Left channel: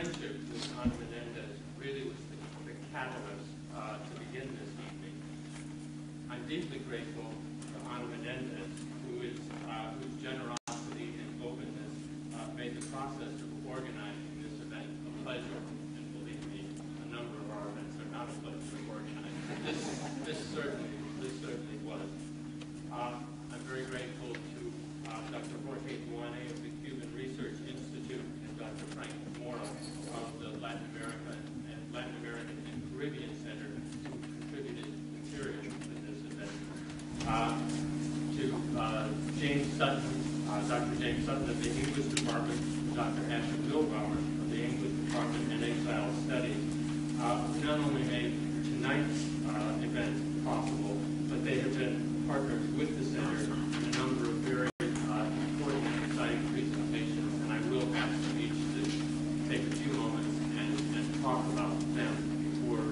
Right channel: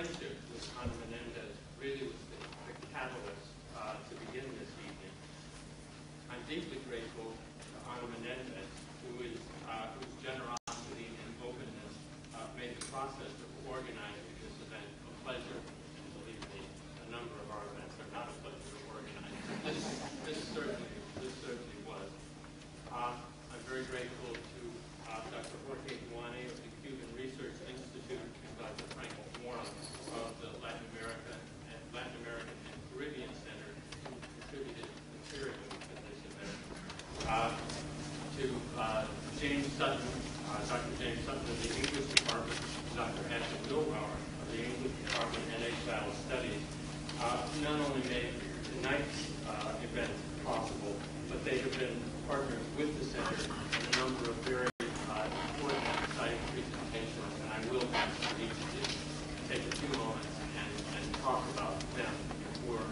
friendship with Menendez really was the catalyst to begin this evening. I'm deeply grateful to Menendez, whose generosity and openness made the process of organizing this event a pleasure. And believe me, a number of our events are not a pleasure to organize. This certainly was. I'm very grateful to Dr. Jorge Duane of the Cuban Research Institute and Dr. Frank Mora of the Latin American and Caribbean Center, who contributed materially to this event. To James Sutton, Dr. James Sutton of the English Department, Dr. Ashley Milbauer of the English Department and Exile Studies, not only made tonight's event possible, but they have been partners with the Center in a number of very important and exciting presentations, and I will ask each to take a few moments and talk about them before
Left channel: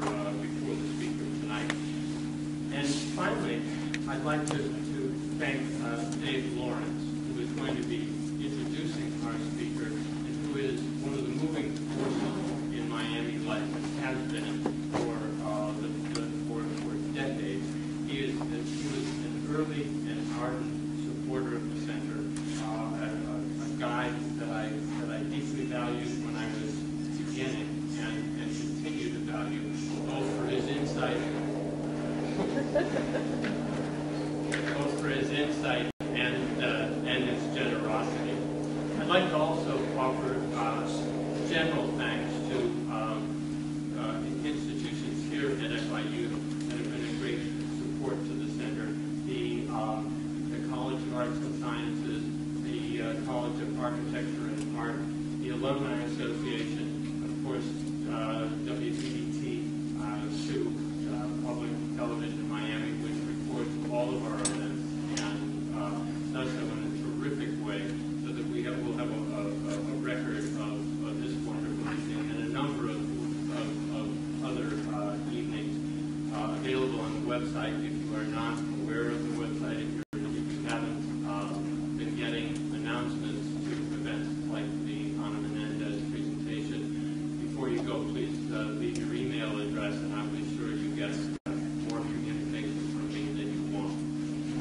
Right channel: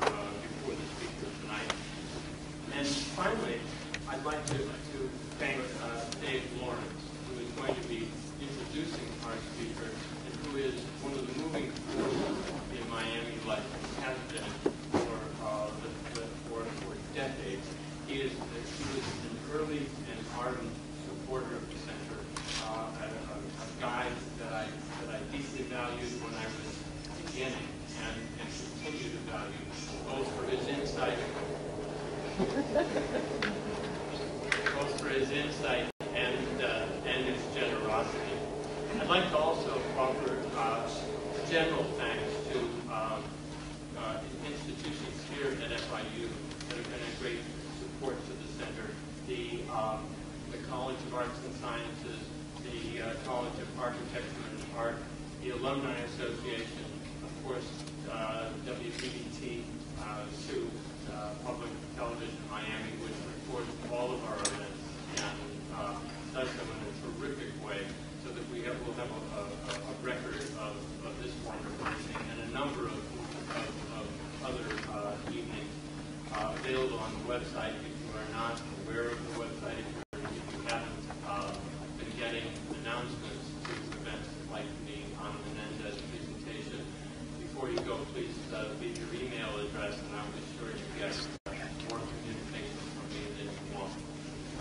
the speakers tonight. And finally, I'd like to thank Dave Lawrence, who is going to be introducing our speaker and who is one of the moving forces in Miami life and has been for decades. He was an early and ardent supporter of the Center, a guide that I deeply valued when I was beginning and continue to value, both for his insight and his generosity. I'd like to also offer general thanks to institutions here at FIU that have been a great support to the Center. The College of Arts and Sciences, the College of Architecture and Art, the Alumni Association, of course, WPBT, SUE, Public Television Miami, which records all of our events and does them in a terrific way, so that will have a record of this wonderful evening and a number of other evenings available on the website. If you are not aware of the website, if you haven't been getting announcements to events like the Menendez presentation, before you go, please leave your email address, and I'll be sure you get more communication from me than you want.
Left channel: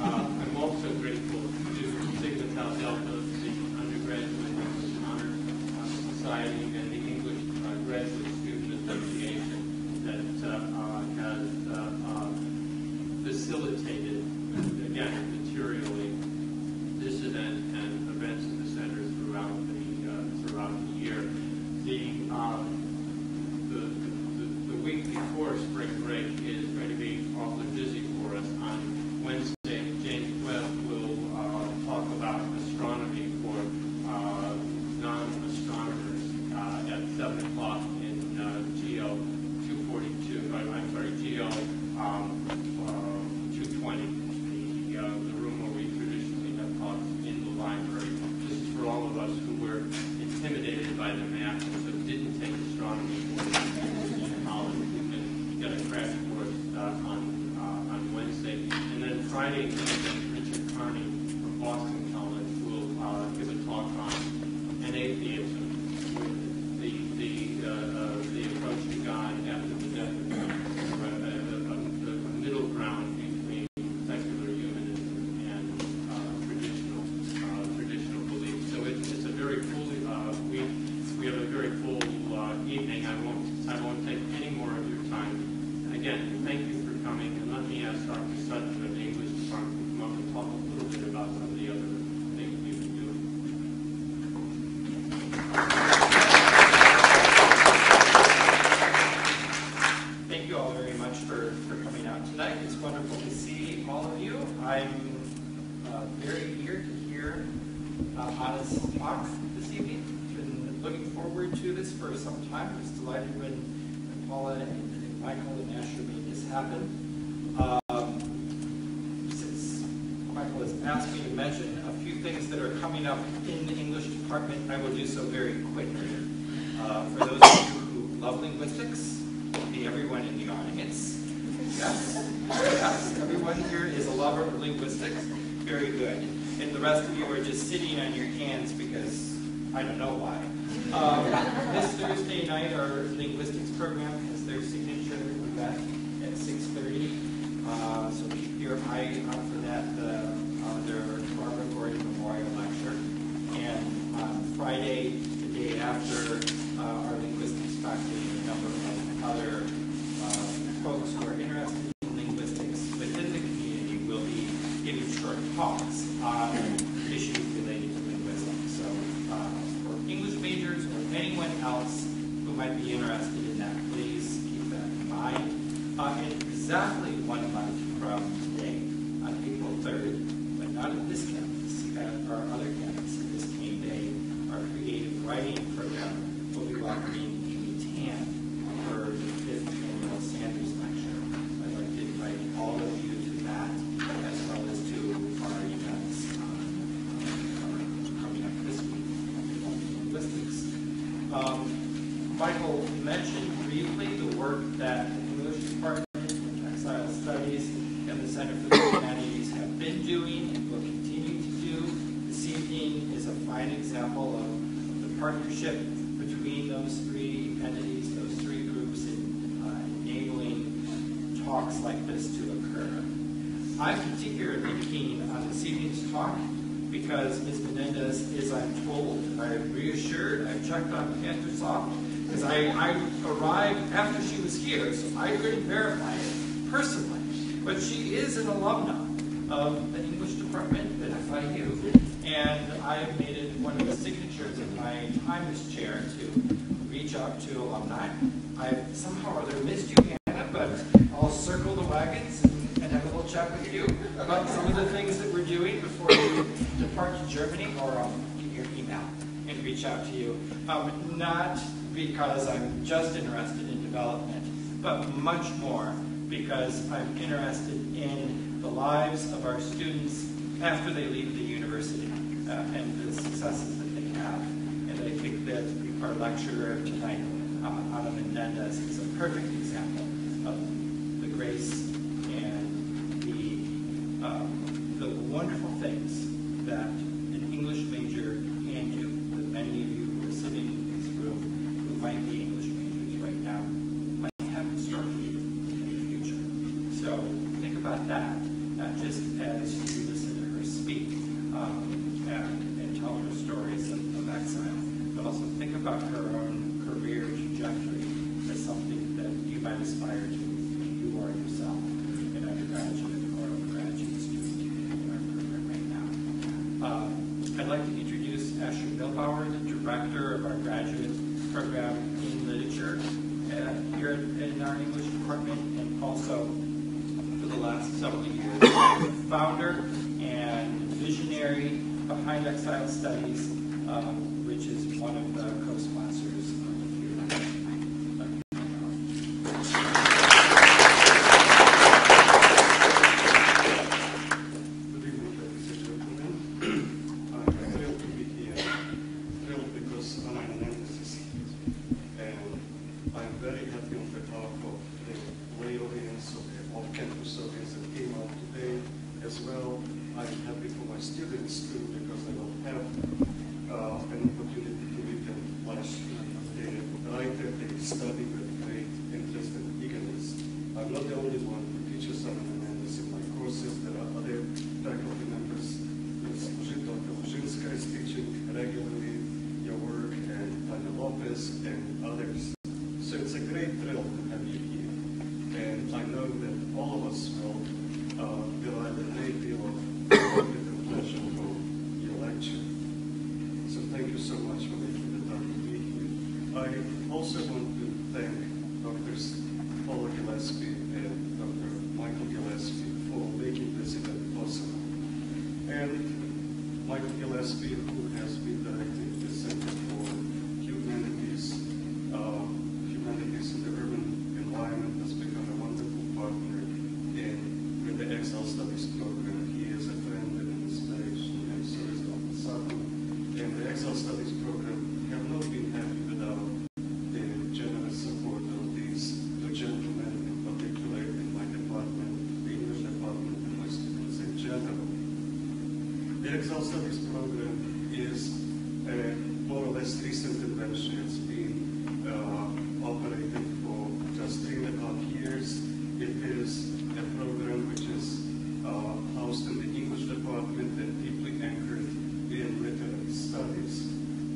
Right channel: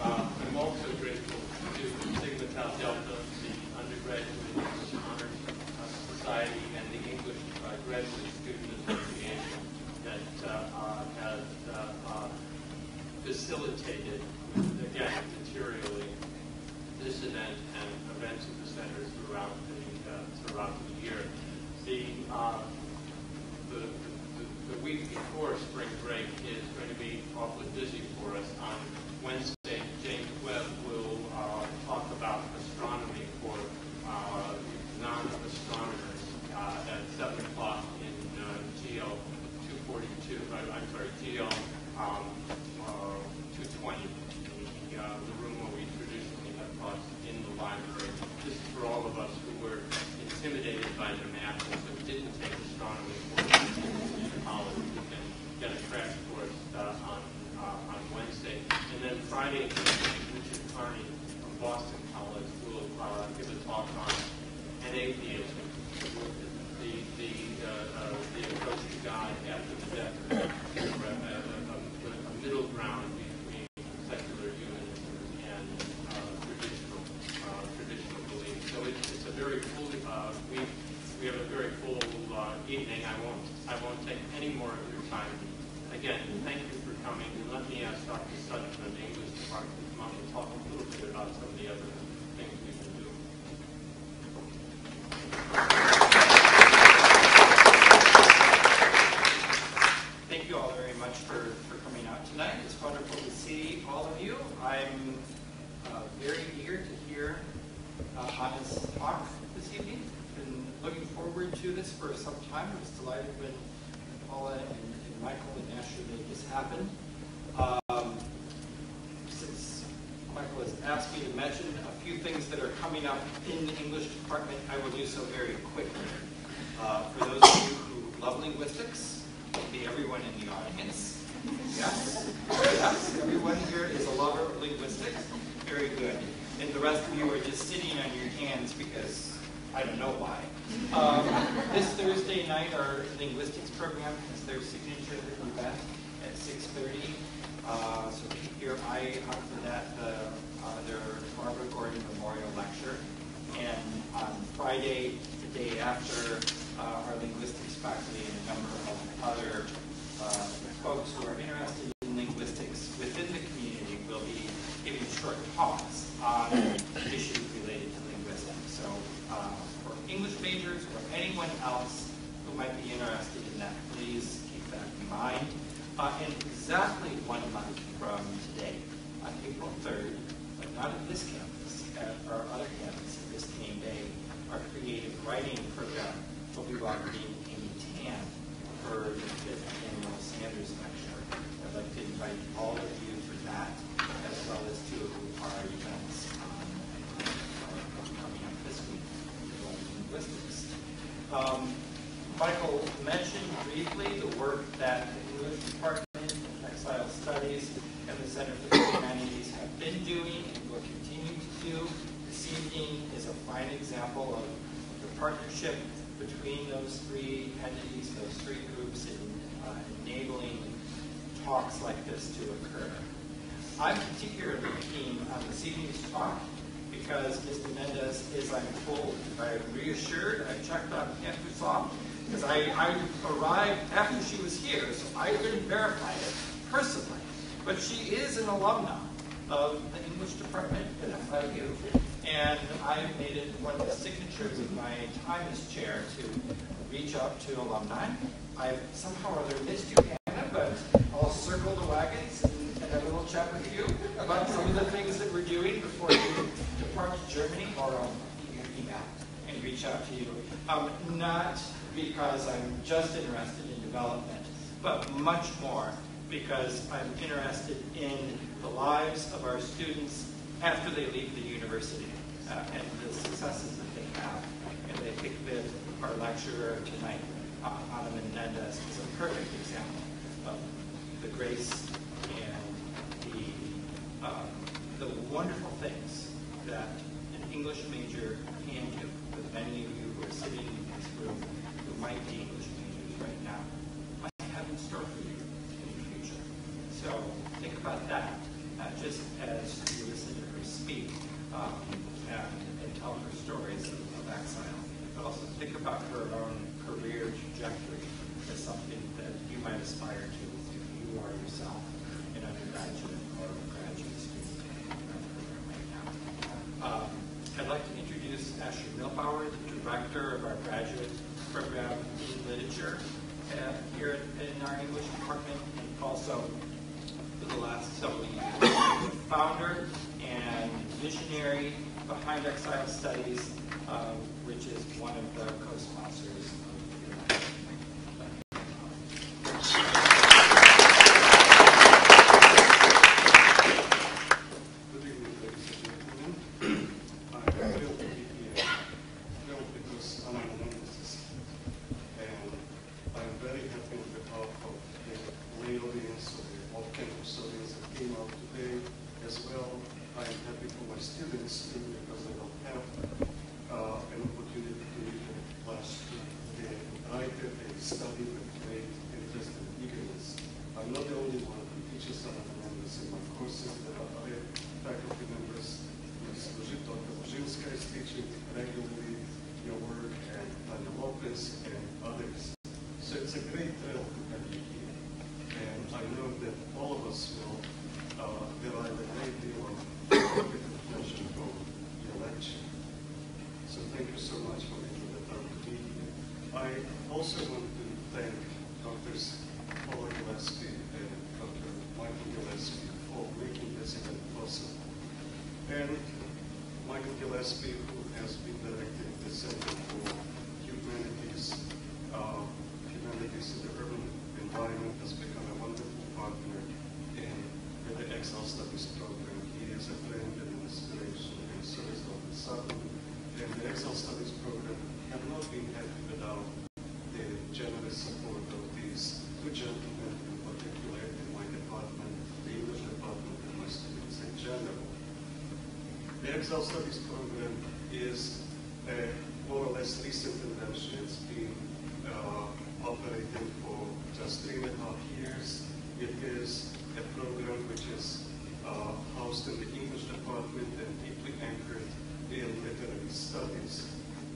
I'm also grateful to Sigma Tau Delta, the undergraduate English Honors Society, and the English Graduate Student Association that has facilitated, again, materially, this event and events at the Center throughout the year. The week before spring break is going to be awfully busy for us. On Wednesday, James Webb will talk about astronomy for non-astronomers at 7 o'clock in GL 242. I'm sorry, GL 220, the room where we traditionally have talks in the library. This is for all of us who were intimidated by the math and so didn't take astronomy courses in college. We can get a crash course on Wednesday. And then Friday evening, Richard Carney from Boston College will give a talk on atheism, the approach to God after the death of God, a middle ground between secular humanism and traditional beliefs. So it's a very full week. We have a very full evening. I won't take any more of your time. Again, thank you for coming, and let me ask Dr. Sutton of the English Department to come up and talk a little bit about some of the other things we've been doing. Thank you all very much for coming out tonight. It's wonderful to see all of you. I'm very eager to hear Hannah's talk this evening. Been looking forward to this for some time. I was delighted when Paula and Michael and Asher made this happen. Since Michael has asked me to mention a few things that are coming up in the English department, I will do so very quickly. For those of you who love linguistics, everyone in the audience, yes, everyone here is a lover of linguistics. Very good. And the rest of you are just sitting on your hands because I don't know why. This Thursday night, our linguistics program has their signature event at 6:30. So keep your eye out for that. Their Barbara Gordon Memorial Lecture. And on Friday, the day after, our linguistics faculty and a number of other folks who are interested in linguistics within the community will be giving short talks on issues related to linguistics. So for English majors or anyone else who might be interested in that, please keep that in mind. And exactly 1 month from today, on April 3rd, but not at this campus, at our other campus at Biscayne Bay, our creative writing program will be welcoming Amy Tan for the 5th annual Sanders Lecture. I'd like to invite all of you to that, as well as to our events coming up this week in linguistics. Michael mentioned briefly the work that the English Department, Exile Studies, and the Center for the Humanities have been doing and will continue to do. This evening is a fine example of the partnership between those three entities, those three groups, in enabling talks like this to occur. I'm particularly keen on this evening's talk because Ms. Menendez is, I'm told, I'm reassured, I checked on PantherSoft, because I arrived after she was here, so I couldn't verify it personally. But she is an alumna of the English department at FIU, and I have made it one of the signatures of my time as chair to reach out to alumni. I've somehow or other missed you, Hannah, but I'll circle the wagons and have a little chat with you about some of the things that we're doing before you depart to Germany, or I'll give you an email and reach out to you. Not because I'm just interested in development, but much more because I'm interested in the lives of our students after they leave the university and the successes that they have. And I think that our lecturer tonight, Ana Menendez, is a perfect example of the grace and the wonderful things that an English major can do. That many of you who are sitting in this room who might be English majors right now might have in store for you in the future. So think about that, not just as you listen to her speak and tell her stories of exile, but also think about her own career trajectory as something that you might aspire to if you are yourself an undergraduate or a graduate student in our program right now. I'd like to introduce Asher Milbauer, the director of our graduate program in literature here in our English department, and also for the last several years, the founder and visionary behind Exile Studies, which is one of the co-sponsors of Humanities. Study with great interest and eagerness. I'm not the only one who teaches Ana Menendez in my courses. There are other faculty members. Dr. Luzhinska is teaching regularly your work, and Tanya Lopez and others. So it's a great thrill to have you here. And I know that all of us will derive a great deal of pleasure from your lecture. So thank you so much for making the time to be here. I also want to thank Drs. Paula Gillespie and Dr. Michael Gillespie for making this event possible. And Michael Gillespie, who has been directing the Center for Humanities, Humanities in the Urban Environment, has become a wonderful partner with the Exile Studies program. He is a friend and an inspiration, and so is Dr. Sutton. And the Exile Studies program have not been happy without the generous support of these two gentlemen, in particular in my department, the English department, and my students in general. The Exile Studies program is more or most recent invention. It's been operating for just 3.5 years. It is a program which is housed in the English department and deeply anchored in literary studies.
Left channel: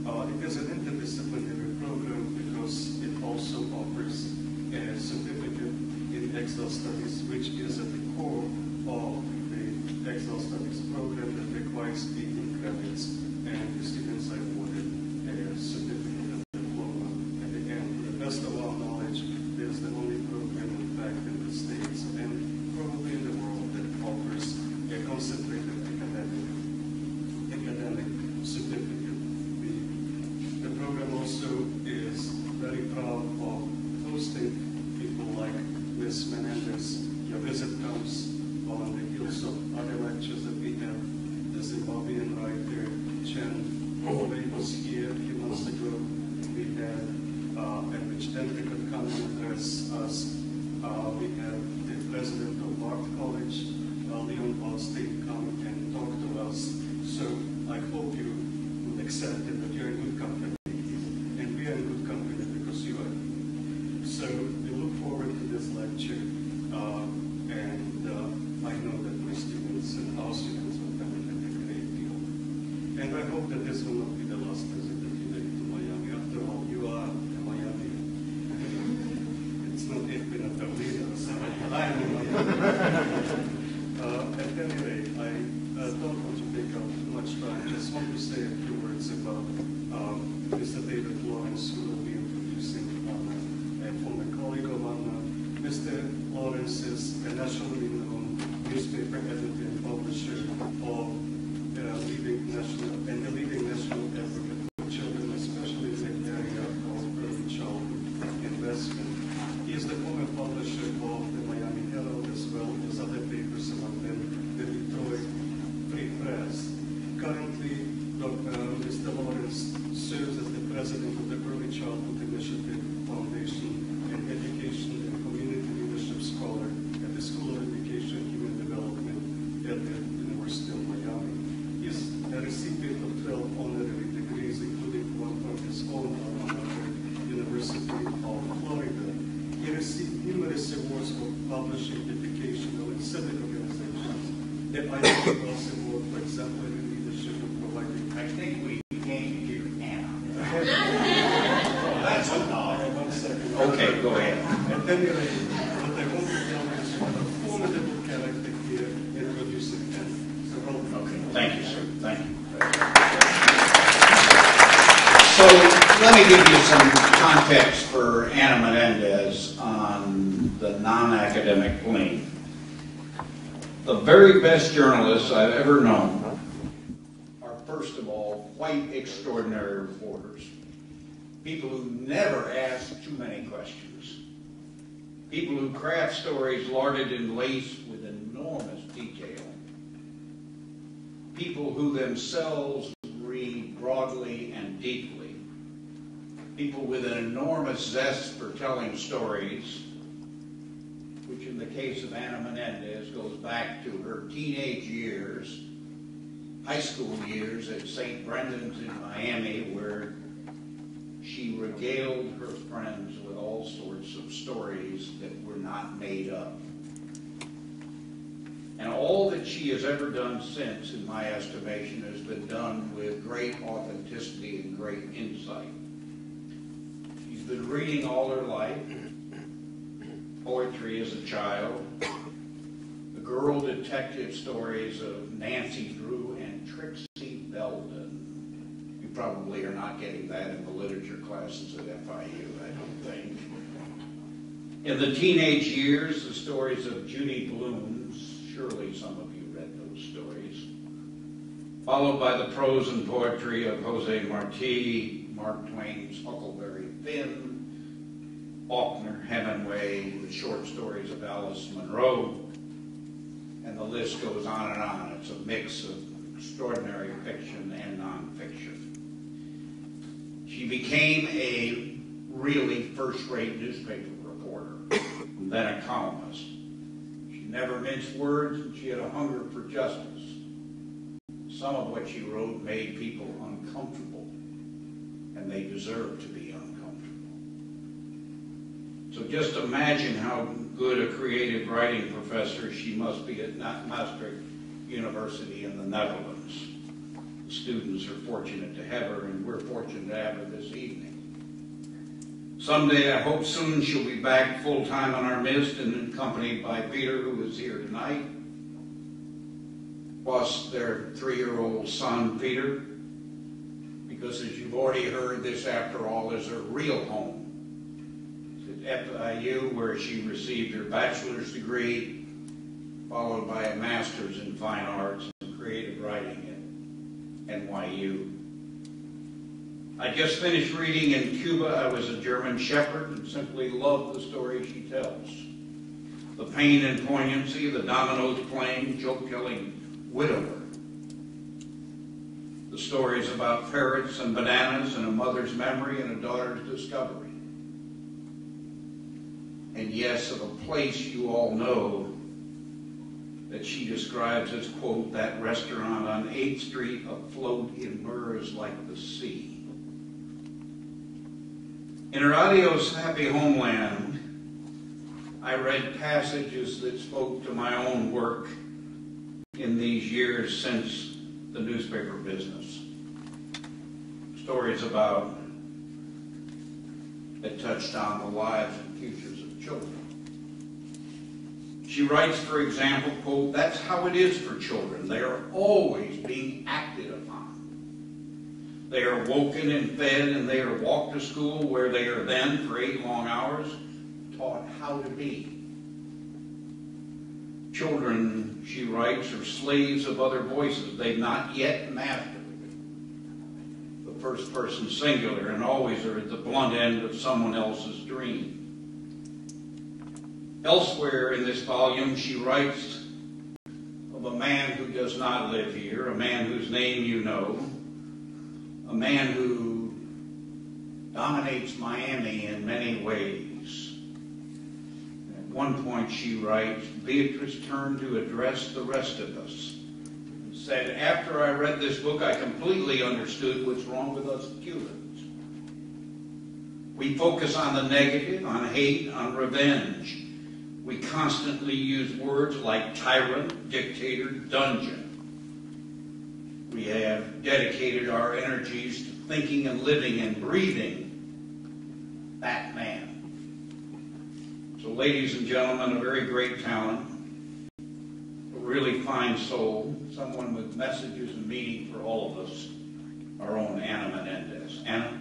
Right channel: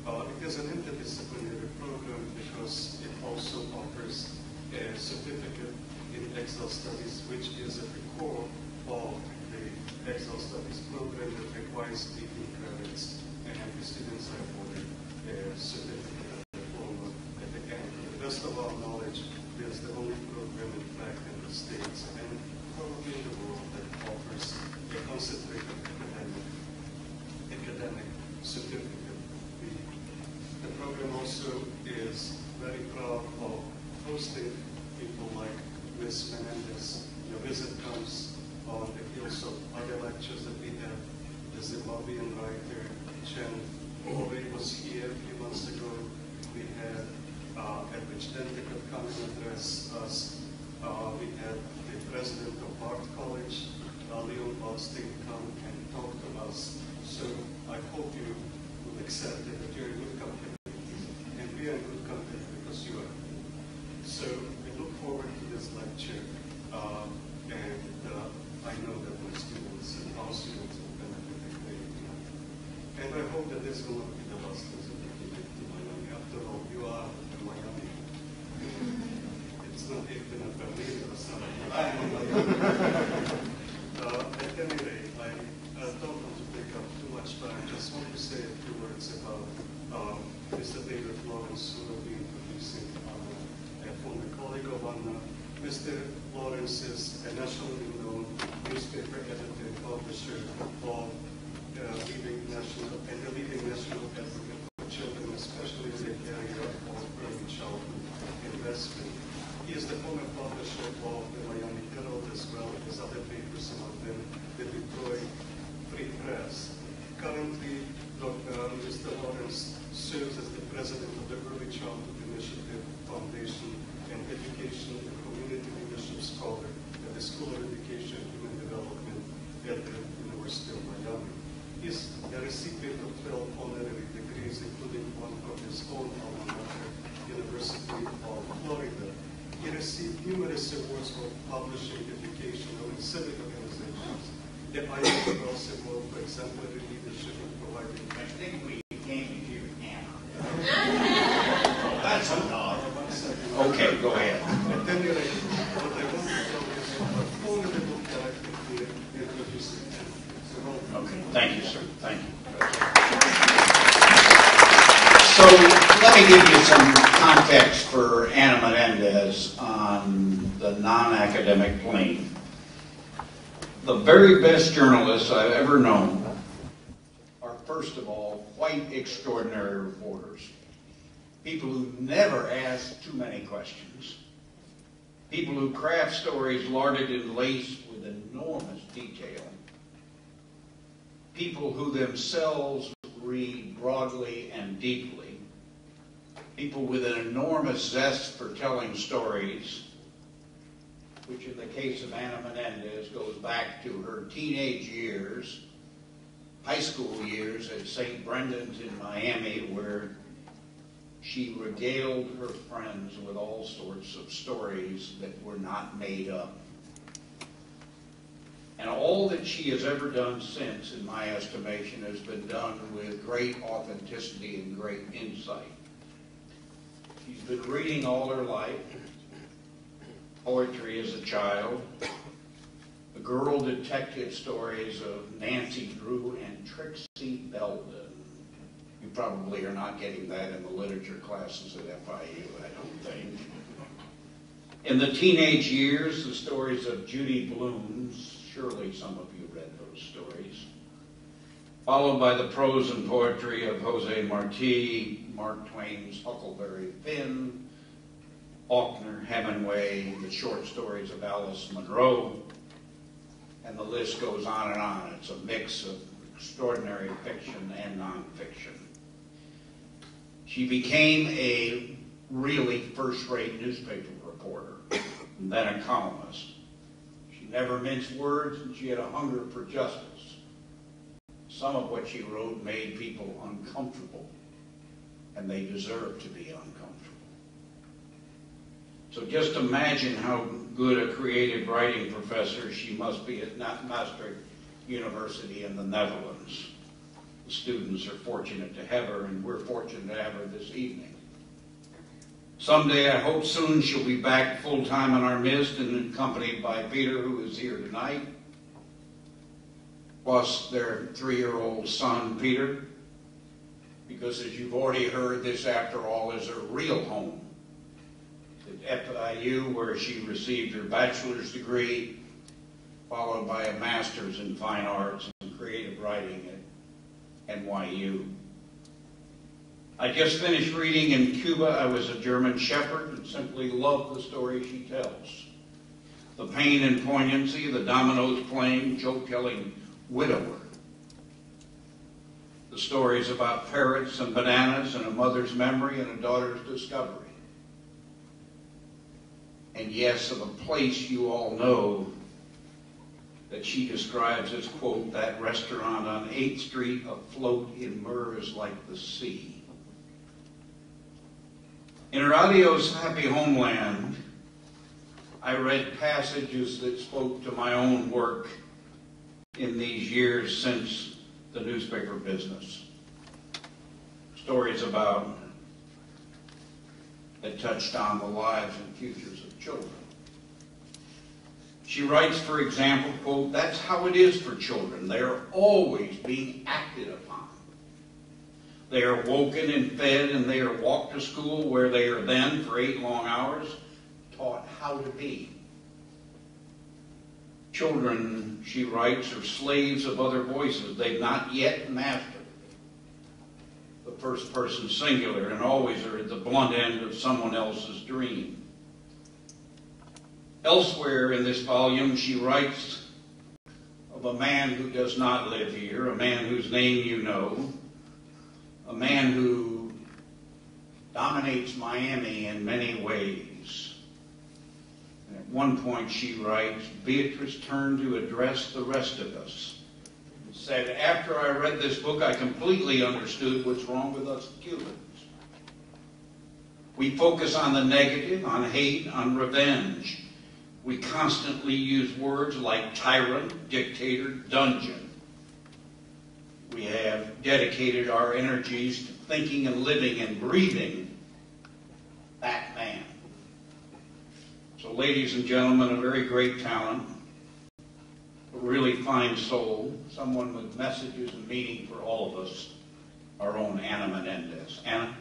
It is an interdisciplinary program because it also offers a certificate in Exile Studies, which is at the core of the Exile Studies program that requires 18 credits, and the students are awarded a certificate and diploma at the end. To the best of our knowledge, it is the only program, in fact, in the States and probably in the world that offers a concentrated academic certificate. The program also is very proud of hosting people like Ms. Menendez. Your visit comes on the heels of other lectures that we have. The Zimbabwean writer Chen Ove was here a few months ago. We had Edwidge Dente could come and address us. We had the president of Bard College, Leon Baldstein, come and talk to us. So I hope you will accept that you're in good company. And we are in good company because you are. So we look forward to this lecture. I know that my students and our students will benefit a great deal. And I hope that this will not be the last visit that you make to Miami. After all, you are in Miami. It's not even a Berlin or something. I'm in Miami. At any rate, I don't want to take up too much time. I just want to say a few words about Mr. David Lawrence, who will be introducing Anna, a former colleague of Anna. Mr. Lawrence is a nationally known newspaper editor and publisher of leading national advocate for children, especially in the area of early childhood investment. He is the former publisher of the Miami Herald, as well as other papers, among them the Detroit Free Press. Currently, Mr. Lawrence serves as the president of the Early Childhood Initiative Foundation and Education and Community Leadership Scholar at the School of Education and Human Development at the University of Miami. He is a recipient of 12 honorary degrees, including one from his own alma mater, University of Florida. He received numerous awards for publishing, educational, and civic organizations. The Ivy Cross Award for exemplary leadership in providing. I think we came to hear Anna. That's enough. Okay, go ahead. At any rate, what I want to tell you is a formidable character here, introducing him. So, okay, thank you, sir. Thank you. So, let me give you some context for Anna Menendez on the non-academic plane. The very best journalists I've ever known are, first of all, quite extraordinary reporters. People who never ask too many questions. People who craft stories larded and laced with enormous detail. People who themselves read broadly and deeply. People with an enormous zest for telling stories, which in the case of Anna Menendez goes back to her teenage years, high school years at St. Brendan's in Miami, where she regaled her friends with all sorts of stories that were not made up. And all that she has ever done since, in my estimation, has been done with great authenticity and great insight. She's been reading all her life, poetry as a child, the girl detective stories of Nancy Drew and Trixie Belden. You probably are not getting that in the literature classes at FIU, I don't think. In the teenage years, the stories of Judy Blume's, surely some of you read those stories, followed by the prose and poetry of Jose Marti, Mark Twain's Huckleberry Finn, Faulkner, Hemingway, the short stories of Alice Munro, and the list goes on and on. It's a mix of extraordinary fiction and nonfiction. She became a really first-rate newspaper reporter, and then a columnist. She never minced words, and she had a hunger for justice. Some of what she wrote made people uncomfortable, and they deserve to be uncomfortable. So just imagine how good a creative writing professor she must be at Maastricht University in the Netherlands. The students are fortunate to have her, and we're fortunate to have her this evening. Someday, I hope soon, she'll be back full-time in our midst and accompanied by Peter, who is here tonight, plus their 3-year-old son, Peter, because as you've already heard, this, after all, is her real home. At FIU, where she received her bachelor's degree, followed by a master's in fine arts and creative writing at NYU. I just finished reading In Cuba, I Was a German Shepherd, and simply love the story she tells. The pain and poignancy, the dominoes playing, joke-telling widower. The stories about parrots and bananas and a mother's memory and a daughter's discovery. And yes, of a place you all know that she describes as, quote, that restaurant on 8th Street afloat in mirrors like the sea. In her adios happy homeland, I read passages that spoke to my own work in these years since the newspaper business. Stories about that touched on the lives and futures of children. She writes, for example, quote, that's how it is for children. They are always being acted upon. They are woken and fed, and they are walked to school, where they are then, for 8 long hours, taught how to be. Children, she writes, are slaves of other voices they've not yet mastered. The first person singular, and always are at the blunt end of someone else's dream. Elsewhere in this volume, she writes of a man who does not live here, a man whose name you know, a man who dominates Miami in many ways. And at one point she writes, Beatrice turned to address the rest of us and said, after I read this book, I completely understood what's wrong with us Cubans. We focus on the negative, on hate, on revenge. We constantly use words like tyrant, dictator, dungeon. We have dedicated our energies to thinking and living and breathing that man. So, ladies and gentlemen, a very great talent, a really fine soul, someone with messages and meaning for all of us, our own Anna Menendez. Anna?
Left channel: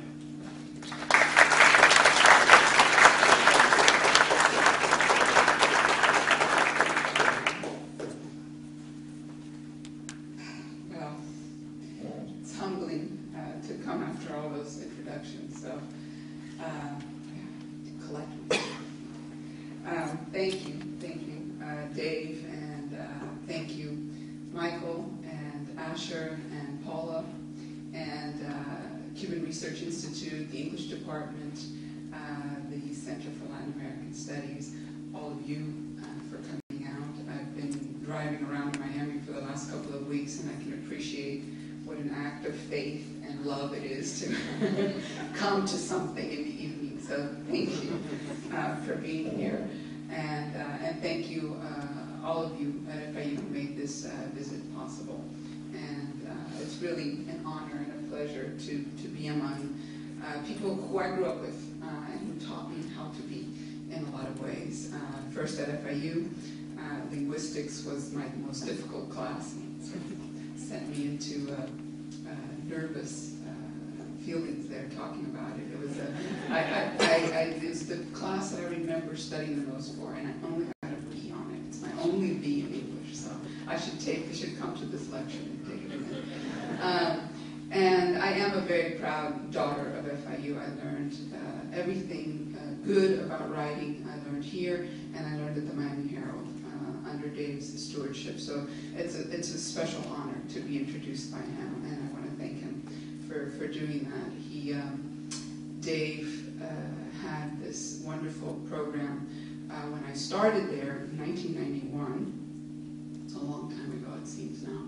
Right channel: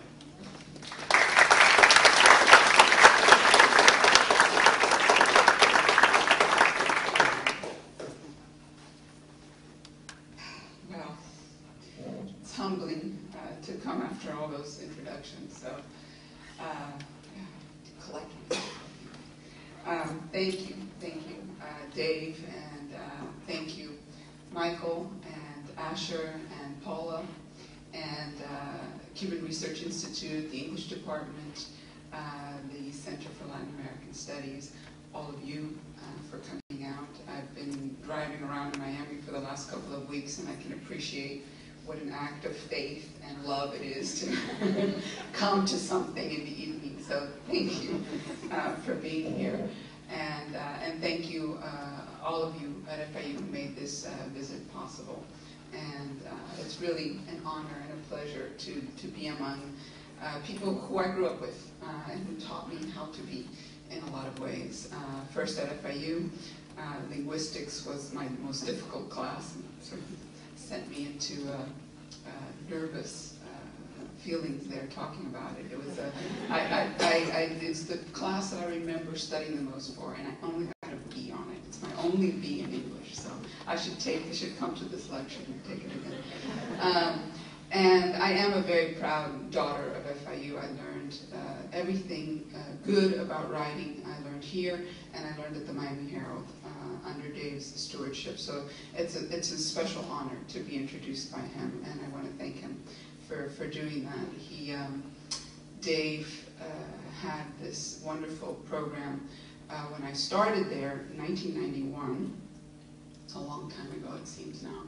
Humbling to come after all those introductions. So, collectively, thank you, Dave, and thank you, Michael, and Asher, and Paula, and Cuban Research Institute, the English Department, the Center for Latin American Studies, all of you for coming out. I've been driving around Miami for the last couple of weeks, and I can appreciate what an act of faith and love it is to come to something in the evening. So thank you for being here. And thank you, all of you at FIU who made this visit possible. And it's really an honor and a pleasure to be among people who I grew up with and who taught me how to be in a lot of ways. First at FIU, linguistics was my most difficult class. Sort of sent me into nervous feelings there talking about it. It was it's the class that I remember studying the most for, and I only got a B on it. It's my only B in English, so I should come to this lecture and take it again. And I am a very proud daughter of FIU. I learned everything good about writing. I learned here, and I learned at the Miami Herald under Dave's stewardship. So it's a special honor to be introduced by him, and I want to thank him for doing that. Dave had this wonderful program when I started there in 1991. It's a long time ago, it seems now.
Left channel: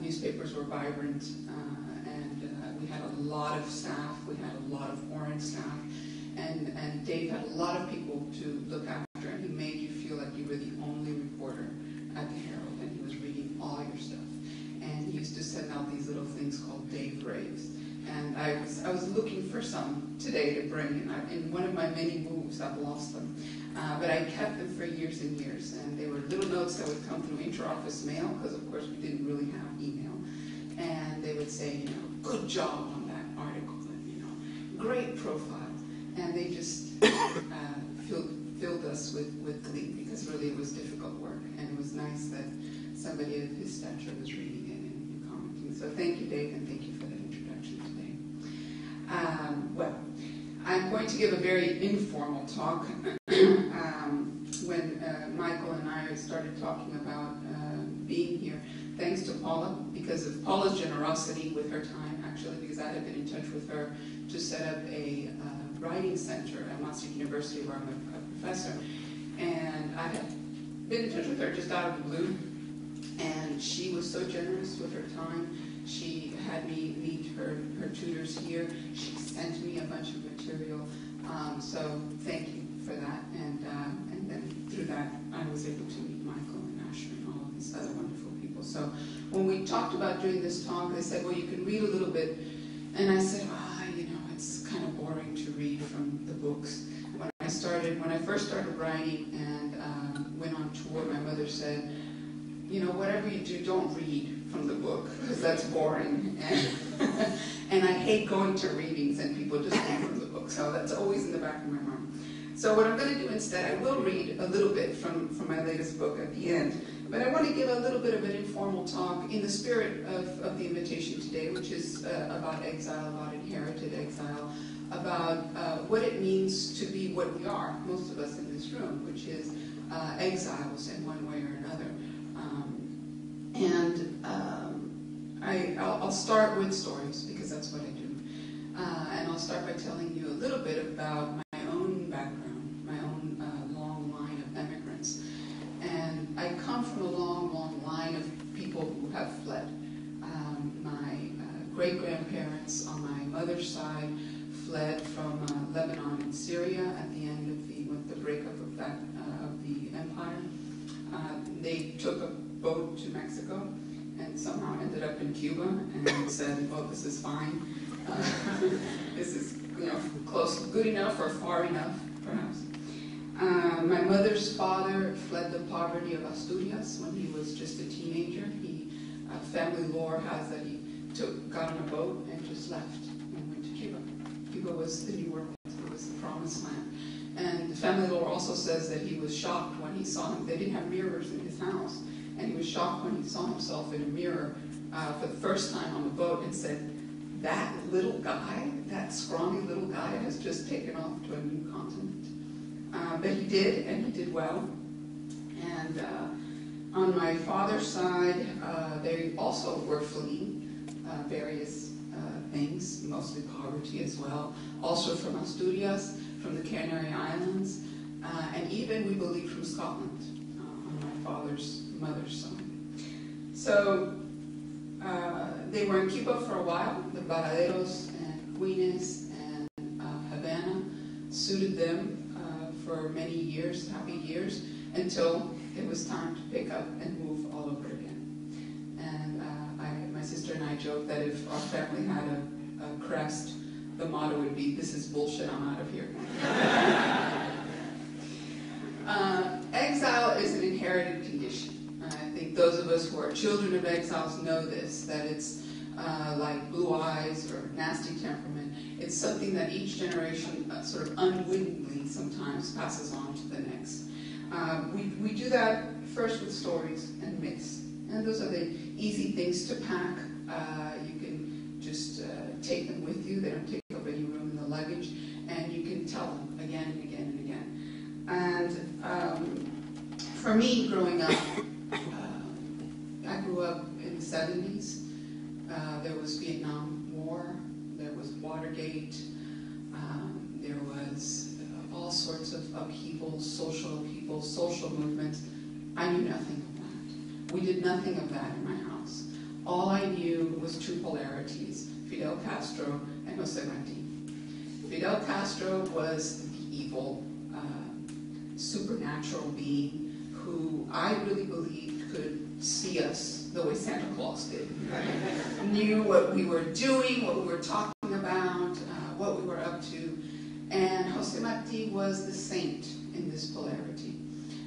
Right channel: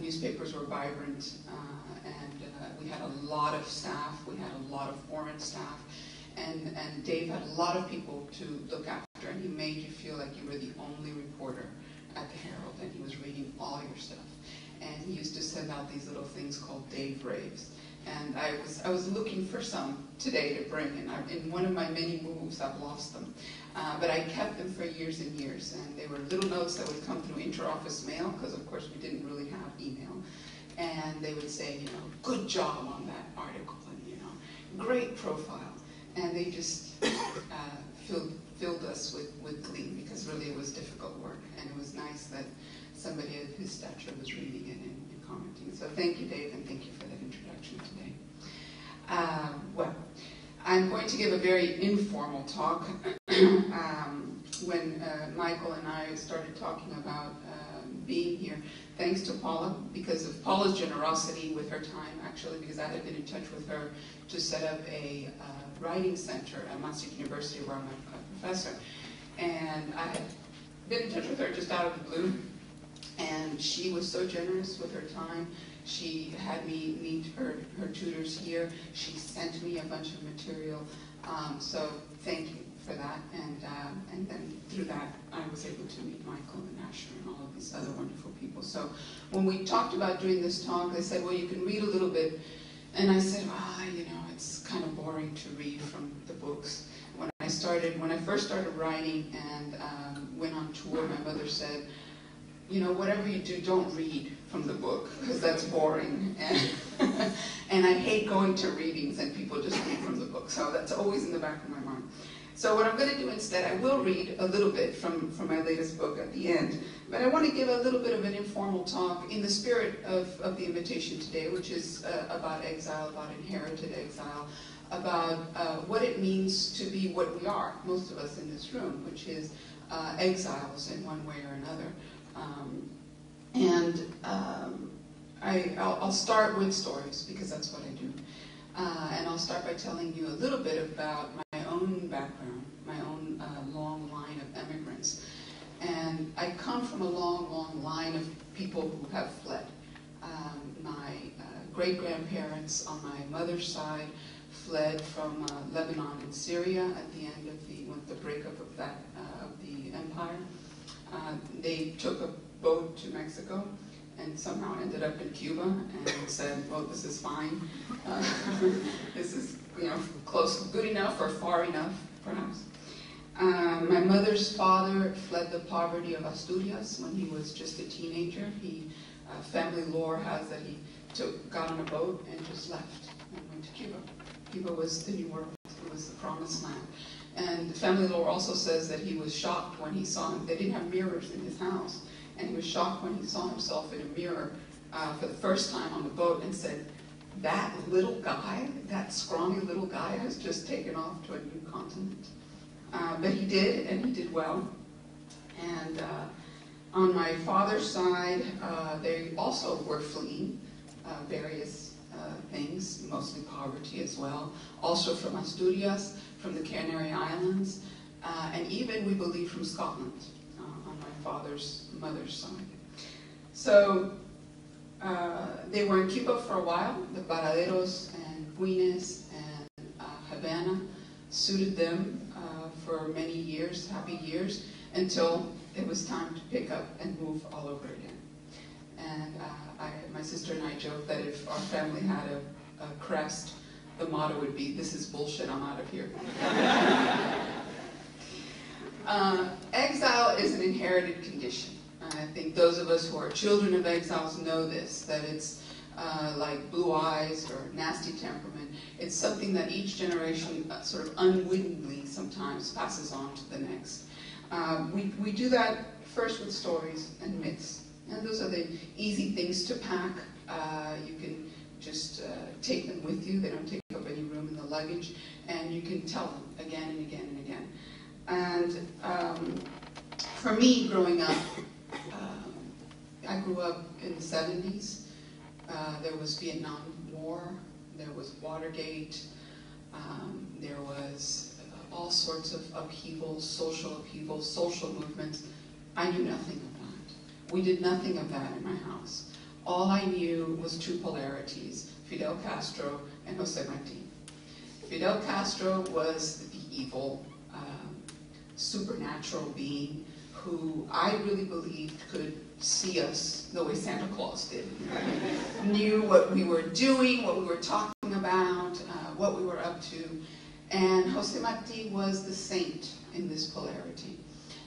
Newspapers were vibrant, and We had a lot of staff. We had a lot of foreign staff. And Dave had a lot of people to look after, and he made you feel like you were the only reporter at the Herald, and he was reading all your stuff. And he used to send out these little things called Dave Raves. And I was looking for some today to bring, and in one of my many moves, I've lost them. But I kept them for years and years, and they were little notes that would come through inter-office mail, because of course we didn't really have email. And they would say, good job on that article, and great profile. And they just filled us with glee, because really it was difficult work, and it was nice that somebody of his stature was reading it and commenting. So thank you, Dave, and thank you for that introduction today. Well, I'm going to give a very informal talk. When Michael and I started talking about being here, thanks to Paula, because of Paula's generosity with her time, actually, because I had been in touch with her to set up a writing center at Maastricht University, where I'm a professor. And I had been in touch with her just out of the blue, and she was so generous with her time. She had me meet her tutors here. She sent me a bunch of material. So thank you for that. And then through that, I was able to meet Michael and Asher and all of these other wonderful people. So when we talked about doing this talk, they said, well, you can read a little bit. And I said, it's kind of boring to read from the books. When I first started writing and went on tour, my mother said, whatever you do, don't read from the book, because that's boring. And I hate going to readings and people just read from the book. So that's always in the back of my mind. So what I'm going to do instead, I will read a little bit from my latest book at the end. But I want to give a little bit of an informal talk in the spirit of the invitation today, which is about exile, about inherited exile, about what it means to be what we are, most of us in this room, which is exiles in one way or another. I'll start with stories, because that's what I do. And I'll start by telling you a little bit about my own background, my own long line of immigrants. And I come from a long, long line of people who have fled. My great-grandparents on my mother's side fled from Lebanon and Syria at the end of the breakup of the empire. They took a boat to Mexico and somehow ended up in Cuba and said, well, this is fine. This is close, good enough or far enough, perhaps. My mother's father fled the poverty of Asturias when he was just a teenager. Family lore has that he got on a boat and just left and went to Cuba. Cuba was the New World. It was the promised land. And the family lore also says that he was shocked when he saw him. They didn't have mirrors in his house. And he was shocked when he saw himself in a mirror for the first time on the boat and said, that little guy, that scrawny little guy has just taken off to a new continent. But he did, and he did well. And on my father's side, they also were fleeing various things, mostly poverty as well. Also from Asturias, from the Canary Islands, and even, we believe, from Scotland on my father's mother's side. So they were in Cuba for a while. The Varaderos and Queens and Havana suited them for many years, happy years, until it was time to pick up and move all over again. And my sister and I joke that if our family had a crest, the motto would be, this is bullshit, I'm out of here. Exile is an inherited condition. I think those of us who are children of exiles know this, that it's like blue eyes or nasty temperament. It's something that each generation sort of unwittingly sometimes passes on to the next. We do that first with stories and myths. And those are the easy things to pack. You can just take them with you. They don't take up any room in the luggage. And you can tell them again and again and again. And for me, growing up, I grew up in the 70s. There was Vietnam War. There was Watergate. There was all sorts of upheavals, social movements. I knew nothing of that. We did nothing of that in my house. All I knew was two polarities, Fidel Castro and Jose Marti. Fidel Castro was the evil, supernatural being who I really believed could see us the way Santa Claus did. Knew what we were doing, what we were talking about, what we were up to. And Jose Marti was the saint in this polarity.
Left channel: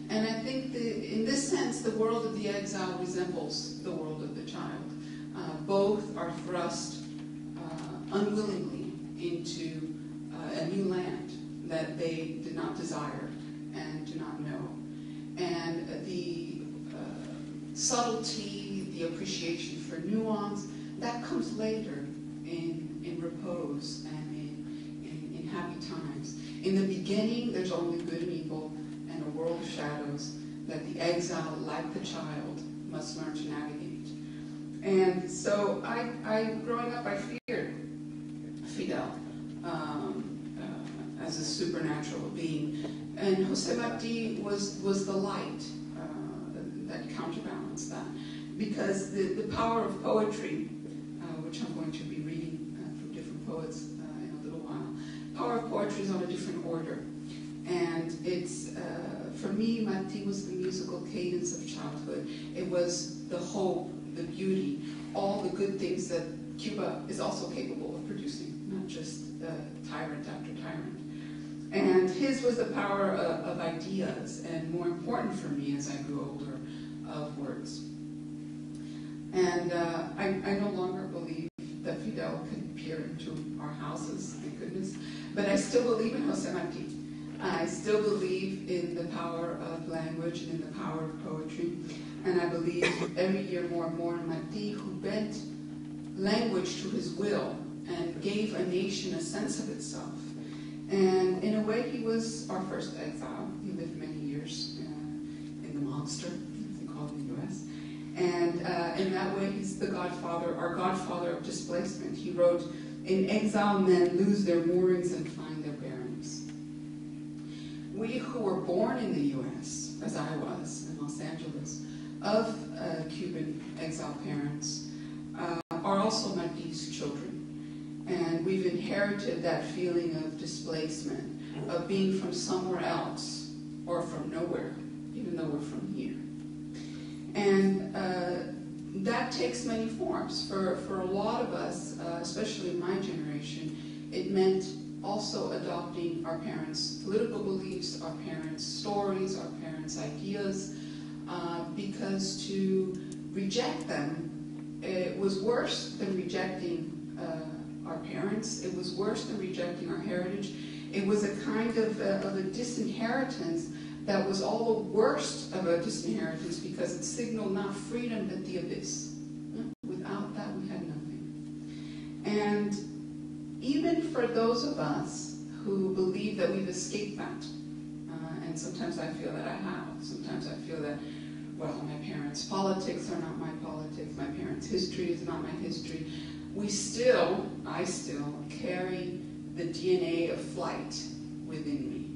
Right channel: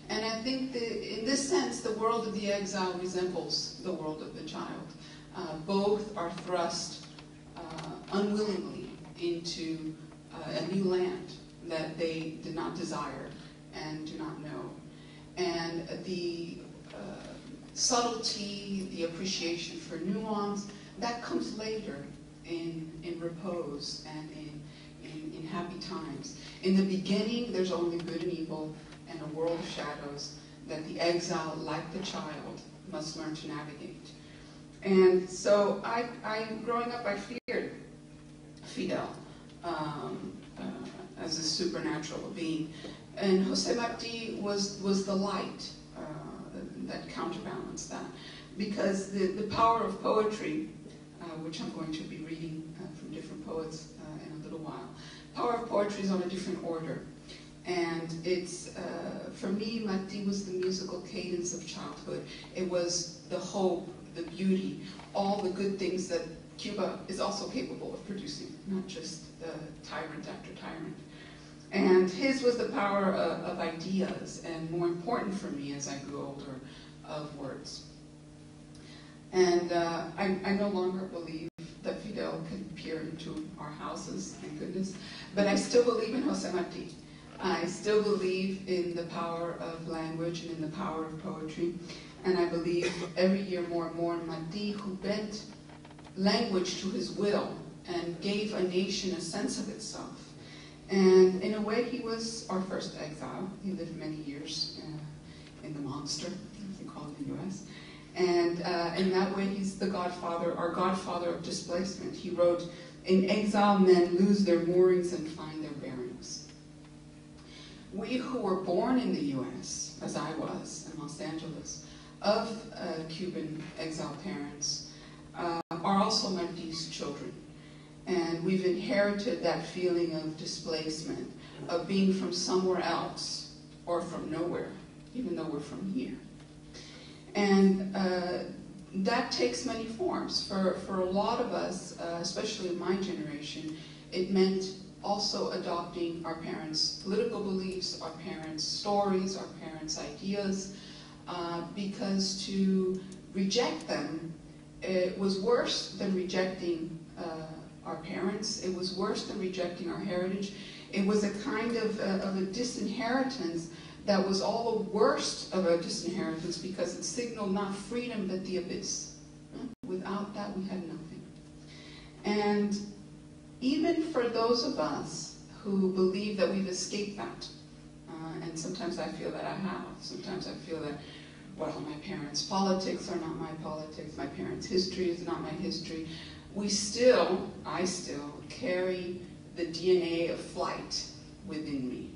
And I think that in this sense, the world of the exile resembles the world of the child. Both are thrust unwillingly into a new land that they did not desire and do not know. And the subtlety, the appreciation for nuance, that comes later in repose and in happy times. In the beginning, there's only good and evil and a world of shadows that the exile, like the child, must learn to navigate. And so growing up, I feared Fidel as a supernatural being. And Jose Marti was the light that counterbalanced that. Because the power of poetry, which I'm going to be reading from different poets in a little while, power of poetry is on a different order. And it's, for me, Marti was the musical cadence of childhood. It was the hope, the beauty, all the good things that Cuba is also capable of producing, not just tyrant after tyrant. And his was the power of ideas, and more important for me as I grew older, of words. And I no longer believe that Fidel could peer into our houses, thank goodness, but I still believe in Jose Marti. I still believe in the power of language and in the power of poetry. And I believe every year more and more in Marti, who bent language to his will and gave a nation a sense of itself. And in a way, he was our first exile. He lived many years in the monster, as they call it in the U.S. And in that way, he's the godfather, our godfather of displacement. He wrote, "In exile, men lose their moorings and find their bearings." We who were born in the U.S., as I was in Los Angeles, of Cuban exile parents, are also Marti's children. And we've inherited that feeling of displacement, of being from somewhere else or from nowhere, even though we're from here. And that takes many forms. For a lot of us, especially in my generation, it meant also adopting our parents' political beliefs, our parents' stories, our parents' ideas, because to reject them, it was worse than rejecting our parents. It was worse than rejecting our heritage. It was a kind of a disinheritance that was all the worst of a disinheritance because it signaled not freedom but the abyss. Without that, we had nothing. And even for those of us who believe that we've escaped that, and sometimes I feel that I have, sometimes I feel that, well, my parents' politics are not my politics, my parents' history is not my history, I still carry the DNA of flight within me.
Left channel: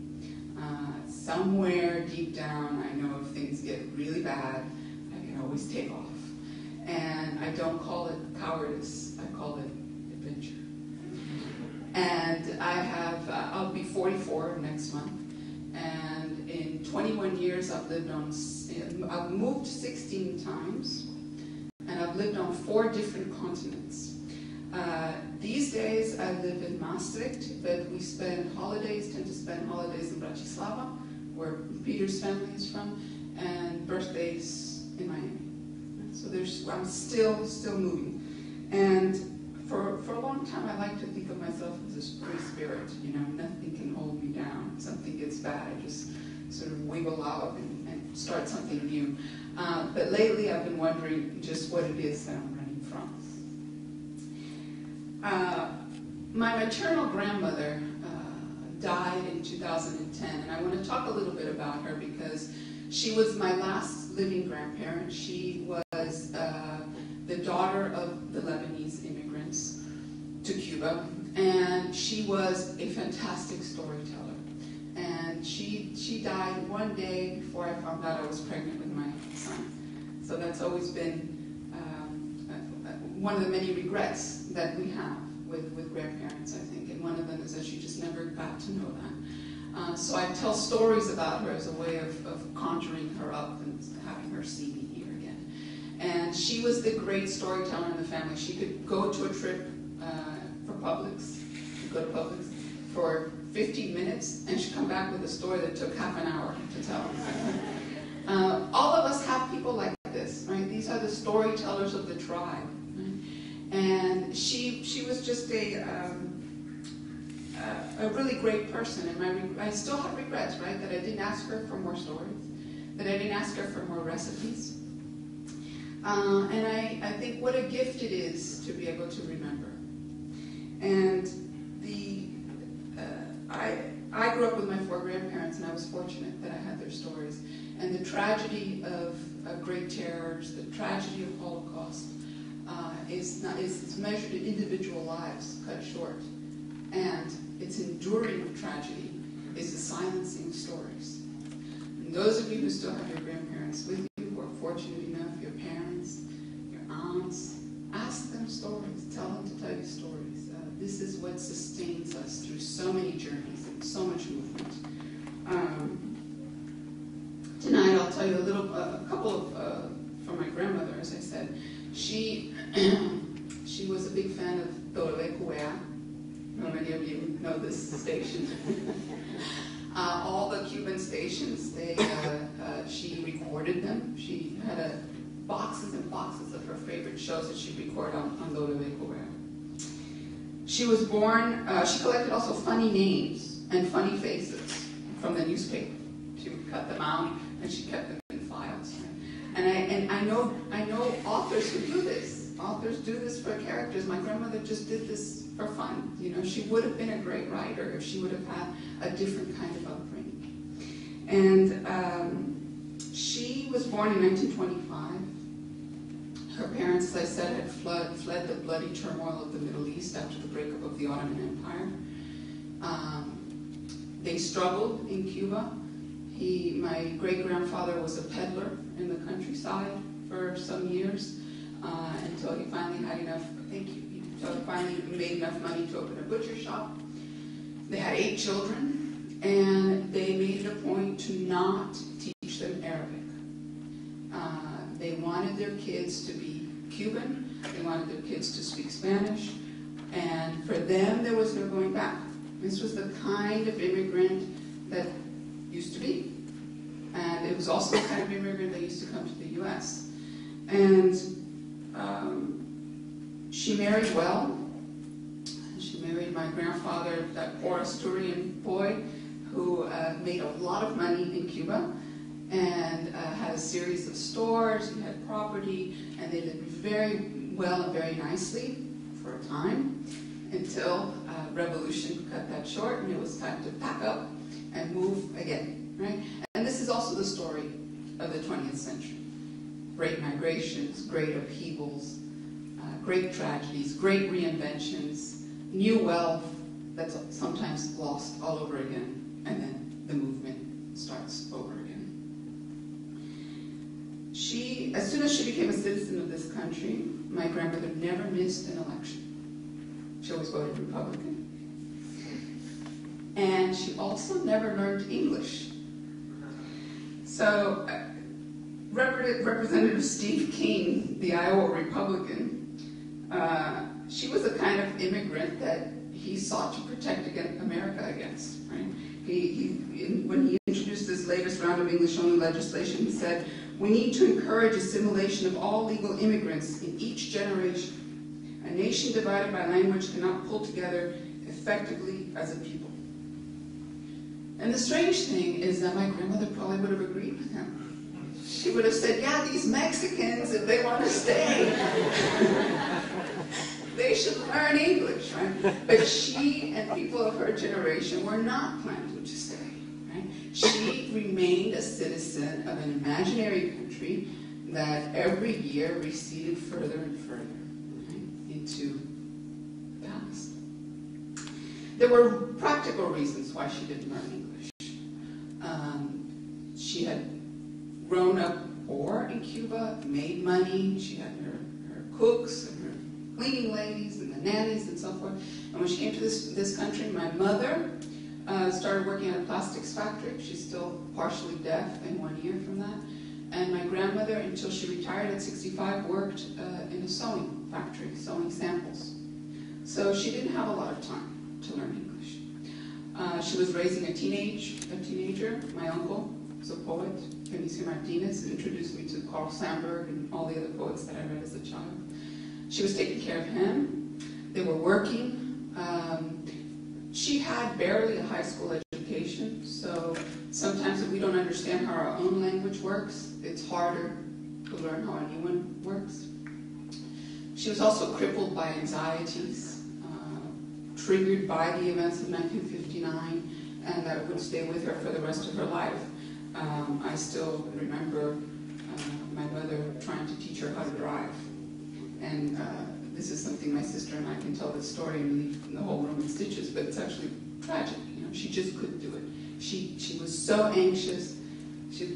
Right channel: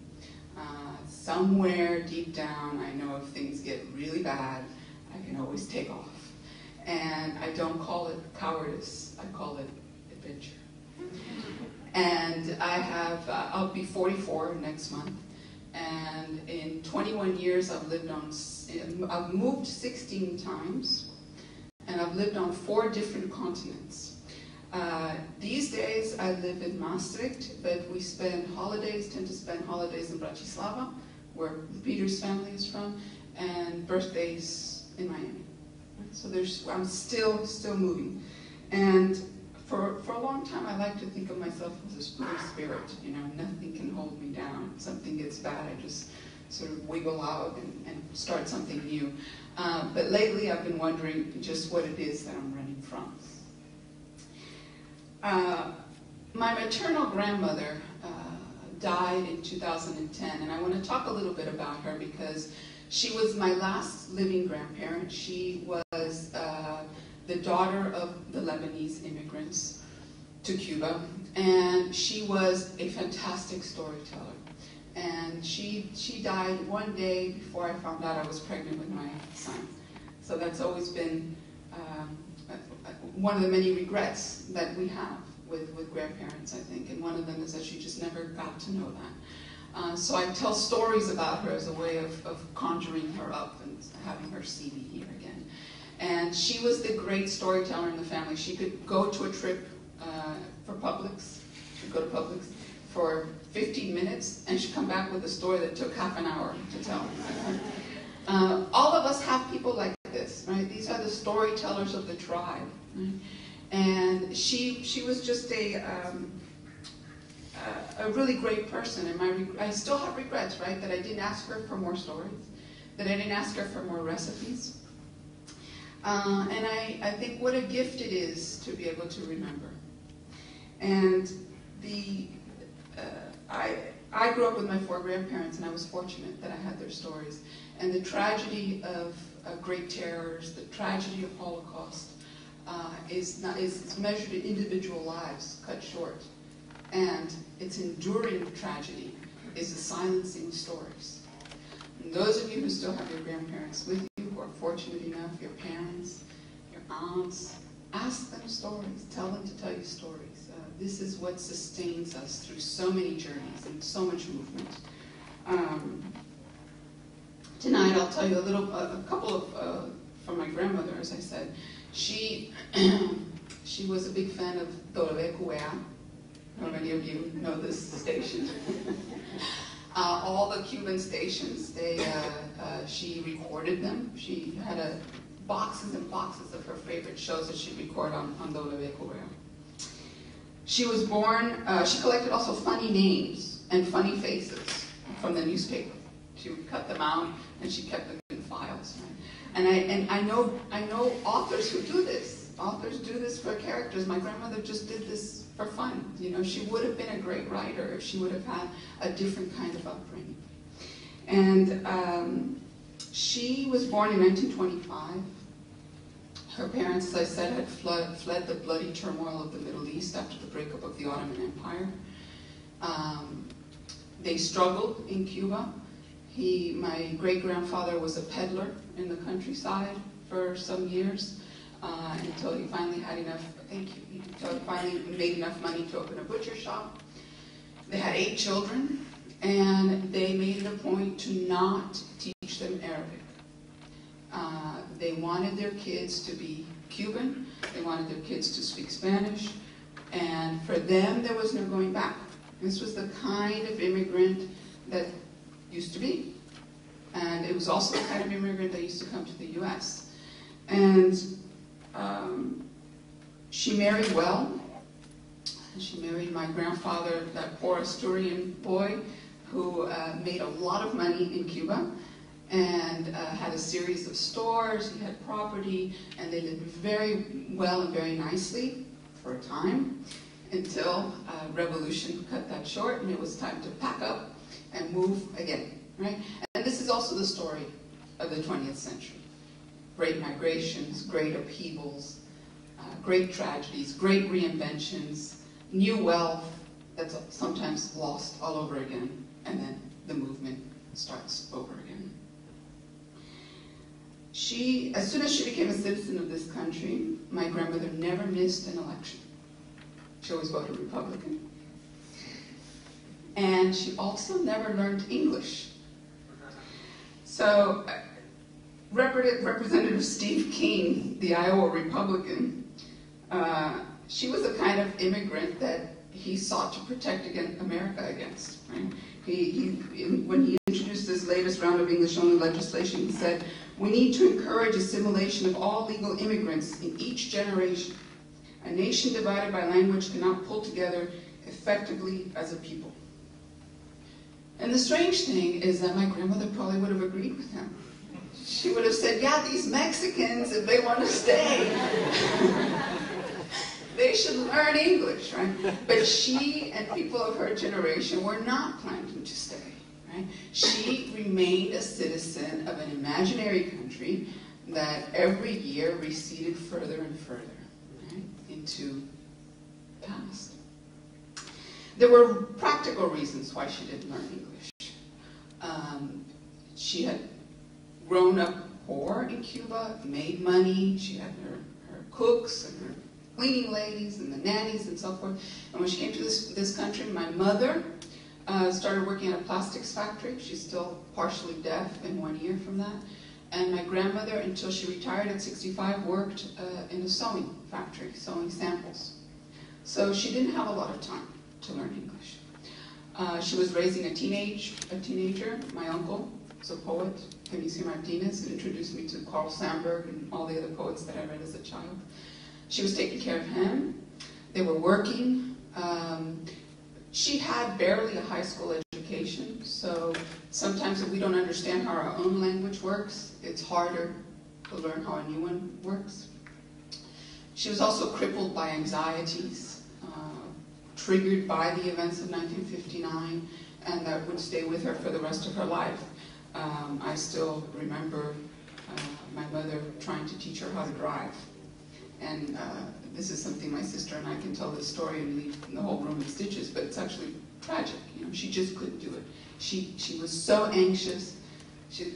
Somewhere deep down, I know if things get really bad, I can always take off. And I don't call it cowardice, I call it adventure. And I'll be 44 next month. And in 21 years, I've moved 16 times, and I've lived on 4 different continents. These days, I live in Maastricht, but we tend to spend holidays in Bratislava, where Peter's family is from, and birthdays in Miami. So I'm still moving. And for a long time, I like to think of myself as a free spirit. Nothing can hold me down. Something gets bad, I just sort of wiggle out and start something new. But lately, I've been wondering just what it is that I'm running from. My maternal grandmother died in 2010, and I want to talk a little bit about her because she was my last living grandparent. She was the daughter of the Lebanese immigrants to Cuba, and she was a fantastic storyteller. And she died one day before I found out I was pregnant with my son. So that's always been one of the many regrets that we have with grandparents, I think, and one of them is that she just never got to know that. So I tell stories about her as a way of conjuring her up and having her see me here again. And she was the great storyteller in the family. She could go to a trip for Publix, she'd go to Publix for 15 minutes, and she'd come back with a story that took half an hour to tell. All of us have people like this, right? These are the storytellers of the tribe, right? And she was just a really great person, and I still have regrets, right? That I didn't ask her for more stories, that I didn't ask her for more recipes. And I think what a gift it is to be able to remember. And I grew up with my 4 grandparents, and I was fortunate that I had their stories. And the tragedy of Great Terrors, the tragedy of Holocaust, is measured in individual lives cut short. And its enduring tragedy is the silencing stories. And those of you who still have your grandparents with you, who are fortunate enough, your parents, your aunts, ask them stories. Tell them to tell you stories. This is what sustains us through so many journeys and so much movement. Tonight I'll tell you a couple of from my grandmother, as I said. She was a big fan of WQA. How many of you know this station? All the Cuban stations, she recorded them. She had boxes and boxes of her favorite shows that she'd record on WQA. She was born, she collected also funny names and funny faces from the newspaper. She would cut them out and she kept them in files. Right? And I know authors who do this. Authors do this for characters. My grandmother just did this for fun. You know, she would have been a great writer if she would have had a different kind of upbringing. And she was born in 1925. Her parents, as I said, had fled the bloody turmoil of the Middle East after the breakup of the Ottoman Empire. They struggled in Cuba. My great-grandfather was a peddler in the countryside for some years until he finally had enough, until he finally made enough money to open a butcher shop. They had 8 children, and they made it a point to not teach them Arabic. They wanted their kids to be Cuban. They wanted their kids to speak Spanish. And for them, there was no going back. This was the kind of immigrant that used to be. And it was also the kind of immigrant that used to come to the U.S. And she married well. She married my grandfather, that poor Asturian boy, who made a lot of money in Cuba. And had a series of stores, he had property, and they lived very well and very nicely for a time until revolution cut that short, and it was time to pack up and move again, right? And this is also the story of the 20th century. Great migrations, great upheavals, great tragedies, great reinventions, new wealth that's sometimes lost all over again, and then the movement starts over again. As soon as she became a citizen of this country, my grandmother never missed an election. She always voted Republican. And she also never learned English. So, Representative Steve King, the Iowa Republican, she was the kind of immigrant that he sought to protect America against. Right? When he introduced this latest round of English-only legislation, he said, "We need to encourage assimilation of all legal immigrants in each generation. A nation divided by language cannot pull together effectively as a people." And the strange thing is that my grandmother probably would have agreed with him. She would have said, yeah, these Mexicans, if they want to stay, they should learn English, right? But she and people of her generation were not planning to stay. Right? She remained a citizen of an imaginary country that every year receded further and further, right, into the past. There were practical reasons why she didn't learn English. She had grown up poor in Cuba, made money, she had her cooks and her cleaning ladies and the nannies and so forth. And when she came to this country, my mother started working at a plastics factory. She's still partially deaf in one ear from that. And my grandmother, until she retired at 65, worked in a sewing factory, sewing samples. So she didn't have a lot of time to learn English. She was raising a teenager. My uncle was a poet, Felicio Martinez, who introduced me to Carl Sandburg and all the other poets that I read as a child. She was taking care of him. They were working. She had barely a high school education, so sometimes if we don't understand how our own language works, it's harder to learn how a new one works. She was also crippled by anxieties, triggered by the events of 1959, and that would stay with her for the rest of her life. I still remember my mother trying to teach her how to drive. And this is something my sister and I can tell this story and leave the whole room in stitches, but it's actually tragic. You know, she just couldn't do it. She was so anxious.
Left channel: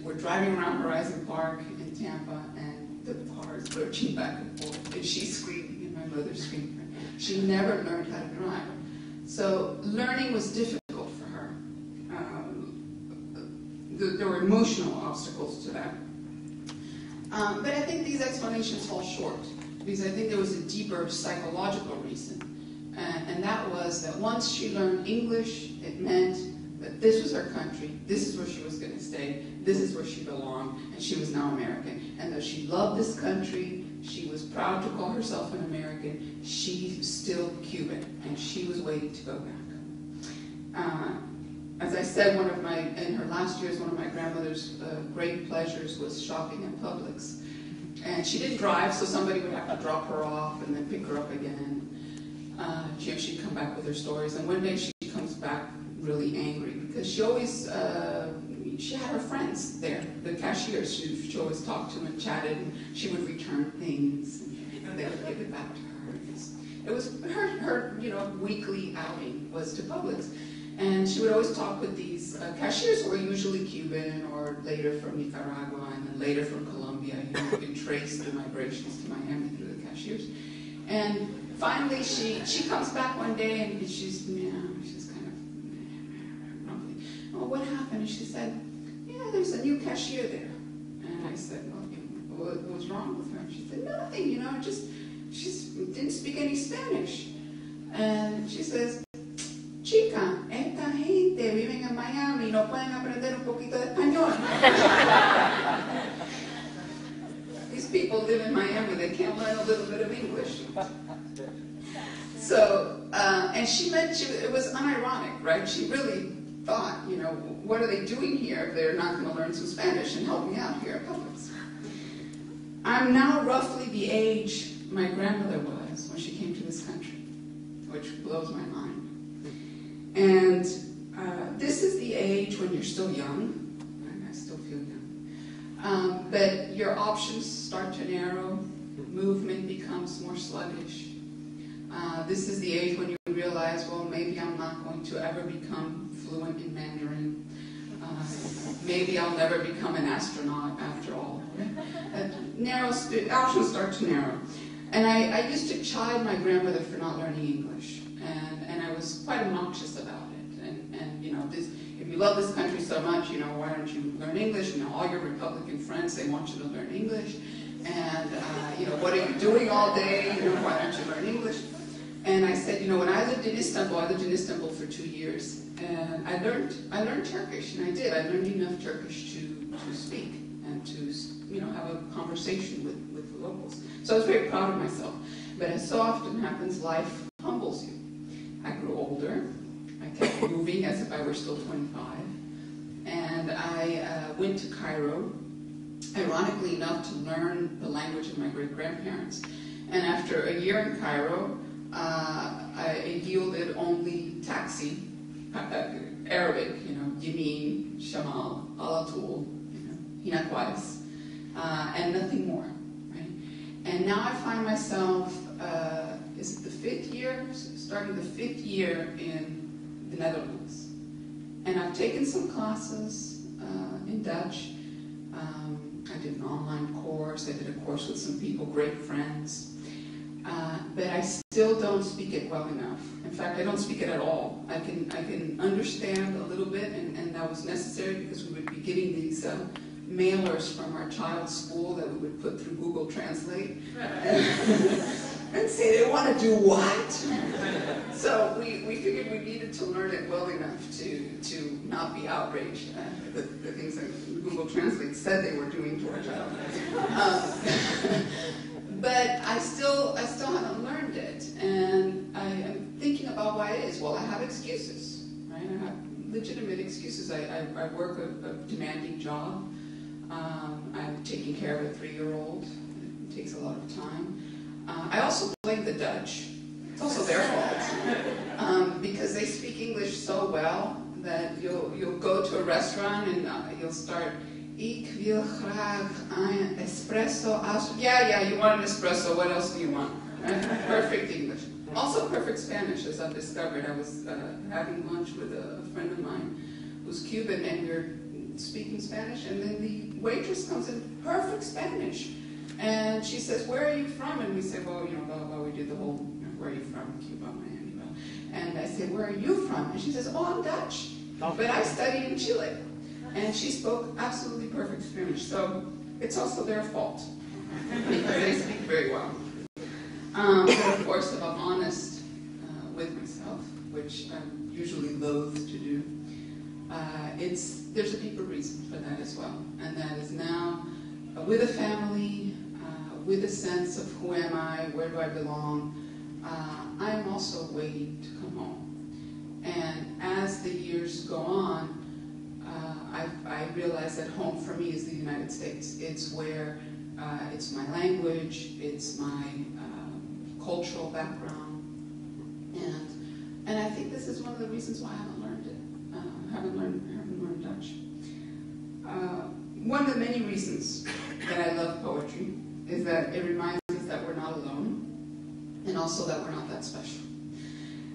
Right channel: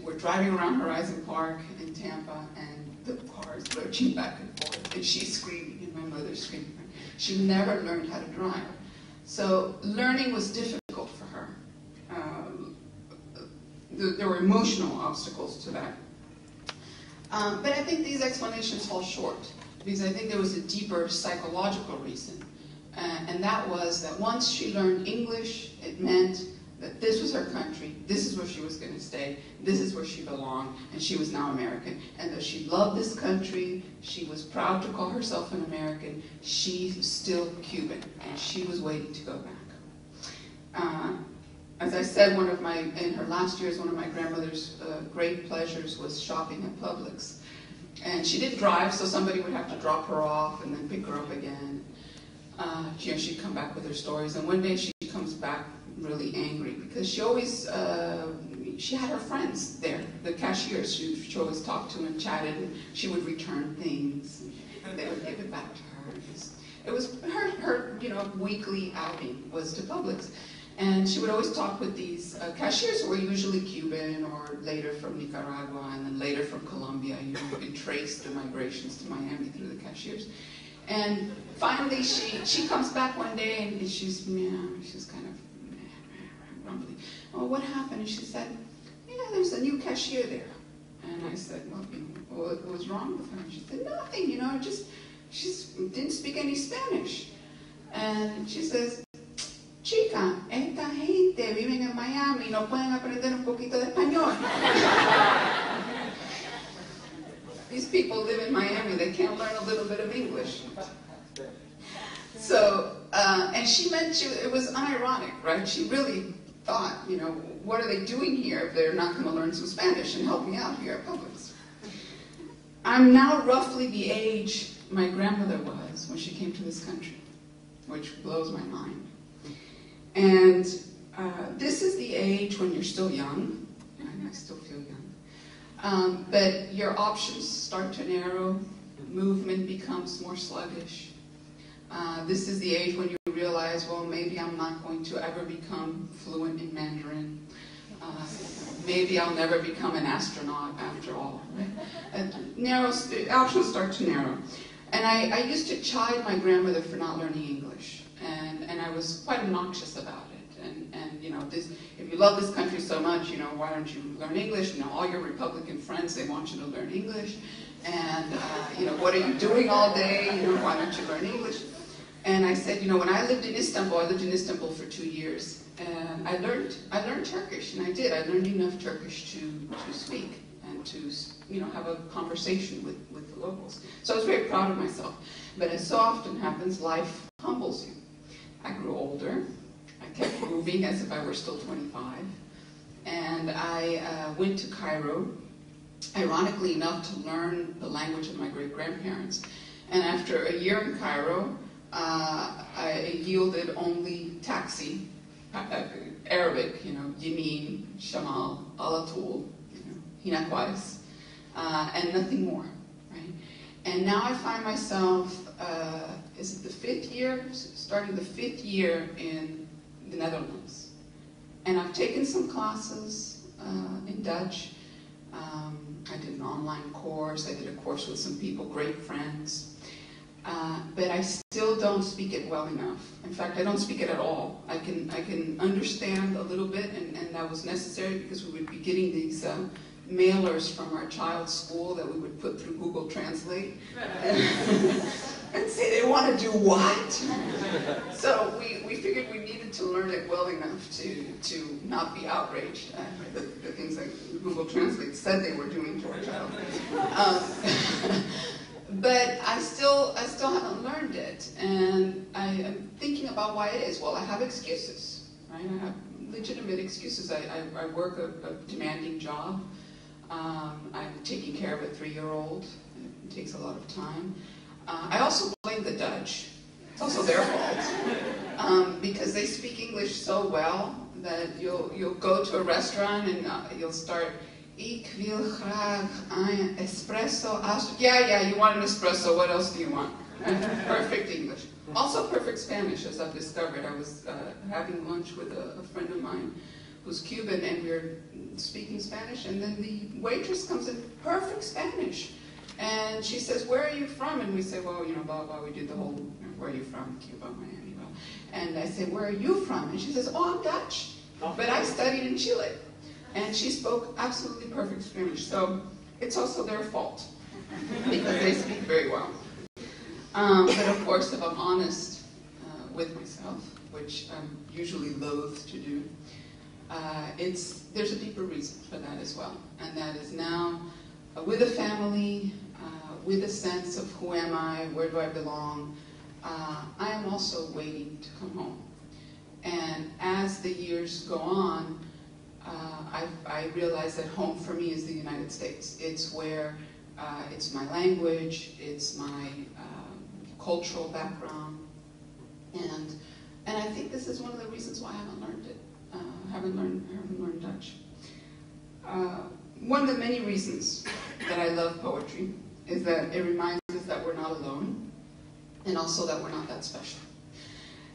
We're driving around Horizon Park in Tampa, and the car is lurching back and forth, and she's screaming, and my mother's screaming. She never learned how to drive. So learning was difficult for her. There were emotional obstacles to that. But I think these explanations fall short, because I think there was a deeper psychological reason. And that was that once she learned English, it meant that this was her country, this is where she was going to stay, this is where she belonged, and she was now American. And though she loved this country, she was proud to call herself an American, she's still Cuban, and she was waiting to go back. As I said, in her last years, one of my grandmother's great pleasures was shopping at Publix. And she didn't drive, so somebody would have to drop her off and then pick her up again. She'd come back with her stories, and one day she comes back really angry because she always, she had her friends there, the cashiers she always talked to and chatted, and she would return things, and they would give it back to her. It was her weekly outing was to Publix. And she would always talk with these cashiers who were usually Cuban or later from Nicaragua and then later from Colombia. You could trace the migrations to Miami through the cashiers. And finally, she comes back one day and she's kind of grumpy. Oh, what happened? And she said, yeah, there's a new cashier there. And I said, well, what was wrong with her? She said, nothing, she didn't speak any Spanish. And she says, chica, esta gente viven en Miami y no pueden aprender un poquito de español. These people live in Miami, they can't learn a little bit of English. So, and she meant it was unironic, right? She really thought, what are they doing here if they're not going to learn some Spanish and help me out here at Publix? I'm now roughly the age my grandmother was when she came to this country, which blows my mind. And this is the age when you're still young, and I still feel young, but your options start to narrow, movement becomes more sluggish. This is the age when you realize, well, maybe I'm not going to ever become fluent in Mandarin. Maybe I'll never become an astronaut after all. Options start to narrow. And I used to chide my grandmother for not learning English. And I was quite obnoxious about it. And if you love this country so much, why don't you learn English? All your Republican friends, they want you to learn English. And, what are you doing all day? Why don't you learn English? And I said, when I lived in Istanbul for 2 years. And I learned Turkish, and I did. I learned enough Turkish to speak and to, have a conversation with the locals. So I was very proud of myself. But as so often happens, life humbles you. I grew older. I kept moving as if I were still 25. And I went to Cairo, ironically enough, to learn the language of my great-grandparents. And after a year in Cairo, I yielded only taxi, Arabic, Yamin, Shamal, Alatul, Hinakwais, and nothing more, right? And now I find myself, is it the 5th year? Starting the 5th year in the Netherlands. And I've taken some classes in Dutch. I did an online course. I did a course with some people, great friends. but I still don't speak it well enough. In fact, I don't speak it at all. I can understand a little bit, and that was necessary because we would be getting these mailers from our child's school that we would put through Google Translate and say they want to do what? So we figured we needed to learn it well enough to not be outraged at the things that Google Translate said they were doing to our child. But I still haven't learned it, and I am thinking about why it is. Well, I have excuses, right? I have legitimate excuses. I work a demanding job. I'm taking care of a 3-year-old. It takes a lot of time. I also blame the Dutch. It's also their fault because they speak English so well that you'll go to a restaurant and you'll start. Ik wil graag een espresso. Yeah, you want an espresso. What else do you want? Perfect English. Also perfect Spanish, as I've discovered. I was having lunch with a friend of mine who's Cuban, and we were speaking Spanish, and then the waitress comes in, perfect Spanish. And she says, where are you from? And we say, well, blah, blah, we do the whole, where are you from? Cuba, Miami. Blah. And I say, where are you from? And she says, oh, I'm Dutch. But I studied in Chile. And she spoke absolutely perfect Spanish. So it's also their fault because they speak very well. But of course, if I'm honest with myself, which I'm usually loath to do, there's a deeper reason for that as well. And that is now, with a family, with a sense of who am I, where do I belong, I am also waiting to come home. And as the years go on, I realize that home for me is the United States. It's where, it's my language, it's my cultural background, and I think this is one of the reasons why I haven't learned it. I haven't learned Dutch. One of the many reasons that I love poetry is that it reminds us that we're not alone, and also that we're not that special.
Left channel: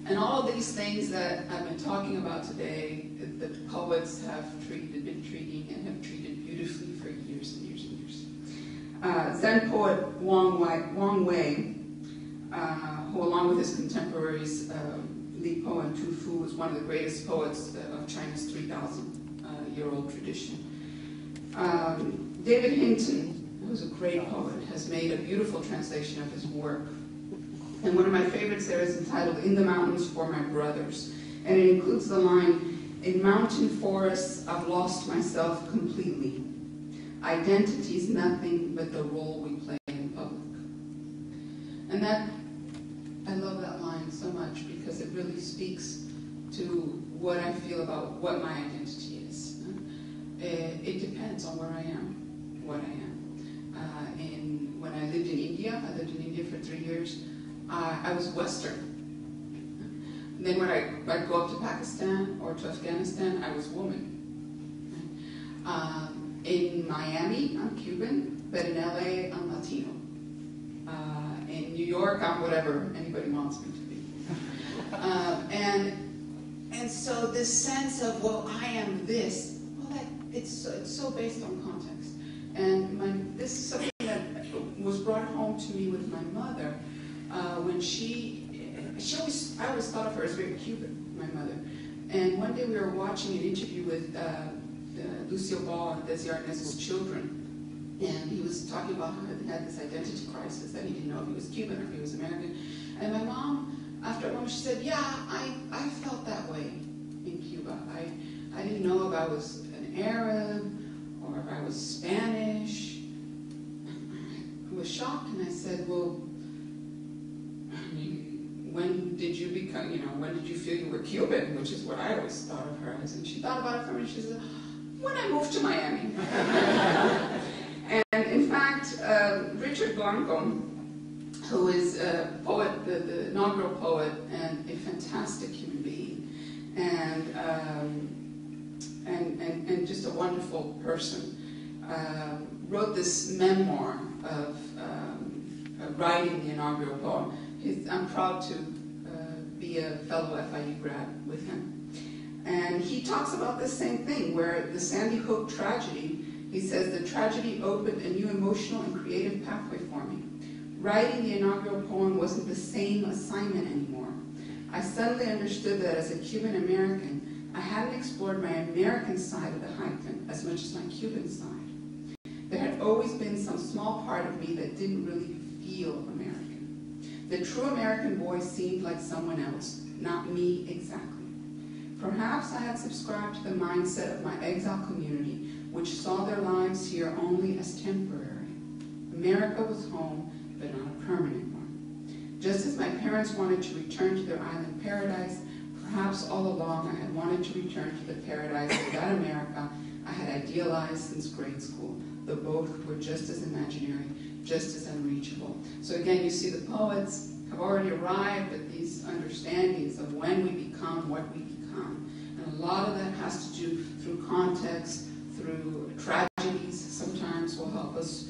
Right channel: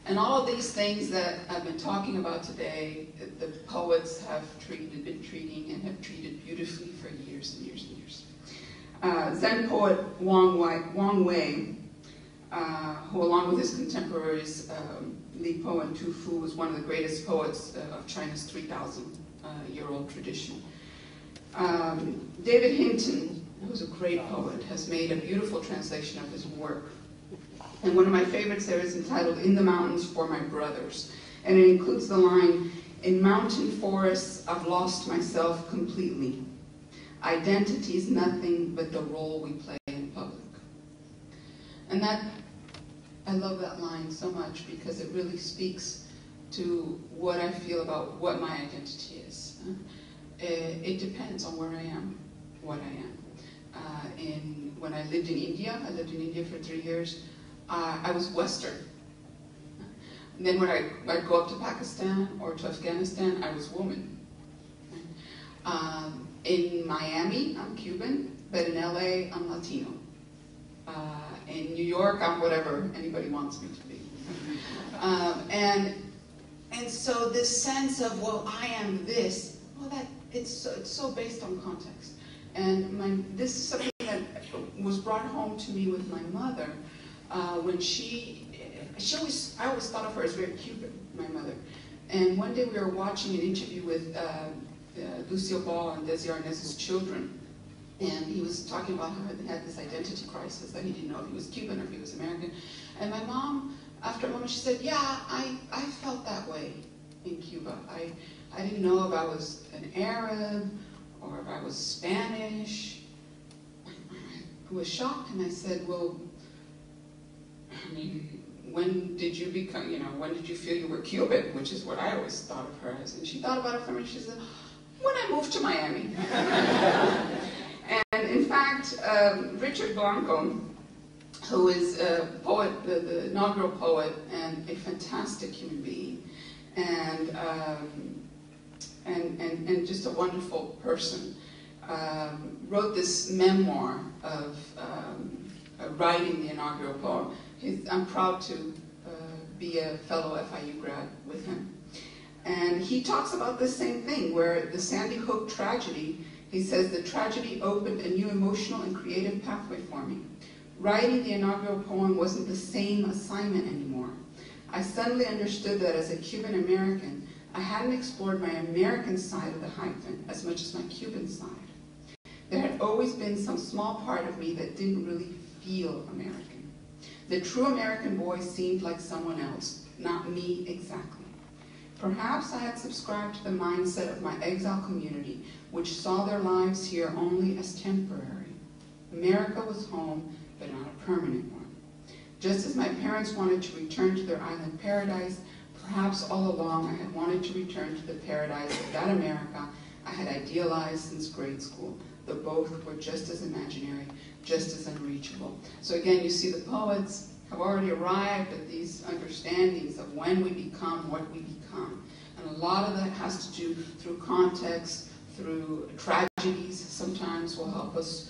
And all of these things that I've been talking about today, the poets have been treating and have treated beautifully for years and years and years. Zen poet Wang Wei, who along with his contemporaries, Li Po and Tu Fu, was one of the greatest poets of China's 3,000-year-old tradition. David Hinton, who's a great poet, has made a beautiful translation of his work. And one of my favorites there is entitled In the Mountains for My Brothers. And it includes the line, in mountain forests I've lost myself completely. Identity's nothing but the role we play in public. And I love that line so much because it really speaks to what I feel about what my identity is. It depends on where I am, what I am. When I lived in India for 3 years, I was Western. And then when I'd go up to Pakistan or to Afghanistan, I was woman. In Miami, I'm Cuban, but in LA, I'm Latino. In New York, I'm whatever anybody wants me to be. And so this sense of, well, I am this, well, it's so based on context. And this is something that was brought home to me with my mother when I always thought of her as very Cuban, my mother. And one day we were watching an interview with Lucille Ball and Desi Arnaz's children, and he was talking about how he had this identity crisis, that he didn't know if he was Cuban or if he was American. And my mom, after a moment, she said, yeah, I felt that way in Cuba. I didn't know if I was an Arab or if I was Spanish. I was shocked, and I said, well, I mean, when did you feel you were Cuban? Which is what I always thought of her as. And she thought about it for me, and she said, when I moved to Miami. And in fact, Richard Blanco, who is a poet, the inaugural poet, and a fantastic human being, and just a wonderful person, wrote this memoir of writing the inaugural poem. I'm proud to be a fellow FIU grad with him. And he talks about the same thing, where the Sandy Hook tragedy, he says, the tragedy opened a new emotional and creative pathway for me. Writing the inaugural poem wasn't the same assignment anymore. I suddenly understood that as a Cuban American, I hadn't explored my American side of the hyphen as much as my Cuban side. There had always been some small part of me that didn't really feel American. The true American boy seemed like someone else, not me exactly. Perhaps I had subscribed to the mindset of my exile community, which saw their lives here only as temporary. America was home, but not a permanent one. Just as my parents wanted to return to their island paradise, perhaps all along I had wanted to return to the paradise of that America I had idealized since grade school, though both were just as imaginary, just as unreachable. So again, you see the poets have already arrived at these understandings of when we become what we become. And a lot of that has to do through context, through tragedies sometimes will help us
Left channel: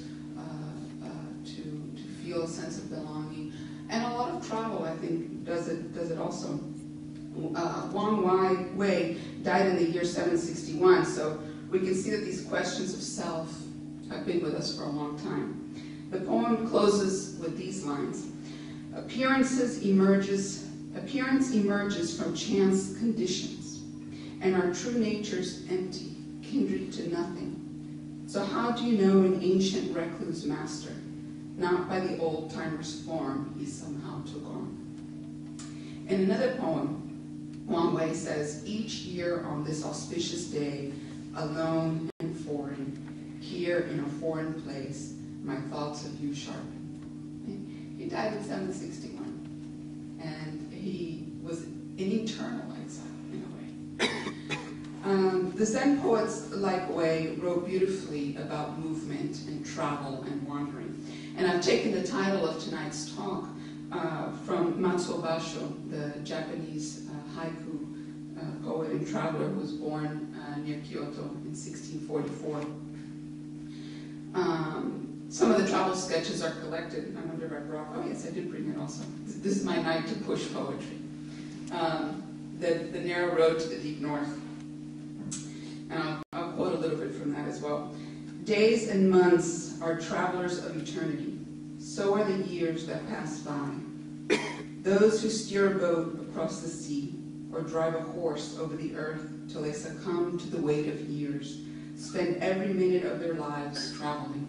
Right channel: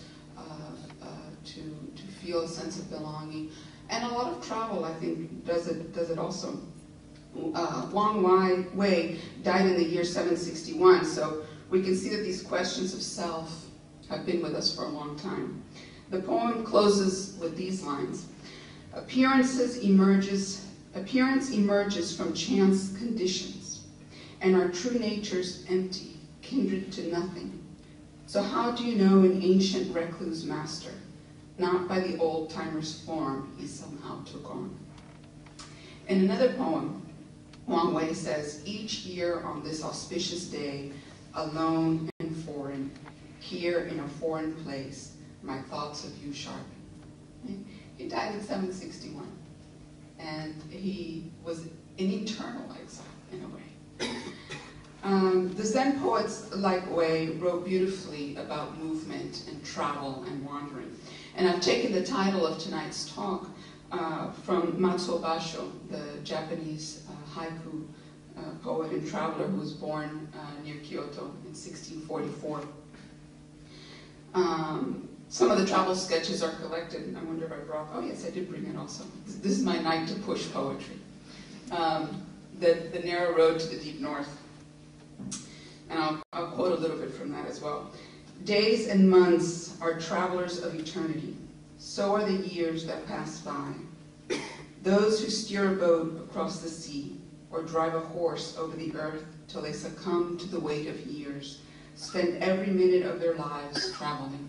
to feel a sense of belonging. And a lot of travel, I think, does it also. Wang Wei died in the year 761, so we can see that these questions of self have been with us for a long time. The poem closes with these lines. Appearance emerges from chance conditions, and our true nature's empty, kindred to nothing. So how do you know an ancient recluse master? Not by the old-timer's form he somehow took on. In another poem, Wang Wei says, each year on this auspicious day, alone and foreign, here in a foreign place, my thoughts of you sharpen. He died in 761, and he was an eternal exile in a way. The Zen poets like Wei wrote beautifully about movement and travel and wandering. And I've taken the title of tonight's talk from Matsuo Basho, the Japanese haiku poet and traveler who was born near Kyoto in 1644. Some of the travel sketches are collected. I wonder if I brought, oh yes, I did bring it also. This is my night to push poetry. The narrow road to the deep north. And I'll quote a little bit from that as well. Days and months are travelers of eternity. So are the years that pass by. Those who steer a boat across the sea or drive a horse over the earth till they succumb to the weight of years, spend every minute of their lives traveling.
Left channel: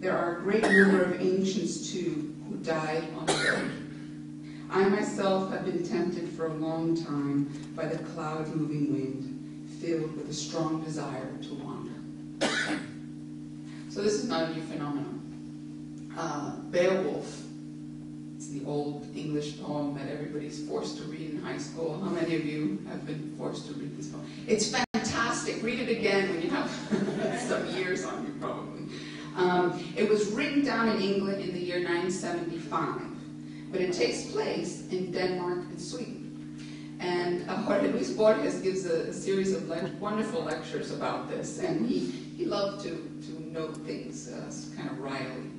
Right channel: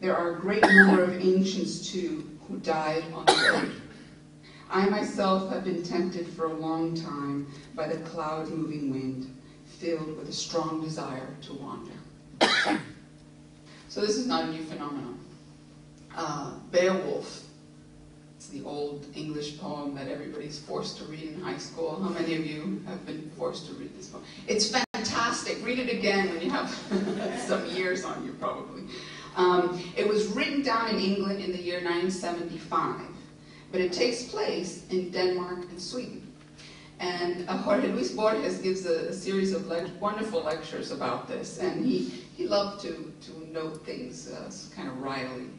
There are a great number of ancients, too, who died on the road. I myself have been tempted for a long time by the cloud-moving wind, filled with a strong desire to wander. So this is not a new phenomenon. Beowulf, it's the old English poem that everybody's forced to read in high school. How many of you have been forced to read this poem? It's fantastic. Read it again when you have some years on you, probably. It was written down in England in the year 975, but it takes place in Denmark and Sweden. And Jorge Luis Borges gives a series of wonderful lectures about this, and he loved to note things kind of wryly.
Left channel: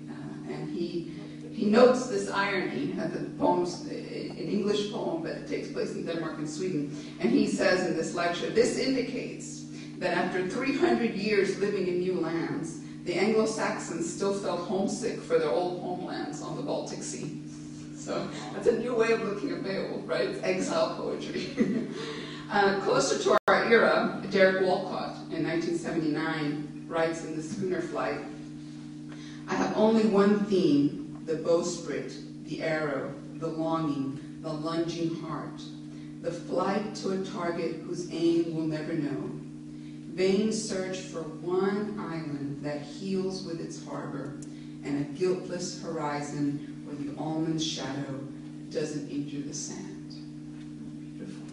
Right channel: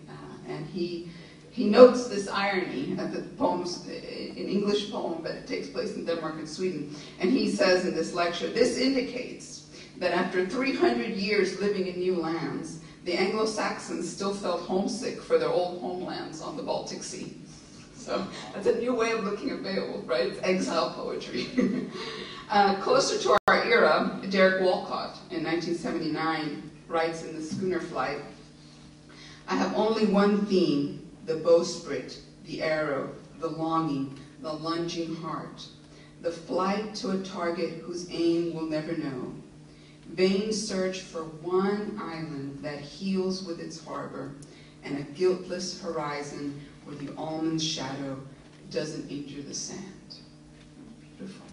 And he notes this irony of the poems, an English poem, but it takes place in Denmark and Sweden. And he says in this lecture, this indicates that after 300 years living in new lands, the Anglo-Saxons still felt homesick for their old homelands on the Baltic Sea. So that's a new way of looking at Beowulf, right? It's exile poetry. Closer to our era, Derek Walcott in 1979 writes in The Schooner Flight, I have only one theme, the bowsprit, the arrow, the longing, the lunging heart, the flight to a target whose aim we'll never know. Vain search for one island that heals with its harbor, and a guiltless horizon where the almond's shadow doesn't injure the sand. Beautiful.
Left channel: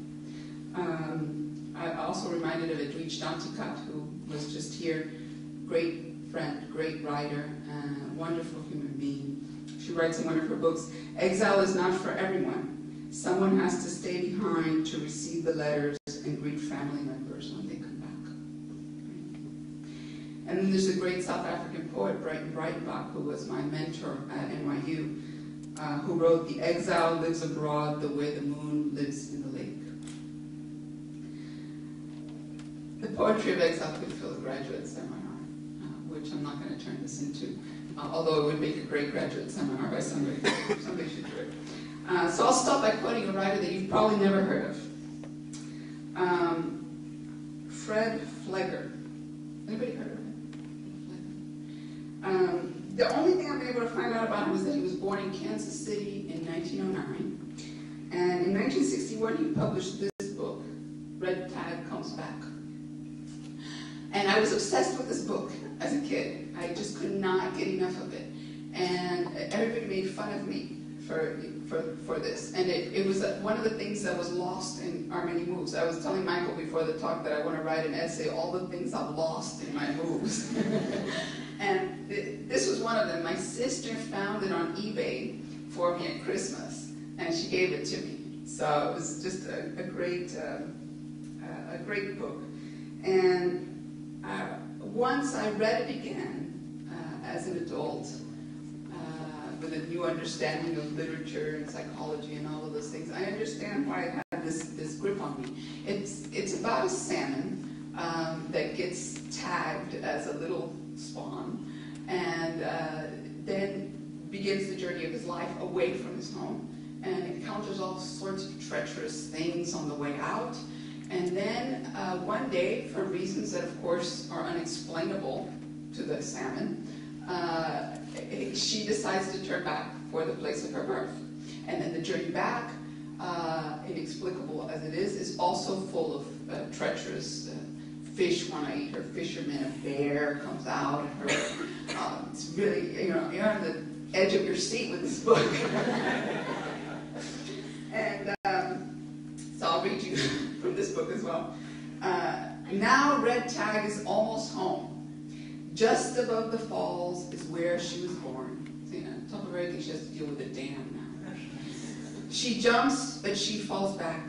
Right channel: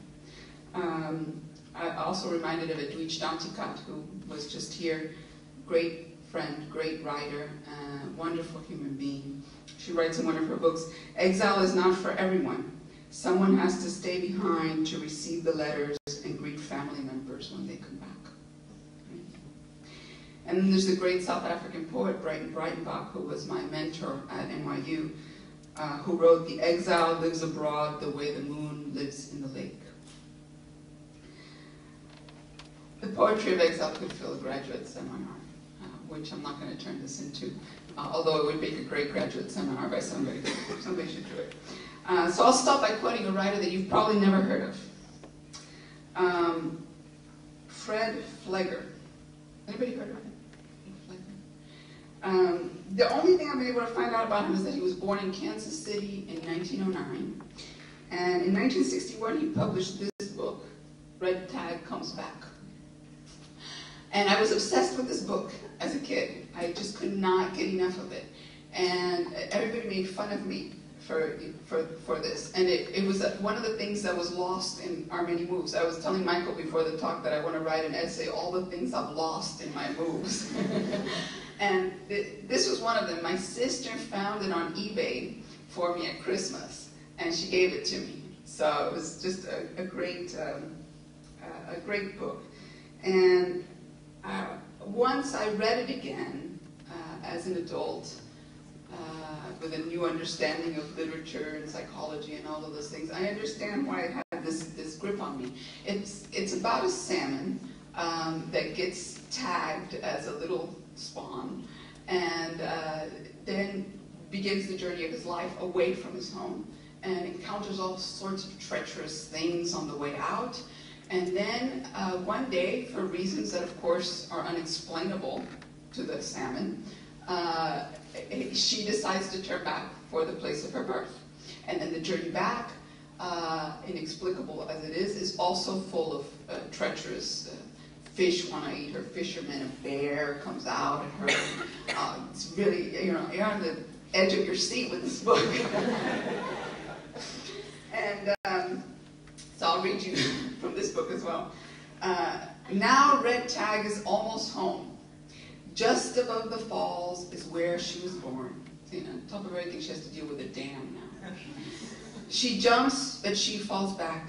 I also reminded of Edwidge Danticat, who was just here. Great friend, great writer, wonderful human being. She writes in one of her books, exile is not for everyone. Someone has to stay behind to receive the letters and greet family members when they come back. And then there's a great South African poet, Brighton Breitenbach, who was my mentor at NYU, who wrote, the exile lives abroad the way the moon lives in the lake. The poetry of exile could fill a graduate seminar which I'm not going to turn this into, although it would make a great graduate seminar by somebody. Somebody should do it. So I'll start by quoting a writer that you've probably never heard of. Fred Flegger. Anybody heard of him? The only thing I've been able to find out about him is that he was born in Kansas City in 1909. And in 1961, he published this book, Red Tag Comes Back. And I was obsessed with this book as a kid. I just could not get enough of it. And everybody made fun of me for this. And it was one of the things that was lost in our many moves. I was telling Michael before the talk that I want to write an essay, all the things I've lost in my moves. And this was one of them. My sister found it on eBay for me at Christmas, and she gave it to me. So it was just a great book. And once I read it again as an adult, with a new understanding of literature and psychology and all of those things, I understand why it had this grip on me. It's about a salmon that gets tagged as a little spawn, and then begins the journey of his life away from his home, and encounters all sorts of treacherous things on the way out. And then one day, for reasons that of course are unexplainable to the salmon, she decides to turn back for the place of her birth. And then the journey back, inexplicable as it is also full of treacherous fish want to eat her fisherman, a bear comes out at her. It's really, you're on the edge of your seat with this book. And so I'll read you from this book as well. Now Red Tag is almost home. Just above the falls is where she was born. See, on top of everything, she has to deal with a dam now. She jumps, but she falls back.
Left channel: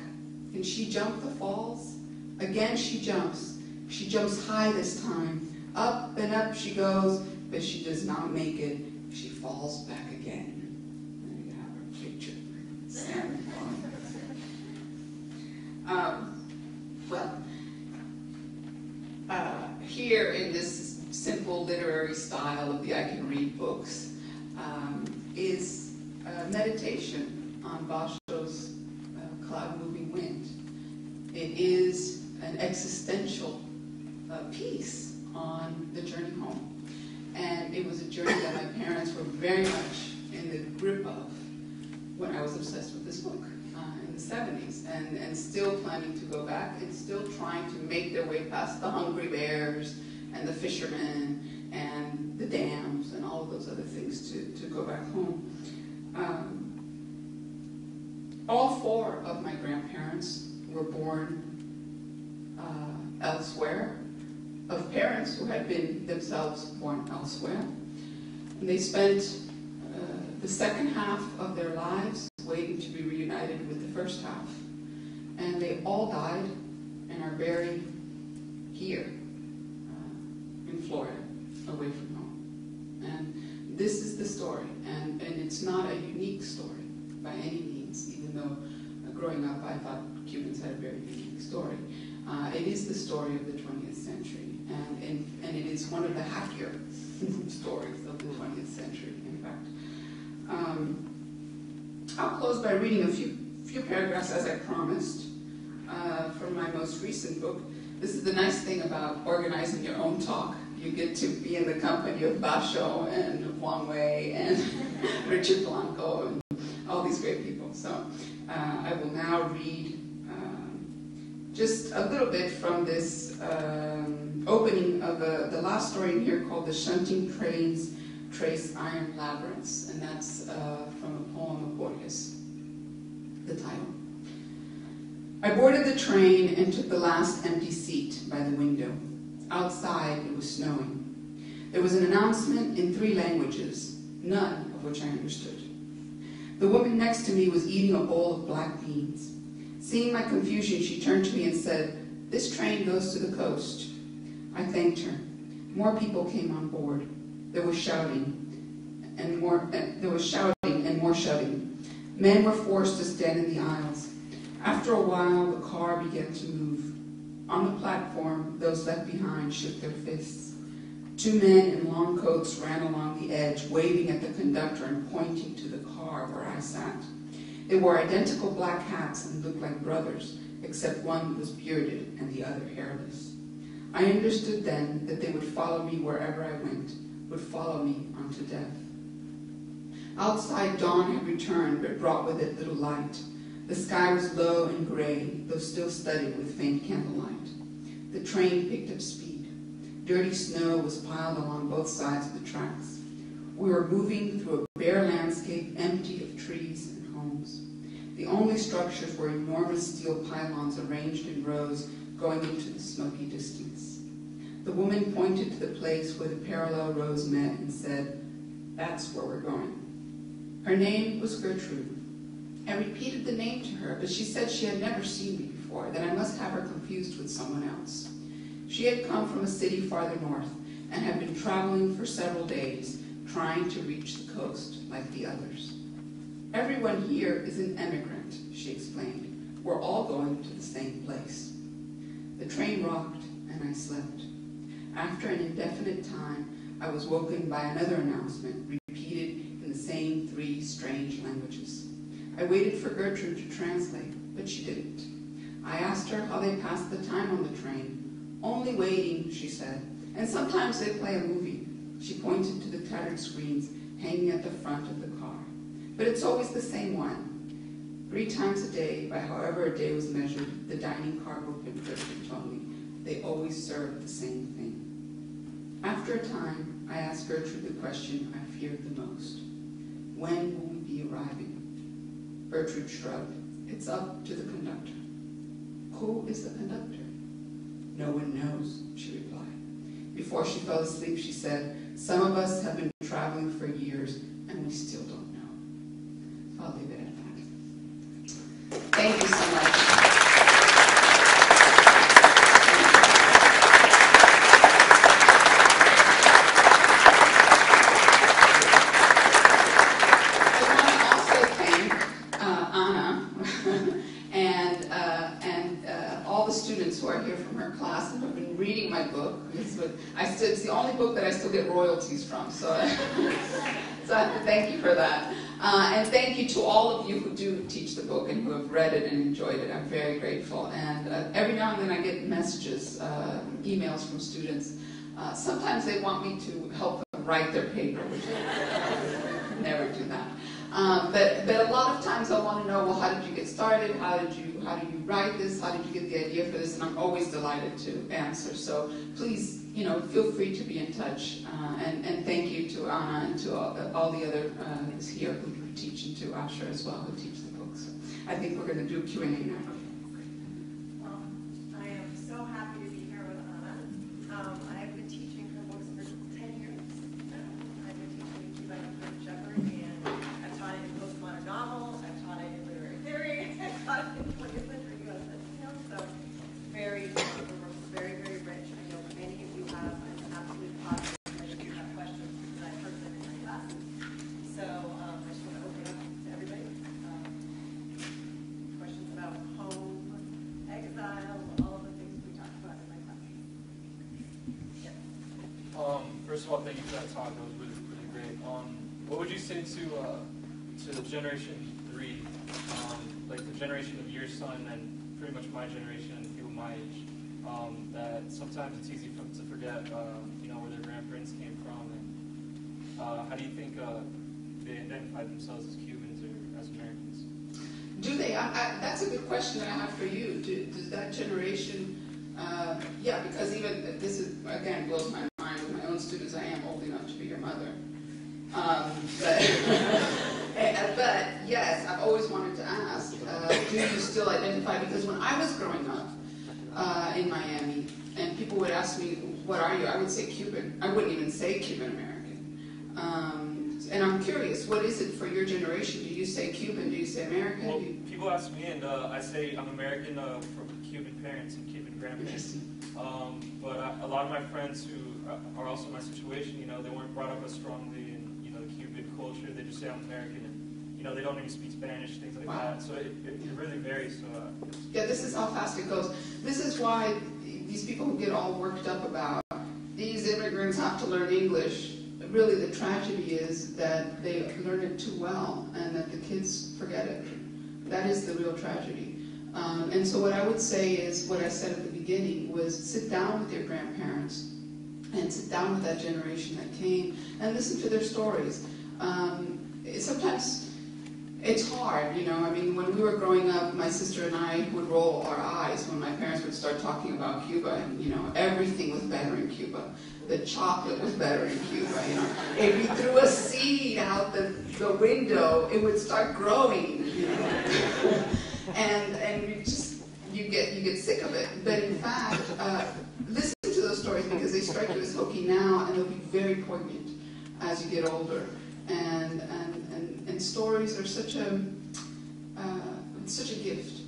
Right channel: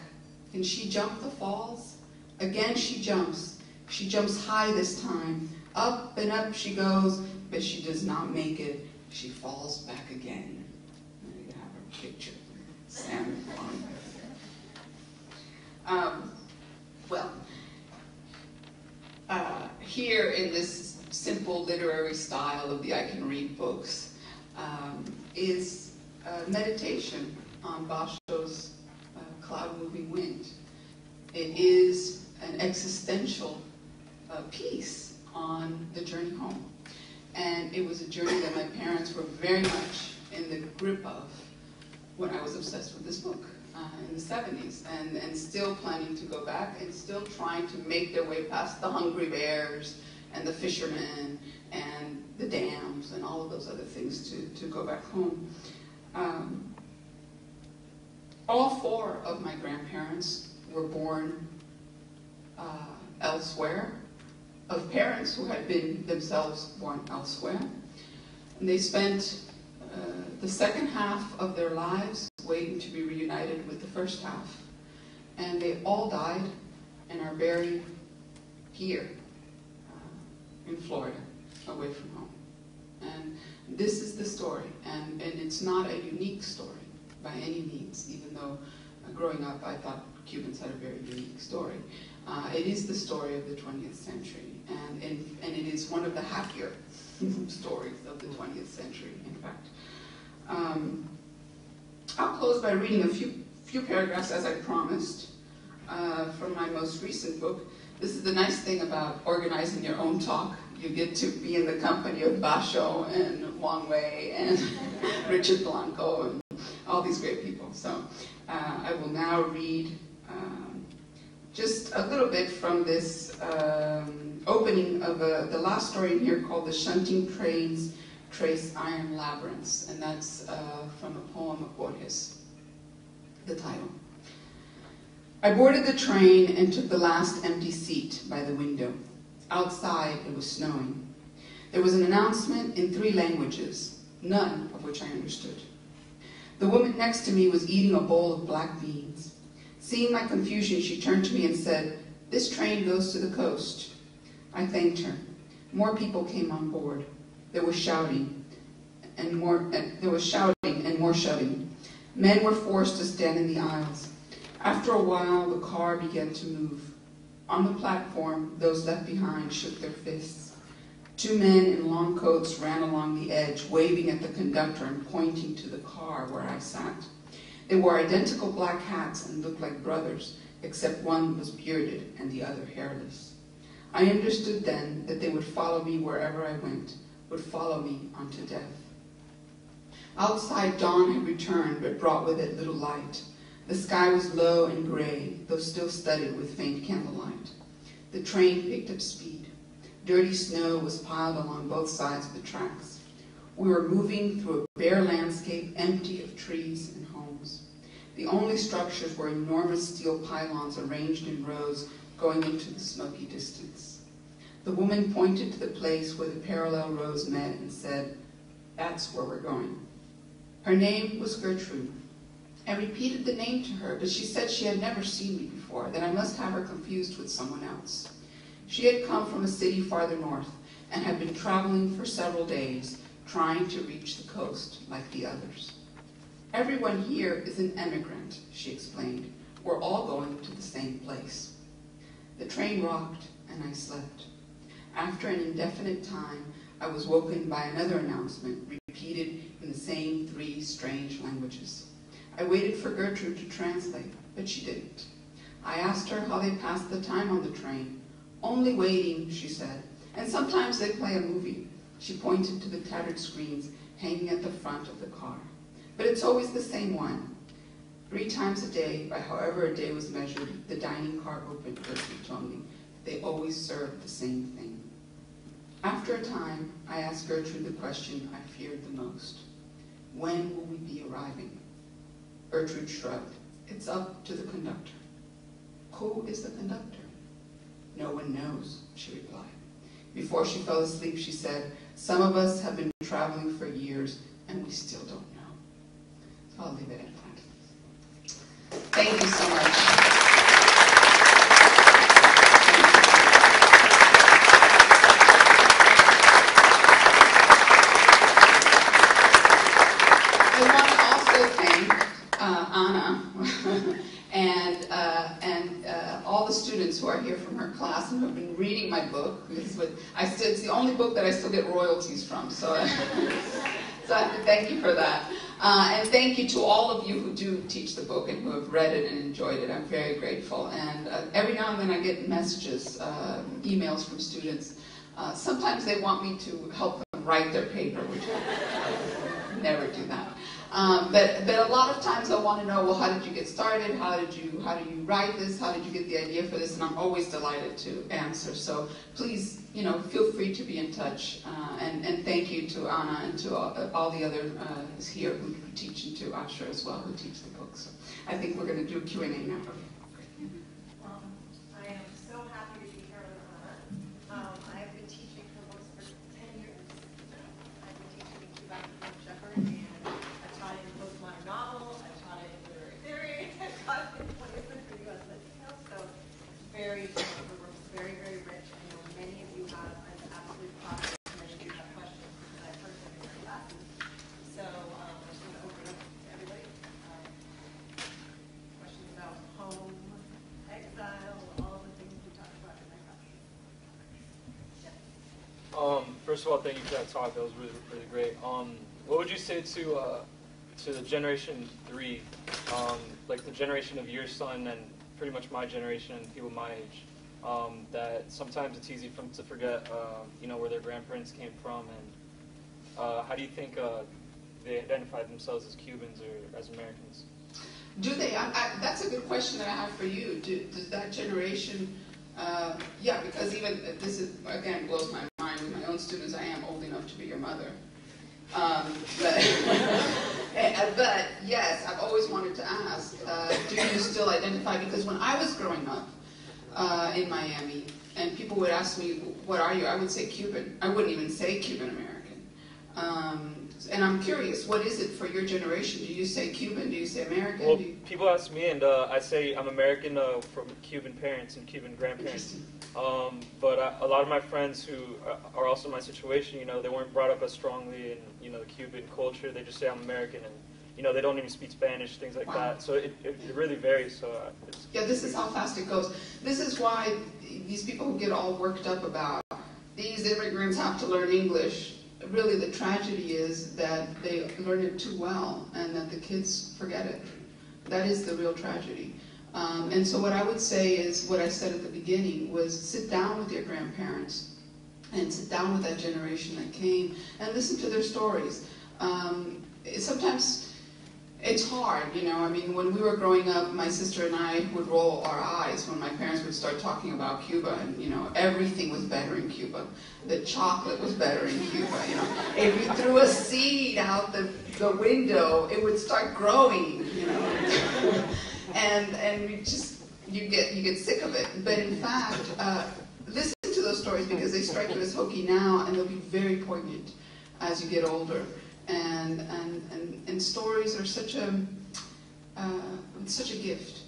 Can she jump the falls? Again she jumps. She jumps high this time. Up and up she goes, but she does not make it. She falls back again. There you have her picture. Salmon. Here in this simple literary style of the I Can Read books is meditation on Basho's Cloud Moving Wind. It is an existential piece on the journey home. And it was a journey that my parents were very much in the grip of when I was obsessed with this book in the 70s, and still planning to go back, and still trying to make their way past the hungry bears and the fishermen and the dams and all of those other things to go back home. All four of my grandparents were born elsewhere, of parents who had been themselves born elsewhere. And they spent the second half of their lives waiting to be reunited with the first half. And they all died and are buried here in Florida, away from home. And this is the story, and it's not a unique story by any means, even though growing up I thought Cubans had a very unique story. It is the story of the 20th century, and it is one of the happier stories of the 20th century, in fact. I'll close by reading a few paragraphs, as I promised, from my most recent book. This is the nice thing about organizing your own talk. You get to be in the company of Basho and Wang Wei and Richard Blanco and all these great people. So I will now read just a little bit from this opening of the last story in here called The Shunting Trains Trace Iron Labyrinths, and that's from a poem of Borges, the title. I boarded the train and took the last empty seat by the window. Outside, it was snowing. There was an announcement in 3 languages, none of which I understood. The woman next to me was eating a bowl of black beans. Seeing my confusion, she turned to me and said, "This train goes to the coast." I thanked her. More people came on board. There was shouting and more shouting. Men were forced to stand in the aisles. After a while, the car began to move. On the platform, those left behind shook their fists. Two men in long coats ran along the edge, waving at the conductor and pointing to the car where I sat. They wore identical black hats and looked like brothers, except one was bearded and the other hairless. I understood then that they would follow me wherever I went, would follow me unto death. Outside, dawn had returned, but brought with it little light. The sky was low and gray, though still studded with faint candlelight. The train picked up speed. Dirty snow was piled along both sides of the tracks. We were moving through a bare landscape empty of trees and homes. The only structures were enormous steel pylons arranged in rows going into the smoky distance. The woman pointed to the place where the parallel rows met and said, "That's where we're going." Her name was Gertrude. I repeated the name to her, but she said she had never seen me before, that I must have her confused with someone else. She had come from a city farther north and had been traveling for several days, trying to reach the coast like the others. "Everyone here is an emigrant," she explained. "We're all going to the same place." The train rocked and I slept. After an indefinite time, I was woken by another announcement, repeated in the same three strange languages. I waited for Gertrude to translate, but she didn't. I asked her how they passed the time on the train. "Only waiting," she said, "and sometimes they play a movie." She pointed to the tattered screens hanging at the front of the car. "But it's always the same one." 3 times a day, by however a day was measured, the dining car opened, Gertrude told me. They always served the same thing. After a time, I asked Gertrude the question I feared the most. "When will we be arriving?" Gertrude shrugged. "It's up to the conductor." "Who is the conductor?" "No one knows," she replied. Before she fell asleep, she said, "Some of us have been traveling for years, and we still don't know." I'll leave it at that. Thank you so much. I want to also thank Anna and all the students who are here from her class and who have been reading my book. It's the only book that I still get royalties from, so thank you for that. And thank you to all of you who do teach the book and who have read it and enjoyed it. I'm very grateful. And every now and then I get messages, emails from students. Sometimes they want me to help them write their paper, which I never do that. But a lot of times I want to know, well, how did you get started? How do you write this? How did you get the idea for this? And I'm always delighted to answer. So please, feel free to be in touch. And thank you to Anna and to all the others here who teach, and to Asher as well, who teach the book. So I think we're going to do Q&A now. I am so happy to be here with Anna. I've been teaching her books for 10 years. I've been teaching Cuban Shepherd, and I've taught it in postmodern novel, I've taught it in literary theory, I've taught it in 20th century U.S. Latino, so very, very, very rich. I know many of you have, and I'm absolutely positive many of you have questions because I've heard them in my classes. So I just want to open it up to everybody. Questions about home, exile, all of the things we talked about in my class. Yeah. First of all, thank you for that talk. That was really, really great. What would you say to the generation 3, like the generation of your son and pretty much my generation and people my age, that sometimes it's easy to forget, where their grandparents came from, and how do you think they identified themselves as Cubans or as Americans? Do they? That's a good question that I have for you. Does that generation, because even this is, again, blows my mind with my own students. I am old enough to be your mother. But yes, I've always wanted to ask, do you still identify? Because when I was growing up in Miami, and people would ask me, what are you? I would say Cuban. I wouldn't even say Cuban American. And I'm curious, what is it for your generation? Do you say Cuban? Do you say American? Well, people ask me, and I say I'm American from Cuban parents and Cuban grandparents. But a lot of my friends who are also in my situation, they weren't brought up as strongly in, the Cuban culture. They just say I'm American, and, they don't even speak Spanish, things like that. So it really varies. So this is how fast it goes. This is why these people who get all worked up about these immigrants have to learn English. Really, the tragedy is that they learn it too well and that the kids forget it. That is the real tragedy. And so what I would say is, what I said at the beginning was, sit down with your grandparents and sit down with that generation that came and listen to their stories. Sometimes it's hard, you know. I mean, when we were growing up, my sister and I would roll our eyes when my parents would start talking about Cuba, and, you know, everything was better in Cuba. The chocolate was better in Cuba, you know. If you threw a seed out the window, it would start growing, you know. and you get sick of it. But in fact, listen to those stories, because they strike you as hokey now, and they'll be very poignant as you get older. And stories are such a gift,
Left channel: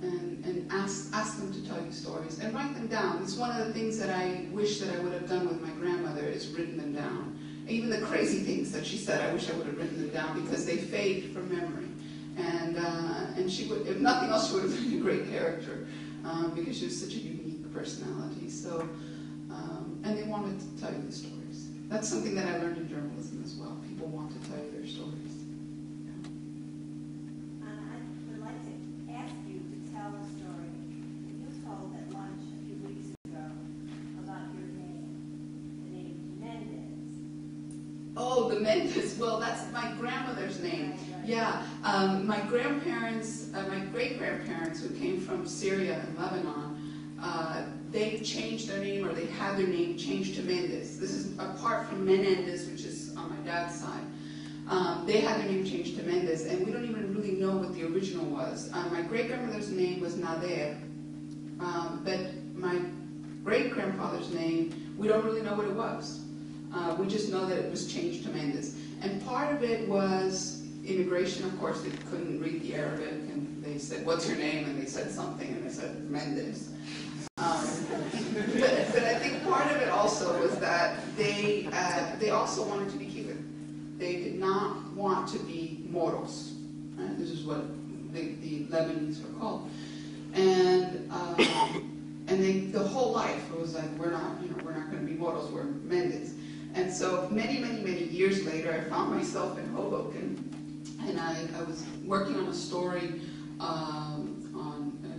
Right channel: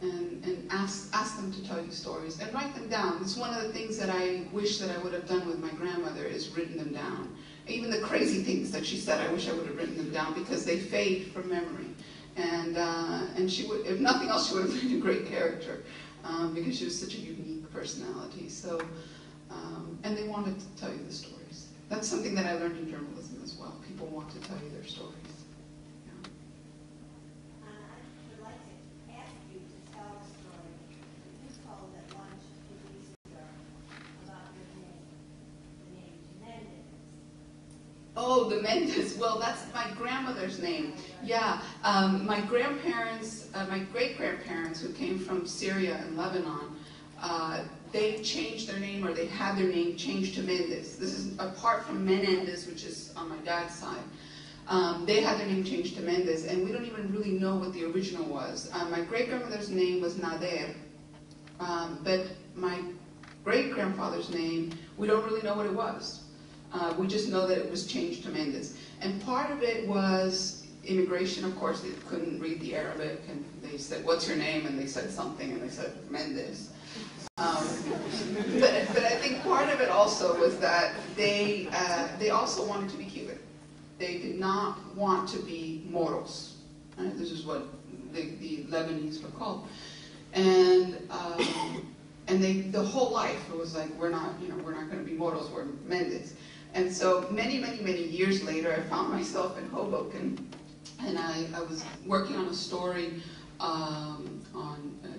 and ask them to tell you stories and write them down. It's one of the things that I wish that I would have done with my grandmother, is written them down. Even the crazy things that she said, I wish I would have written them down, because they fade from memory. And she would, if nothing else, she would have been a great character, because she was such a unique personality. So, and they wanted to tell you the stories. That's something that I learned in journalism as well. People want to tell you their stories. I would like to ask you to tell a story that you told at lunch a few weeks ago about your name, the name Menendez. Oh, the Menendez. Well, that's my grandmother's name. Yeah, my grandparents, my great-grandparents who came from Syria and Lebanon, they changed their name, or they had their name changed to Menendez. This is apart from Menendez, which is on my dad's side. They had their name changed to Menendez, and we don't even really know what the original was. My great-grandmother's name was Nader, but my great-grandfather's name, we don't really know what it was. We just know that it was changed to Menendez. And part of it was immigration. Of course, they couldn't read the Arabic, and they said, "What's your name?" And they said something, and they said, "Menendez." But I think part of it also was that they also wanted to be Cuban. They did not want to be Moros. Right? This is what the Lebanese were called, and they, the whole life it was like, we're not going to be Moros, we're Menendez. And so many years later, I found myself in Hoboken, and I was working on a story on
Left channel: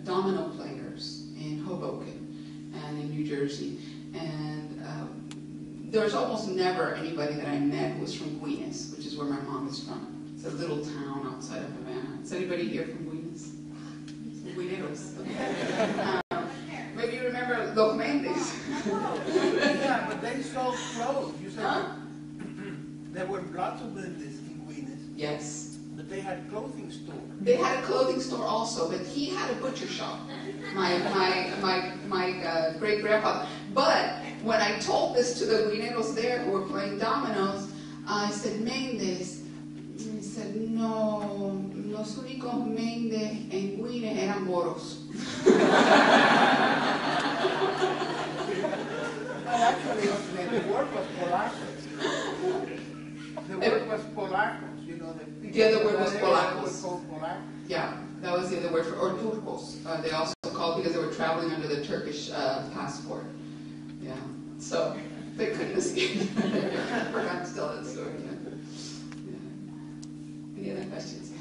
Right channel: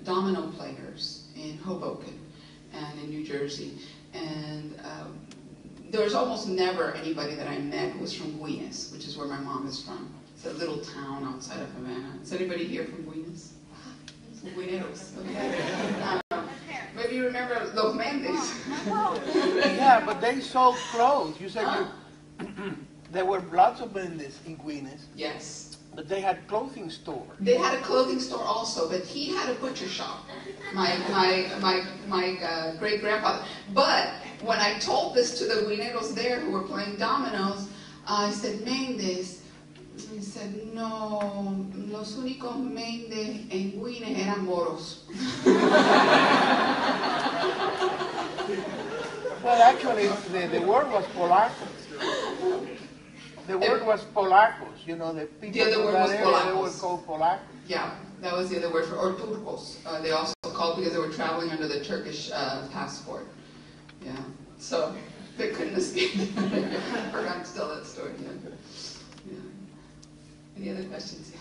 domino players in Hoboken and in New Jersey. And there was almost never anybody that I met who was from Guines, which is where my mom is from. It's a little town outside of Havana. Is anybody here from Guines? Guineros. Maybe you remember Los Mendes. Yeah, but they sold clothes. You said there were lots of Menendez in Guines. Yes. But they had clothing store. They had a clothing store also, but he had a butcher shop. My great grandfather. But when I told this to the Guineros there who were playing dominoes, I said, Menendez. He said, no, los únicos Menendez en Guines eran moros. Well, actually, the word was polacos. The word was polacos. You know, the people. The other word was polacos. They were called polacos. Yeah, that was the other word for, or turcos. They also called because they were traveling under the Turkish passport. Yeah, so they couldn't escape. I forgot to tell that story. Yeah. Any other questions?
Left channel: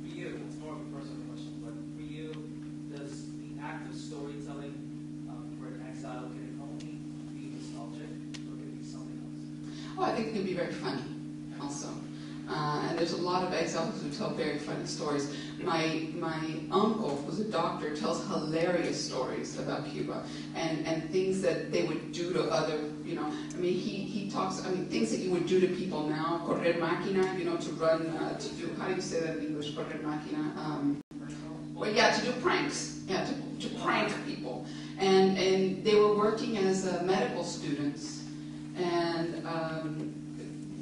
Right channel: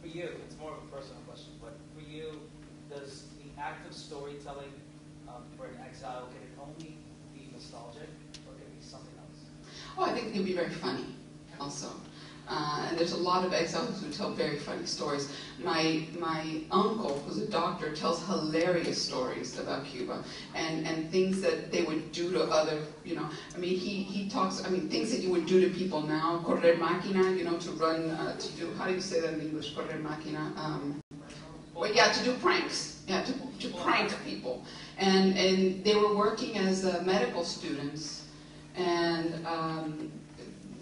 For you, it's more of a personal question, but for you, does the act of storytelling for an exile, can it only be nostalgic, or can it be something else? Oh, I think it can be very funny also. And there's a lot of exiles who tell very funny stories. My uncle, who's a doctor, tells hilarious stories about Cuba and things that they would do to other, you know. I mean, he talks, I mean, things that you would do to people now, correr máquina, you know, to run, to do, how do you say that in English, correr máquina? Well, yeah, to do pranks, yeah, to prank people. And they were working as medical students, and,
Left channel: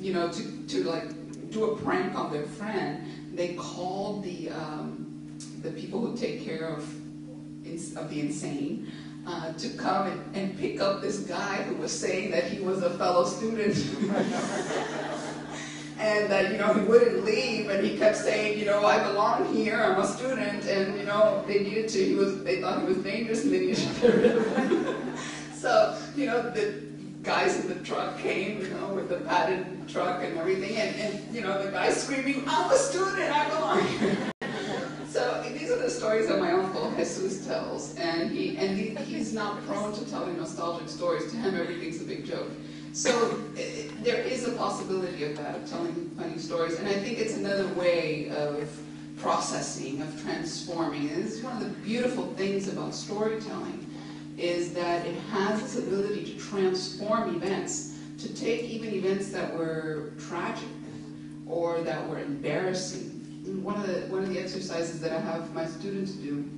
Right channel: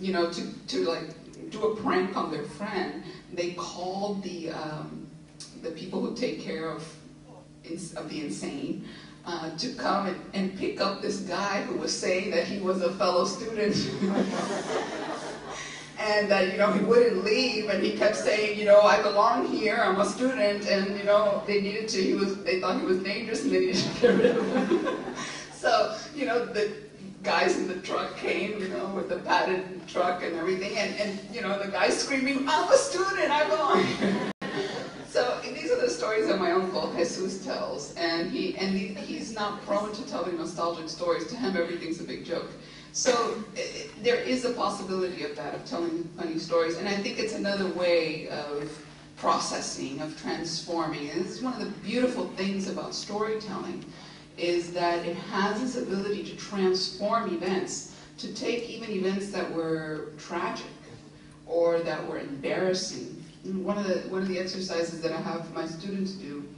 you know, to like, do a prank on their friend. They called the people who take care of the insane to come and pick up this guy who was saying that he was a fellow student. And that, you know, he wouldn't leave, and he kept saying, you know, I belong here, I'm a student, and, you know, they thought he was dangerous, and they needed to get rid of him. So, you know, the guys in the truck came, you know, with the padded truck and everything, and you know, the guy screaming, I'm a student, I'm going. So these are the stories that my uncle Jesus tells, and he's not prone to telling nostalgic stories. To him, everything's a big joke. So there is a possibility of that, of telling funny stories, and I think it's another way of processing, of transforming. And this is one of the beautiful things about storytelling, is that it has this ability to transform events, to take even events that were tragic or that were embarrassing. And one of the exercises that I have my students do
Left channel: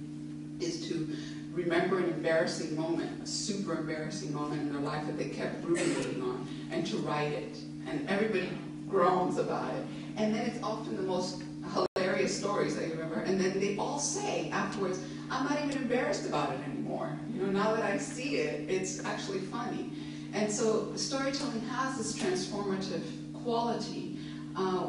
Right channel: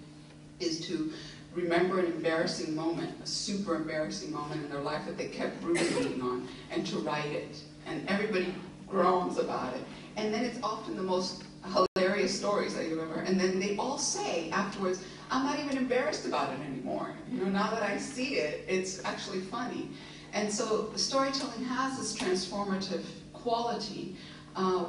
is to remember an embarrassing moment, a super embarrassing moment in their life that they kept ruminating on, and to write it. And everybody groans about it. And then it's often the most hilarious stories that you ever. And then they all say afterwards, I'm not even embarrassed about it anymore. You know, now that I see it, it's actually funny. And so storytelling has this transformative quality,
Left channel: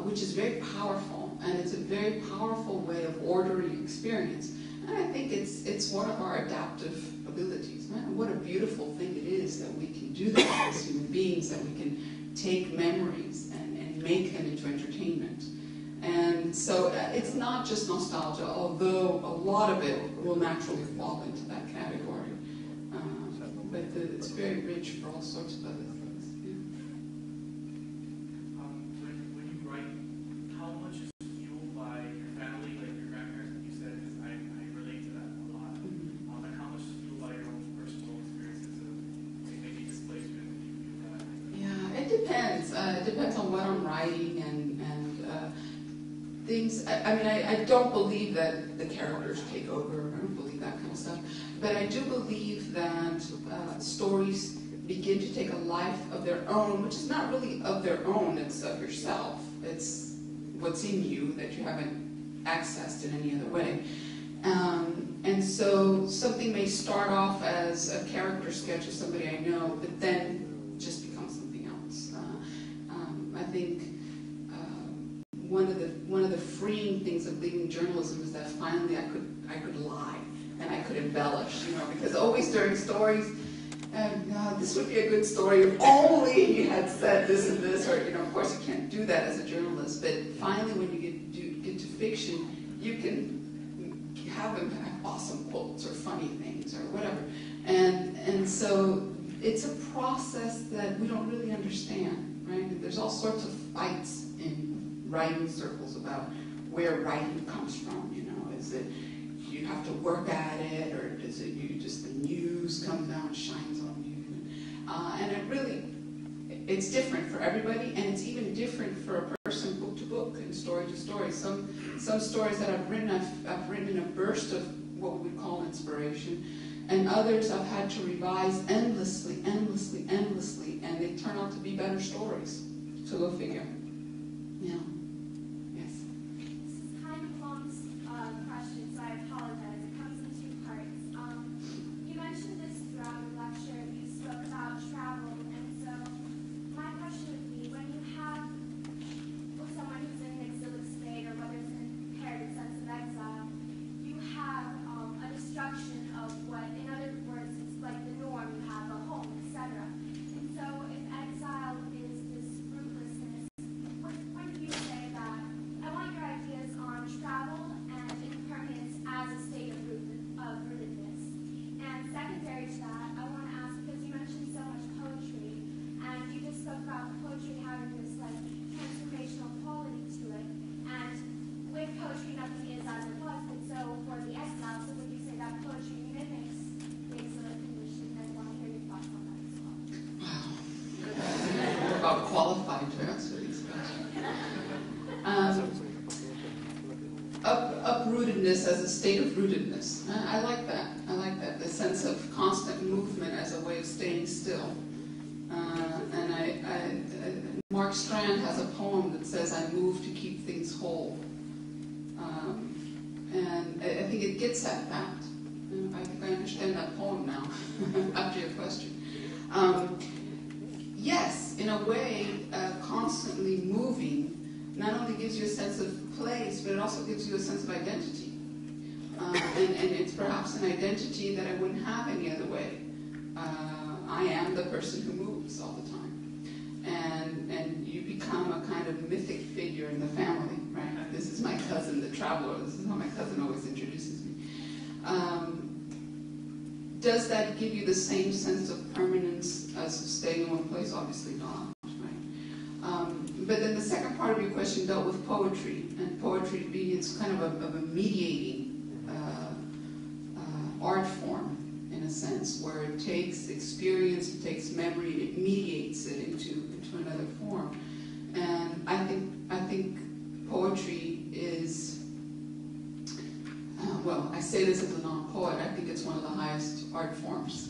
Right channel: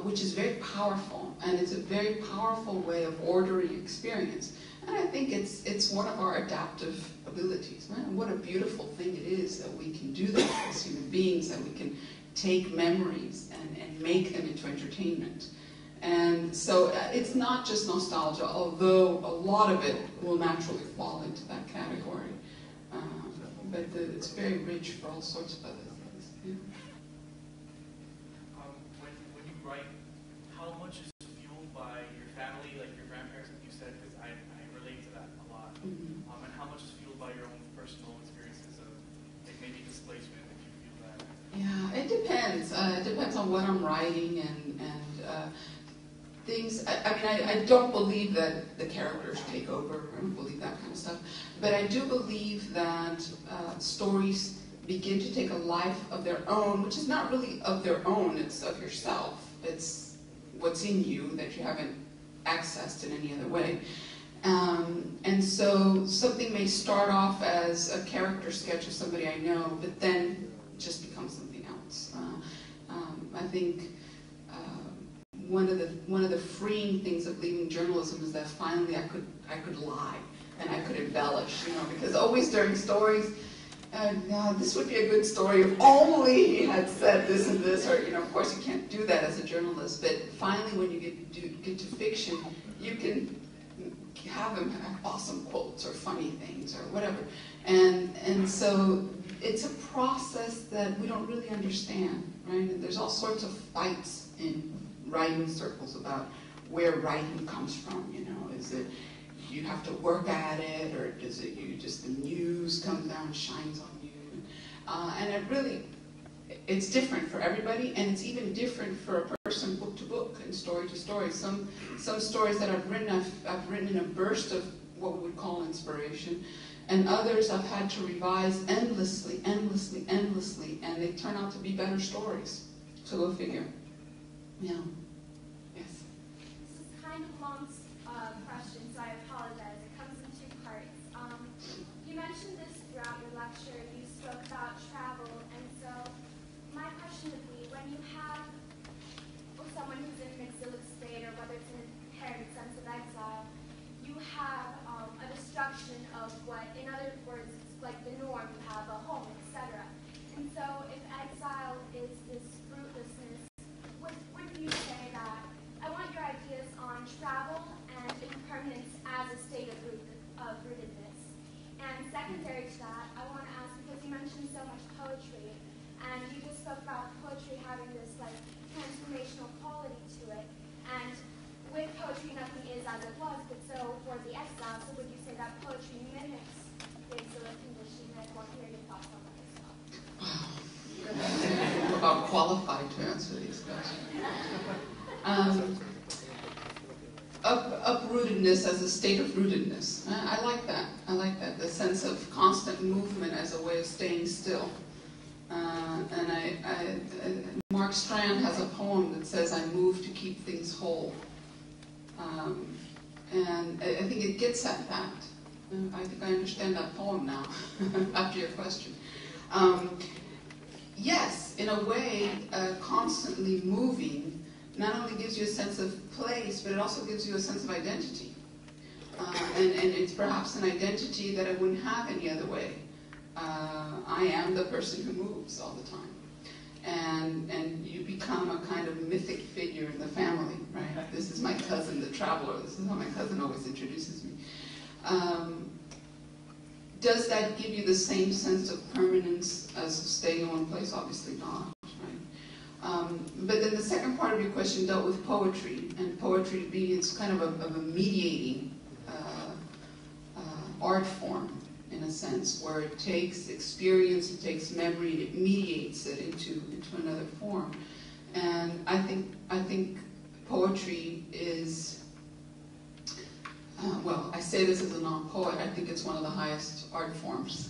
which is very powerful, and it's a very powerful way of ordering experience. And I think it's one of our adaptive abilities. Man, what a beautiful thing it is that we can do that as human beings, that we can take memories and make them into entertainment. And so it's not just nostalgia, although a lot of it will naturally fall into that category. But it's very rich for all sorts of other things. Yeah. When you write, how much is fueled by your family, like your grandparents, like you said, because I relate to that a lot. Mm-hmm. And how much is fueled by your own personal experiences of like maybe displacement, if you feel that? Yeah, it depends. It depends on what I'm writing and things. I mean, I don't believe that the characters take over. I don't believe that kind of stuff. But I do believe that stories begin to take a life of their own, which is not really of their own, it's of yourself. It's what's in you that you haven't accessed in any other way. And so something may start off as a character sketch of somebody I know, but then just becomes something else. I think one of the freeing things of leaving journalism is that finally I could lie and I could embellish, you know, because always during stories, this would be a good story if only he had said this and this, or, you know, of course you can't do that as a journalist, but finally when you get to fiction, you can have them have awesome quotes or funny things or whatever. And so it's a process that we don't really understand, right? And there's all sorts of fights in writing circles about where writing comes from, you know. Is it you have to work at it, or does it you just the muse comes down and shines on you? And it really, it's different for everybody, and it's even different for a person book to book and story to story. Some stories that I've written in a burst of what we would call inspiration, and others I've had to revise endlessly, and they turn out to be better stories. So go figure. Yeah. Yes. This is kind of long question, so I apologize. It comes in two parts. You mentioned this throughout your lecture. You spoke about travel, and so my question would be, when you have someone who's in an exilic state, or whether it's an impaired sense of exile, you have a destruction of what, in other words, it's like the norm. You have a home, etc. And so if exile is this rootlessness, when do you say that? I want your ideas on travel and impermanence as a state of rootedness. And secondary to that, I want to ask, because you mentioned so much poetry, and you just spoke about poetry having this like transformational quality to it. And with poetry, nothing is as it was, but so for the exile, so would you say that poetry mimics the exilic condition? And I want to hear your thoughts on that as well. We're about qualified to answer these questions. Uprootedness as a state of rootedness. I like that. I like that. The sense of constant movement as a way of staying still. Mark Strand has a poem that says, I move to keep things whole. And I think it gets at that. I think I understand that poem now, after your question. Yes, in a way, constantly moving not only gives you a sense of place, but it also gives you a sense of identity. And it's perhaps an identity that I wouldn't have any other way. I am the person who moves all the time. And you become a kind of mythic figure in the family, right? This is my cousin, the traveler. This is how my cousin always introduces me. Does that give you the same sense of permanence as staying in one place? Obviously not, right? But then the second part of your question dealt with poetry, and poetry being it's kind of a mediating art form, in a sense, where it takes experience, it takes memory, it mediates it into another form. And I think poetry is, well, I say this as a non-poet, I think it's one of the highest art forms.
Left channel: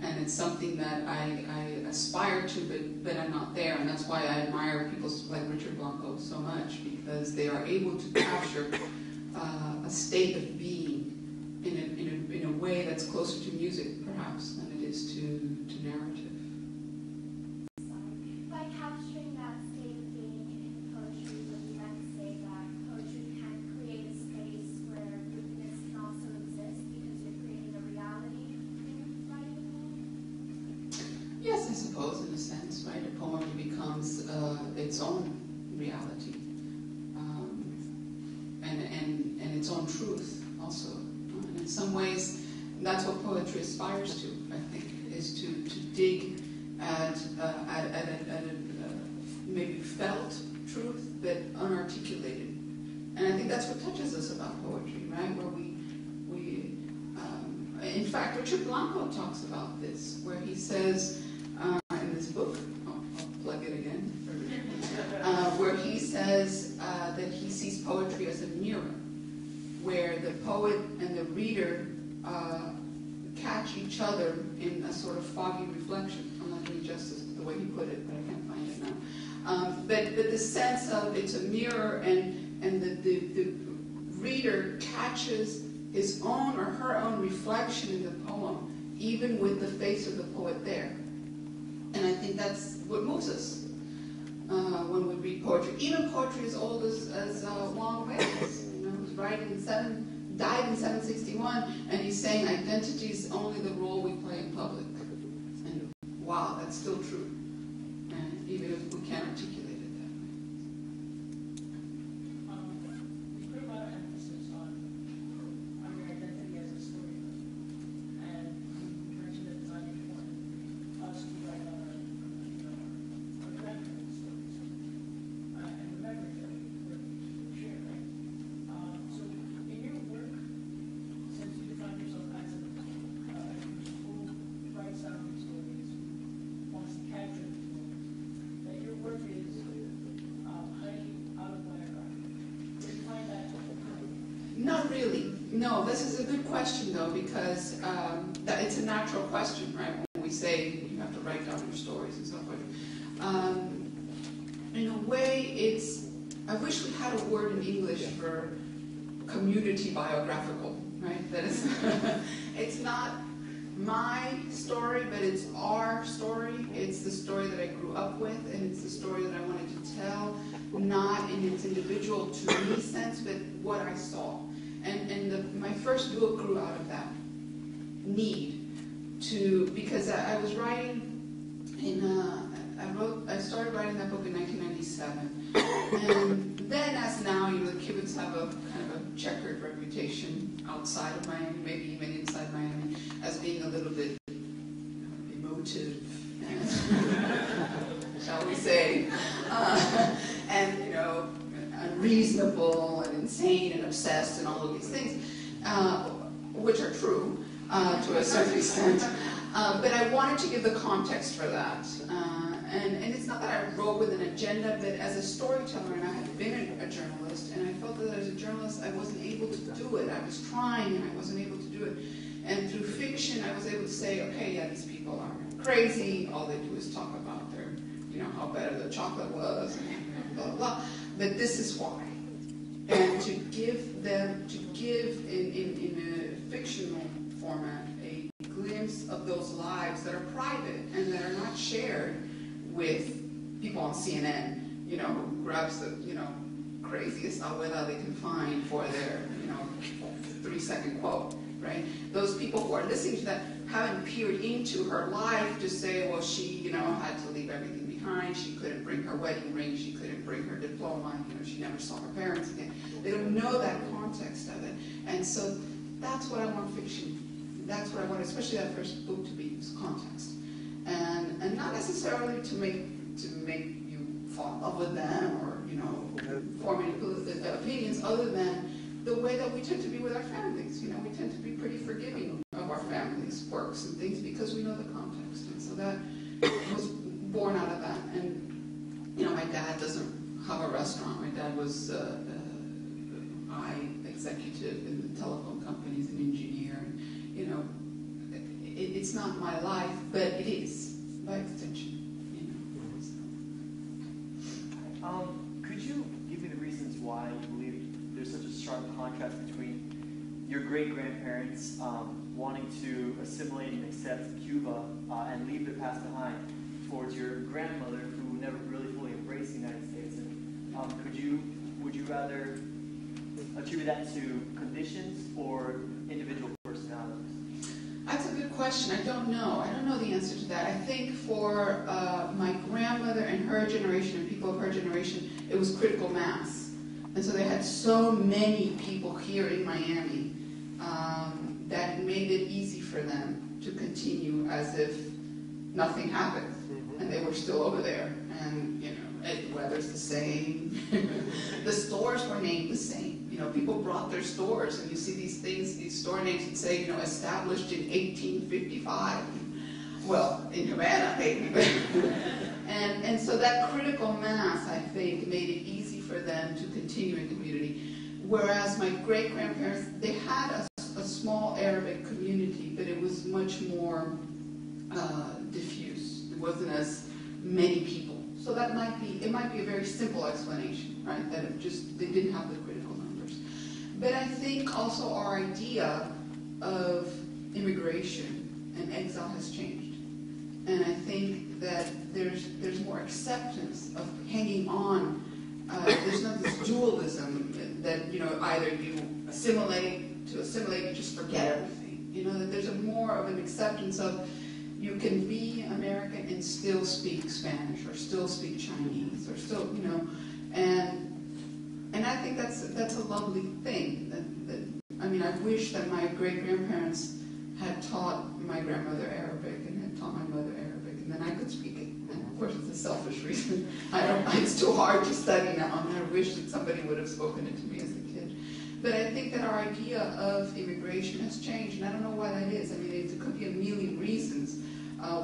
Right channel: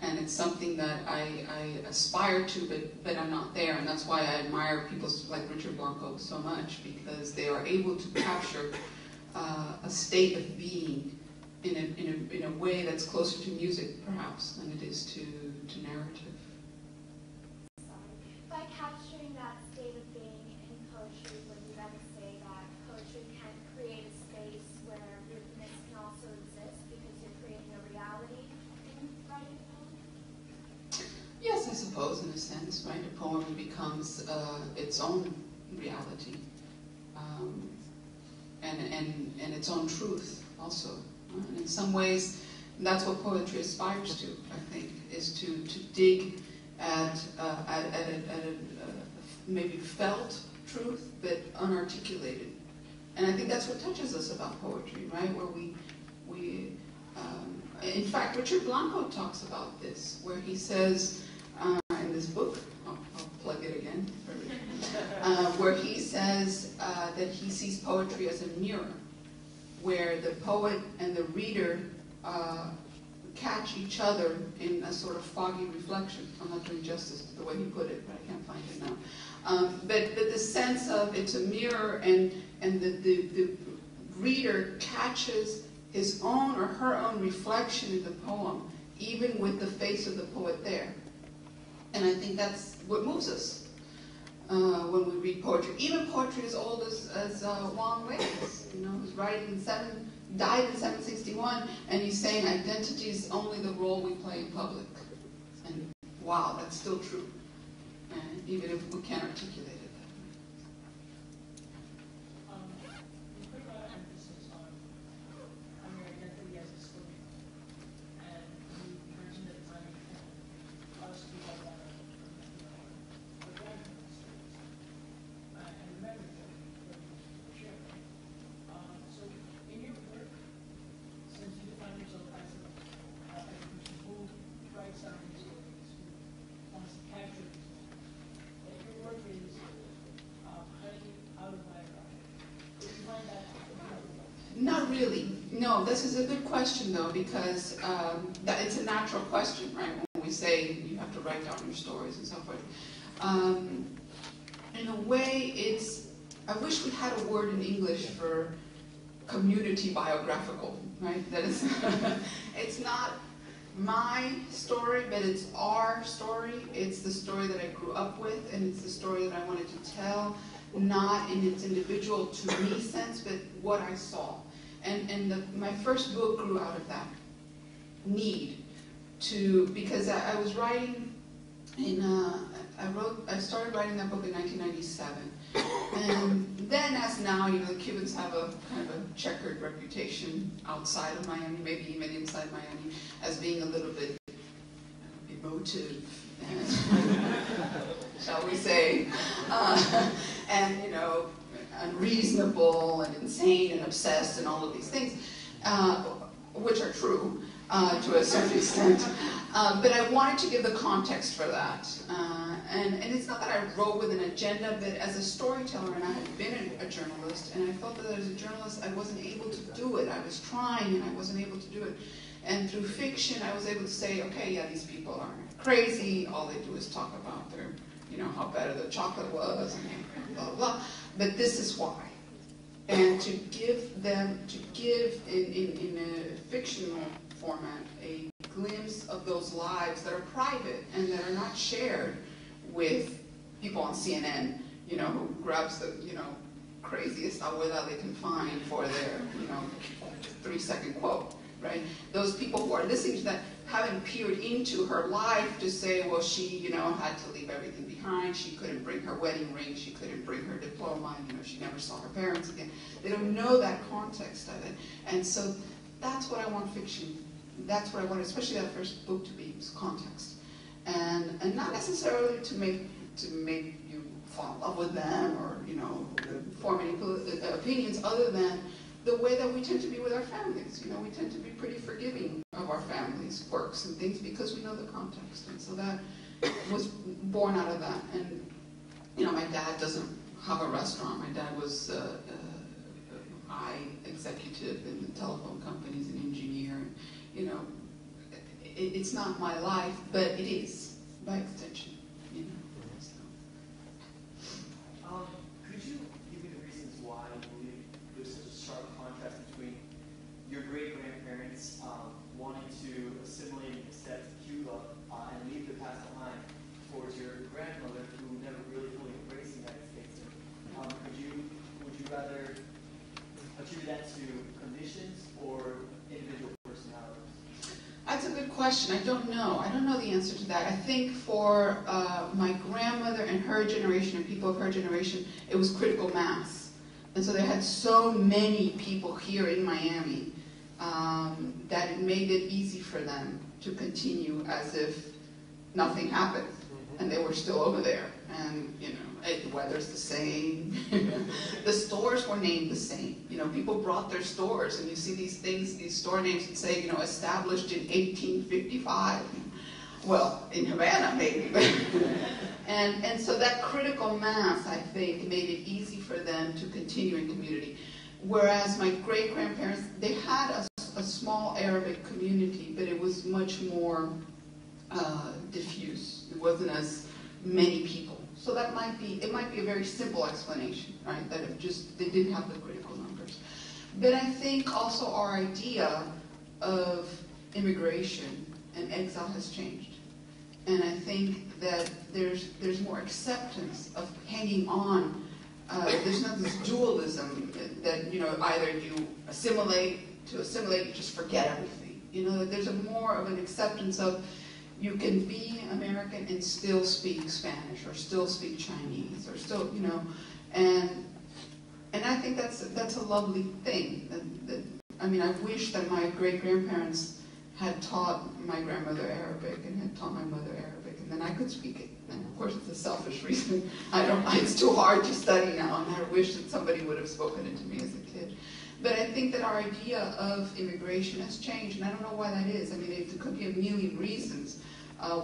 And it's something that I aspire to, but I'm not there. And that's why I admire people like Richard Blanco so much, because they are able to capture a state of being in a way that's closer to music, perhaps, than it is to narrative. By capturing that state of being in poetry, would you then say that poetry can create a space where rootedness can also exist because you're creating a reality in writing a poem? Yes, I suppose, in a sense, right? A poem becomes its own reality, and its own truth, also. And in some ways, that's what poetry aspires to, I think, is to dig at a maybe felt truth, but unarticulated. And I think that's what touches us about poetry, right? Where we in fact, Richard Blanco talks about this, where he says in this book, I'll plug it again, where he says that he sees poetry as a mirror, where the poet and the reader catch each other in a sort of foggy reflection. I'm not doing justice to the way he put it, but I can't find it now. But the sense of it's a mirror, and the reader catches his own or her own reflection in the poem, even with the face of the poet there. And I think that's what moves us when we read poetry. Even poetry as old as Wang Wei's, who's died in 761, and he's saying identity is only the role we play in public. And wow, that's still true, even if we can't articulate it that way. You put a lot of emphasis on your identity as a storyteller, and you mentioned that it's not important us to write down our grandparents' stories and the memories that we share, right? So in your work, since you define yourself as a person who writes down these stories, who wants to capture these moments, that your work is highly autobiographical. Do you find that? Not really. No, this is a good question, though, because that it's a natural question, right? When we say you have to write down your stories and so forth. In a way, I wish we had a word in English for community biographical, right? That is, it's not my story, but it's our story. It's the story that I grew up with, and it's the story that I wanted to tell, not in its individual to me sense, but what I saw. And my first book grew out of that need because I was writing I started writing that book in 1997. And then, as now, the Cubans have a kind of a checkered reputation outside of Miami, maybe even inside Miami, as being a little bit emotive, and, shall we say, and unreasonable and insane and obsessed and all of these things, which are true to a certain extent. But I wanted to give the context for that. And it's not that I wrote with an agenda, but as a storyteller, and I had been a journalist, and I felt that as a journalist I wasn't able to do it. I was trying and I wasn't able to do it. And through fiction I was able to say, okay, yeah, these people are crazy. All they do is talk about their, how better the chocolate was, and blah, blah, blah. But this is why. And to give in a fictional format a glimpse of those lives that are private and that are not shared with people on CNN, who grabs the, craziest abuela they can find for their, 3-second quote, right? those people who are listening to that haven't peered into her life to say, well, she, you know, had to leave everything behind. She couldn't bring her wedding ring. She couldn't bring her diploma. You know, she never saw her parents again. They don't know that context of it. And so that's what I want fiction. That's what I want, especially that first book, to be, is context. And not necessarily to make you fall in love with them or, you know, form any opinions, other than the way that we tend to be with our families. You know, we tend to be pretty forgiving of our families' quirks and things because we know the context. And so that was born out of that. And, you know, my dad doesn't have a restaurant. My dad was a high executive in the telephone companies, an engineer. And, you know, it's not my life, but it is, by extension, you know. So. Could you give me the reasons why you believe there's such a sharp contrast between your great-grandparents wanting to assimilate and accept Cuba and leave the past behind, towards your grandmother who never really fully embraced the United States? And, would you rather attribute that to conditions or individual personalities? That's a good question. I don't know. I don't know the answer to that. I think for my grandmother and her generation, and people of her generation, it was critical mass. And so they had so many people here in Miami that it made it easy for them to continue as if nothing happened. And they were still over there. And, you know, the weather's the same. The stores were named the same. You know, people brought their stores, and you see these things, these store names that say, you know, established in 1855. Well, in Havana, maybe. and so that critical mass, I think, made it easy for them to continue in community. Whereas my great-grandparents, they had a small Arabic community, but it was much more diffuse. It wasn't as many people. So that might be a very simple explanation, right? That they didn't have the critical numbers. But I think also our idea of immigration and exile has changed. And I think that there's more acceptance of hanging on. There's not this dualism that, you know, either you assimilate, you just forget everything. You know, that there's more of an acceptance of you can be American and still speak Spanish or still speak Chinese or still, you know, and I think that's a lovely thing. I mean, I wish that my great-grandparents had taught my grandmother Arabic and had taught my mother Arabic, and then I could speak it. And of course, it's a selfish reason. It's too hard to study now, and I wish that somebody would have spoken it to me as a kid. But I think that our idea of immigration has changed, and I don't know why that is. I mean, there could be a million reasons.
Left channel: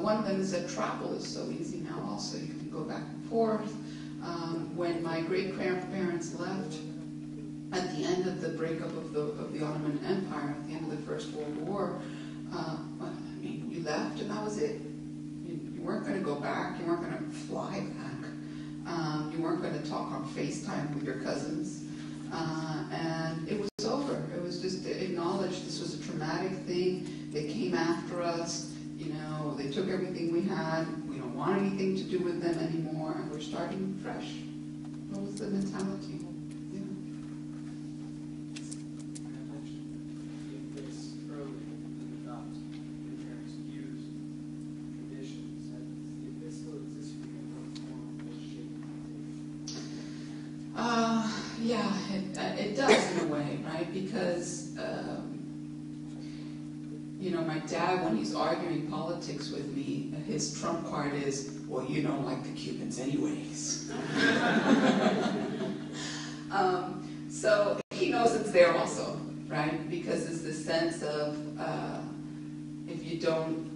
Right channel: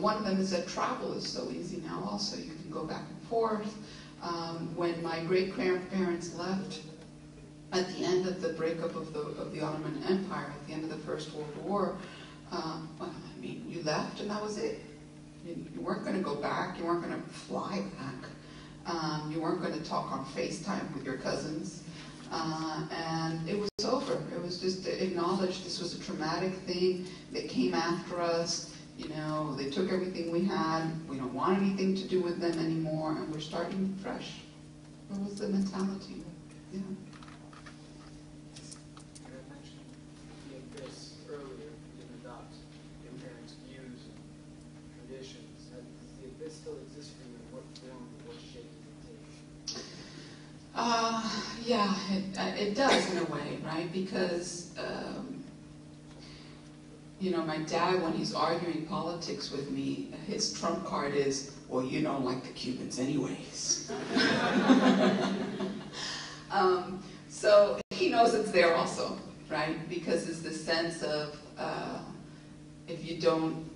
One of them is that travel is so easy now also. You can go back and forth. When my great-grandparents left at the end of the breakup of the Ottoman Empire, at the end of the First World War, well, I mean, you left and that was it. You weren't going to go back. You weren't going to fly back. You weren't going to talk on FaceTime with your cousins. And it was over. It was just acknowledged this was a traumatic thing. They came after us. You know, they took everything we had. We don't want anything to do with them anymore, and we're starting fresh. What was the mentality? Yeah. I mentioned this earlier. You didn't adopt your parents' views and traditions. Does this still exist for you? What form, what shape does it take? Yeah, it does in a way, right? Because you know, my dad, when he's arguing politics with me, his trump card is, well, you don't like the Cubans anyways. So he knows it's there also, right? Because it's the sense of, if you don't,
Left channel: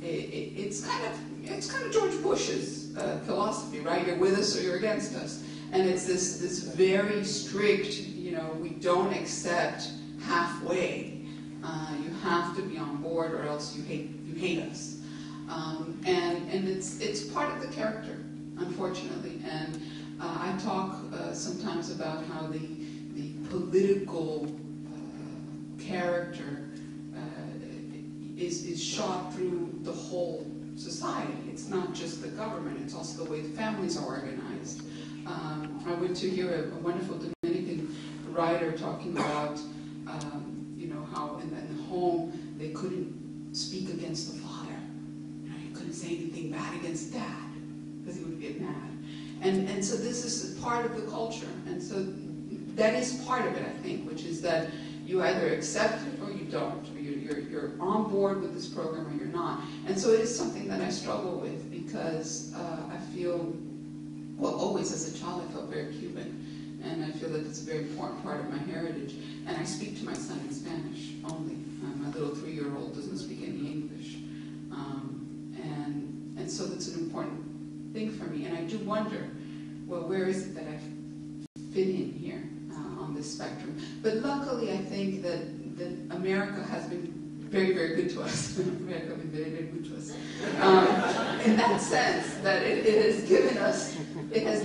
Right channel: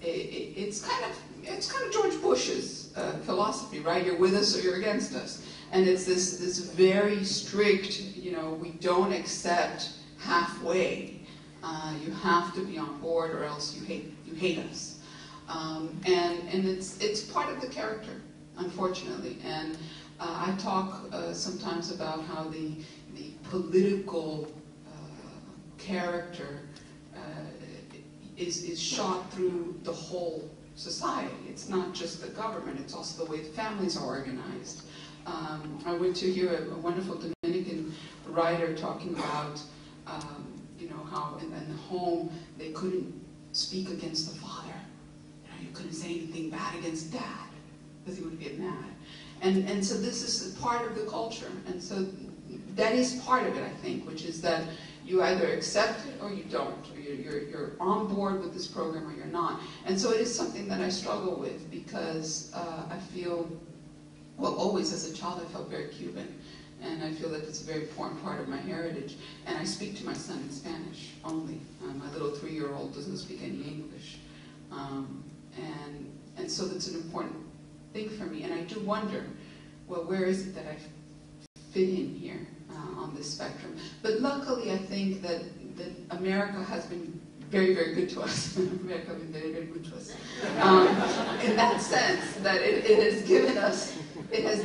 it's kind of George Bush's philosophy, right? You're with us or you're against us. And it's this very strict, you know, we don't accept halfway. You have to be on board, or else you hate us, and it's part of the character, unfortunately. And I talk sometimes about how the political character is shot through the whole society. It's not just the government; it's also the way the families are organized. I went to hear a wonderful Dominican writer talking about. how in the home they couldn't speak against the father. You couldn't say anything bad against dad because he would get mad. And so this is part of the culture. And so that is part of it, I think, which is that you either accept it or you don't. Or you're on board with this program or you're not. And so it is something that I struggle with because I feel, well, always as a child I felt very Cuban. And I feel that it's a very important part of my heritage. And I speak to my son in Spanish only. My little 3-year-old doesn't speak any English. And so that's an important thing for me. And I do wonder, well, where is it that I fit in here on this spectrum? But luckily, I think that America has been very, very good to us. America has been very, very good to us. In that sense, that it has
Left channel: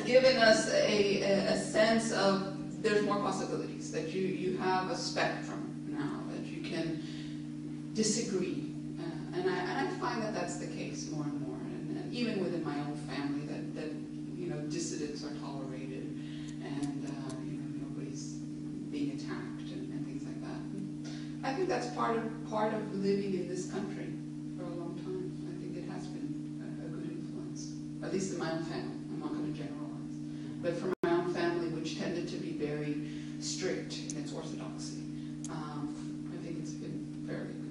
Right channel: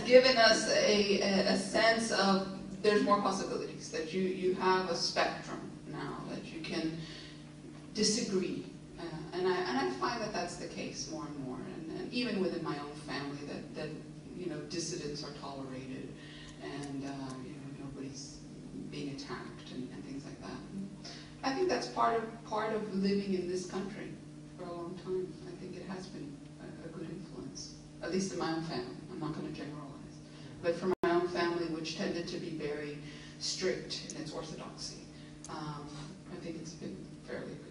given us a sense of there's more possibilities, that you have a spectrum now, that you can disagree. And I find that that's the case more and more. And even within my own family, that dissidents are tolerated and nobody's being attacked and things like that. I think that's part of living in this country for a long time. I think it has been a good influence, at least in my own family. I'm not going to generalize. But for my own family, which tended to be very strict in its orthodoxy, I think it's been fairly good.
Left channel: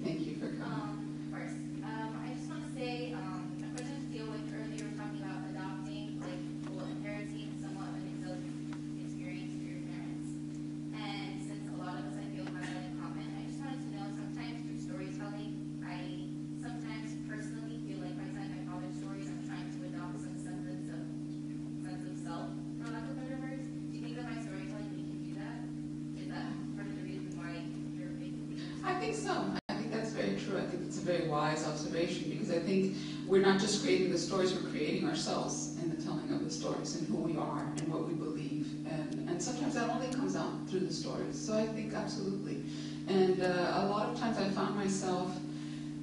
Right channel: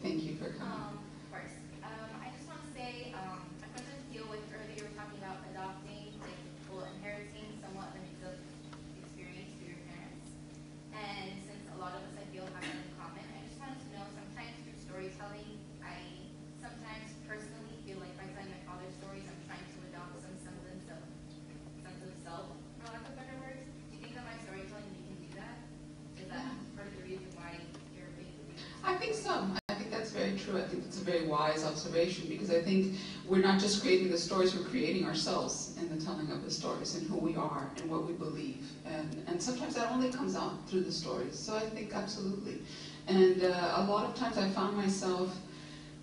Thank you for coming. First, I just want to say, my questions deal with earlier talking about adopting, inheriting somewhat of an exilic experience through your parents. And since a lot of us, I feel, have that in common, I just wanted to know, sometimes through storytelling, I sometimes personally feel like by telling my father's stories, I'm trying to adopt some sense of self, for lack of better words. Do you think that by storytelling we can do that? Is that part of the reason why you're making these? I think so. Very true. I think it's a very wise observation because I think we're not just creating the stories, we're creating ourselves in the telling of the stories and who we are and what we believe. And sometimes that only comes out through the stories. So I think absolutely. And a lot of times I found myself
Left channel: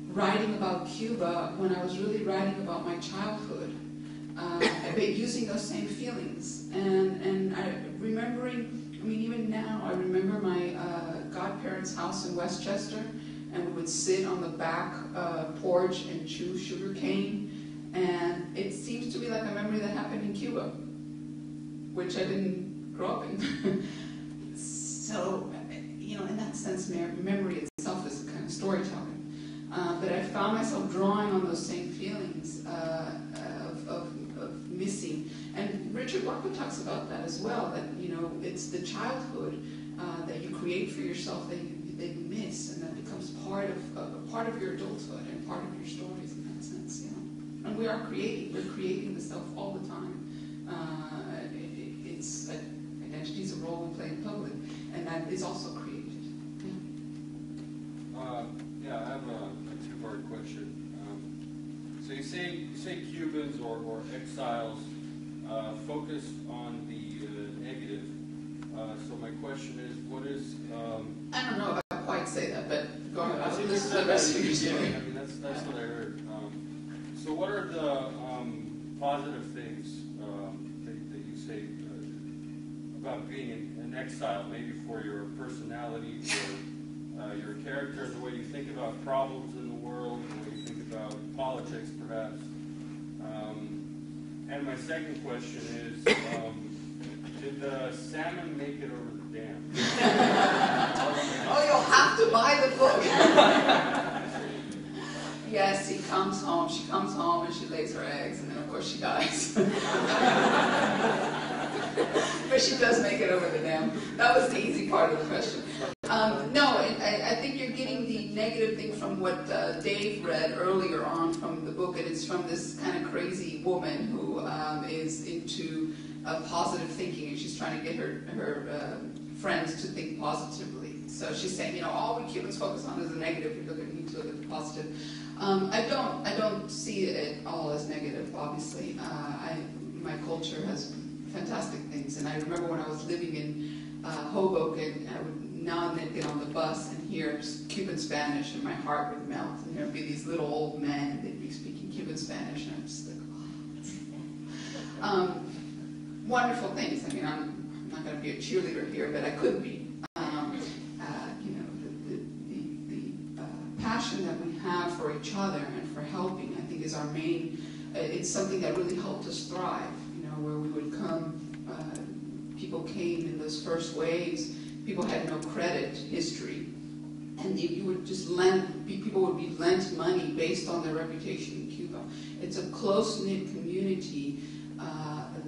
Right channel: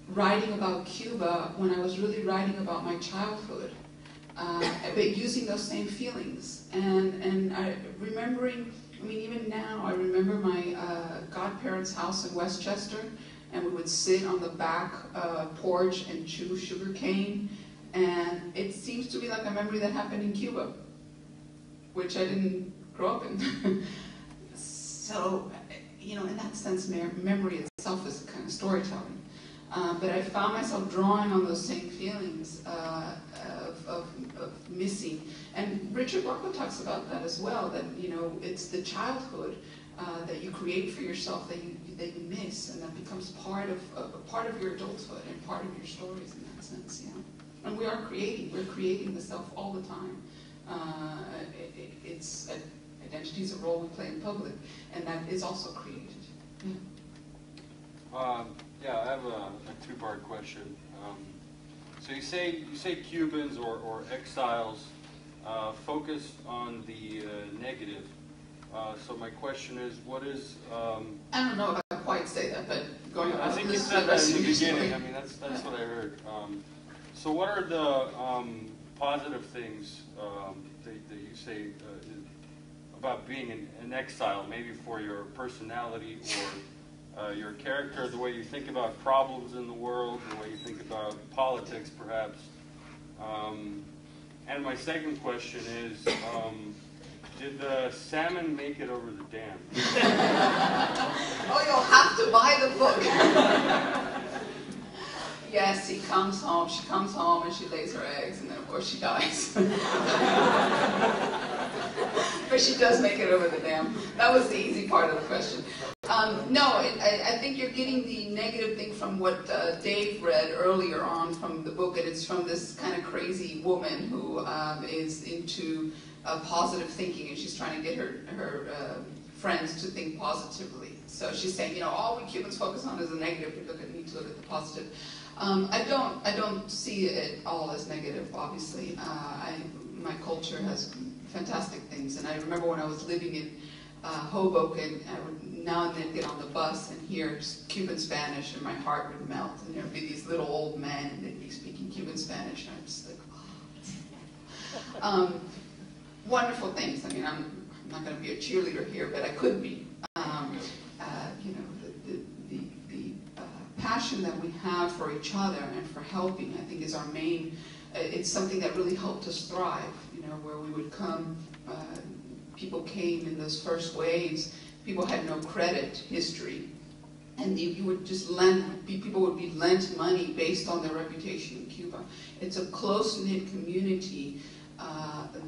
writing about Cuba when I was really writing about my childhood, but using those same feelings. And even now, I remember my godparents' house in Westchester. And we would sit on the back porch and chew sugar cane. And it seems to be like a memory that happened in Cuba, which I didn't grow up in. So, in that sense, memory itself is a kind of storytelling. But I found myself drawing on those same feelings of missing. And Richard Walker talks about that as well, that, it's the childhood that you create for yourself that you miss, and that becomes part of your adulthood and part of your stories in that sense. Yeah, and we're creating the self all the time. Identity is a role we play in public, and that is also created. Yeah, I have a two-part question. So you say Cubans or exiles focus on the negative. So my question is, what is? I don't know if I quite say that, but going on. I think you said that in the beginning. I mean, that's what I heard. So what are the positive things that you say about being an exile? Maybe for your personality or your character, the way you think about problems in the world, the way you think about politics, perhaps. And my second question is. Did the salmon make it over the dam? Oh, you'll have to buy the book. Yes, she comes home, and she lays her eggs, and then of course she dies. But she does make it over the dam. That was the easy part of the question. I think you're getting the negative thing from what Dave read earlier on from the book, and it's from this kind of crazy woman who is into positive thinking, and she's trying to get her friends to think positively. So she's saying, all we Cubans focus on is the negative. We need to look at the positive. I don't see it all as negative. Obviously, my culture has fantastic things, and I remember when I was living in Hoboken, I would now and then get on the bus and hear Cuban Spanish, and my heart would melt. And there'd be these little old men, they'd be speaking Cuban Spanish, and I'm just like, Wonderful things. I mean, I'm not going to be a cheerleader here, but I could be. You know, the passion that we have for each other and for helping, I think, is our main. It's something that really helped us thrive. You know, where we would come, people came in those first waves. People had no credit history, and you would just lend. People would be lent money based on their reputation in Cuba. It's a close-knit community.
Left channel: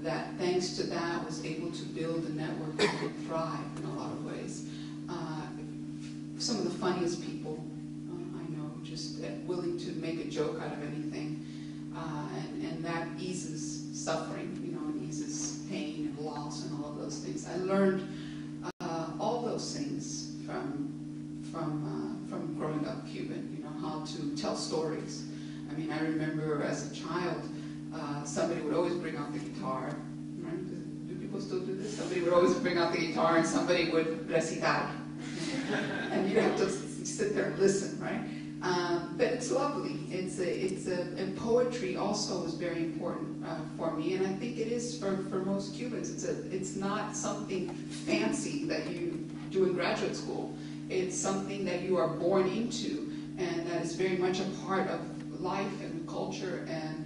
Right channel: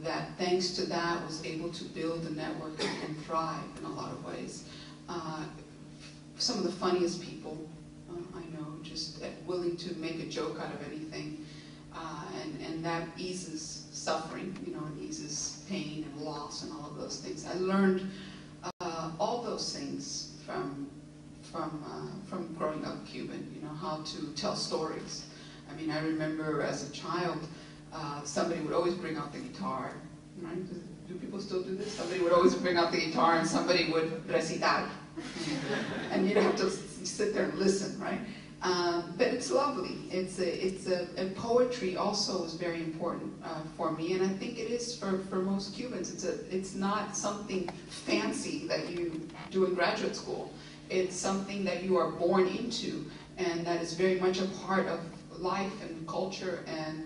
That thanks to that was able to build a network that would thrive in a lot of ways. Some of the funniest people I know, just willing to make a joke out of anything, and that eases suffering, you know, and eases pain and loss and all of those things. I learned all those things from growing up Cuban, you know, how to tell stories. I mean, I remember as a child, somebody would always bring out the guitar, right? Do people still do this? Somebody would always bring out the guitar and somebody would recitar. And you'd have to sit there and listen, right? But it's lovely. And poetry also is very important for me, and I think it is for most Cubans. It's not something fancy that you do in graduate school. It's something that you are born into, and that is very much a part of life and culture, and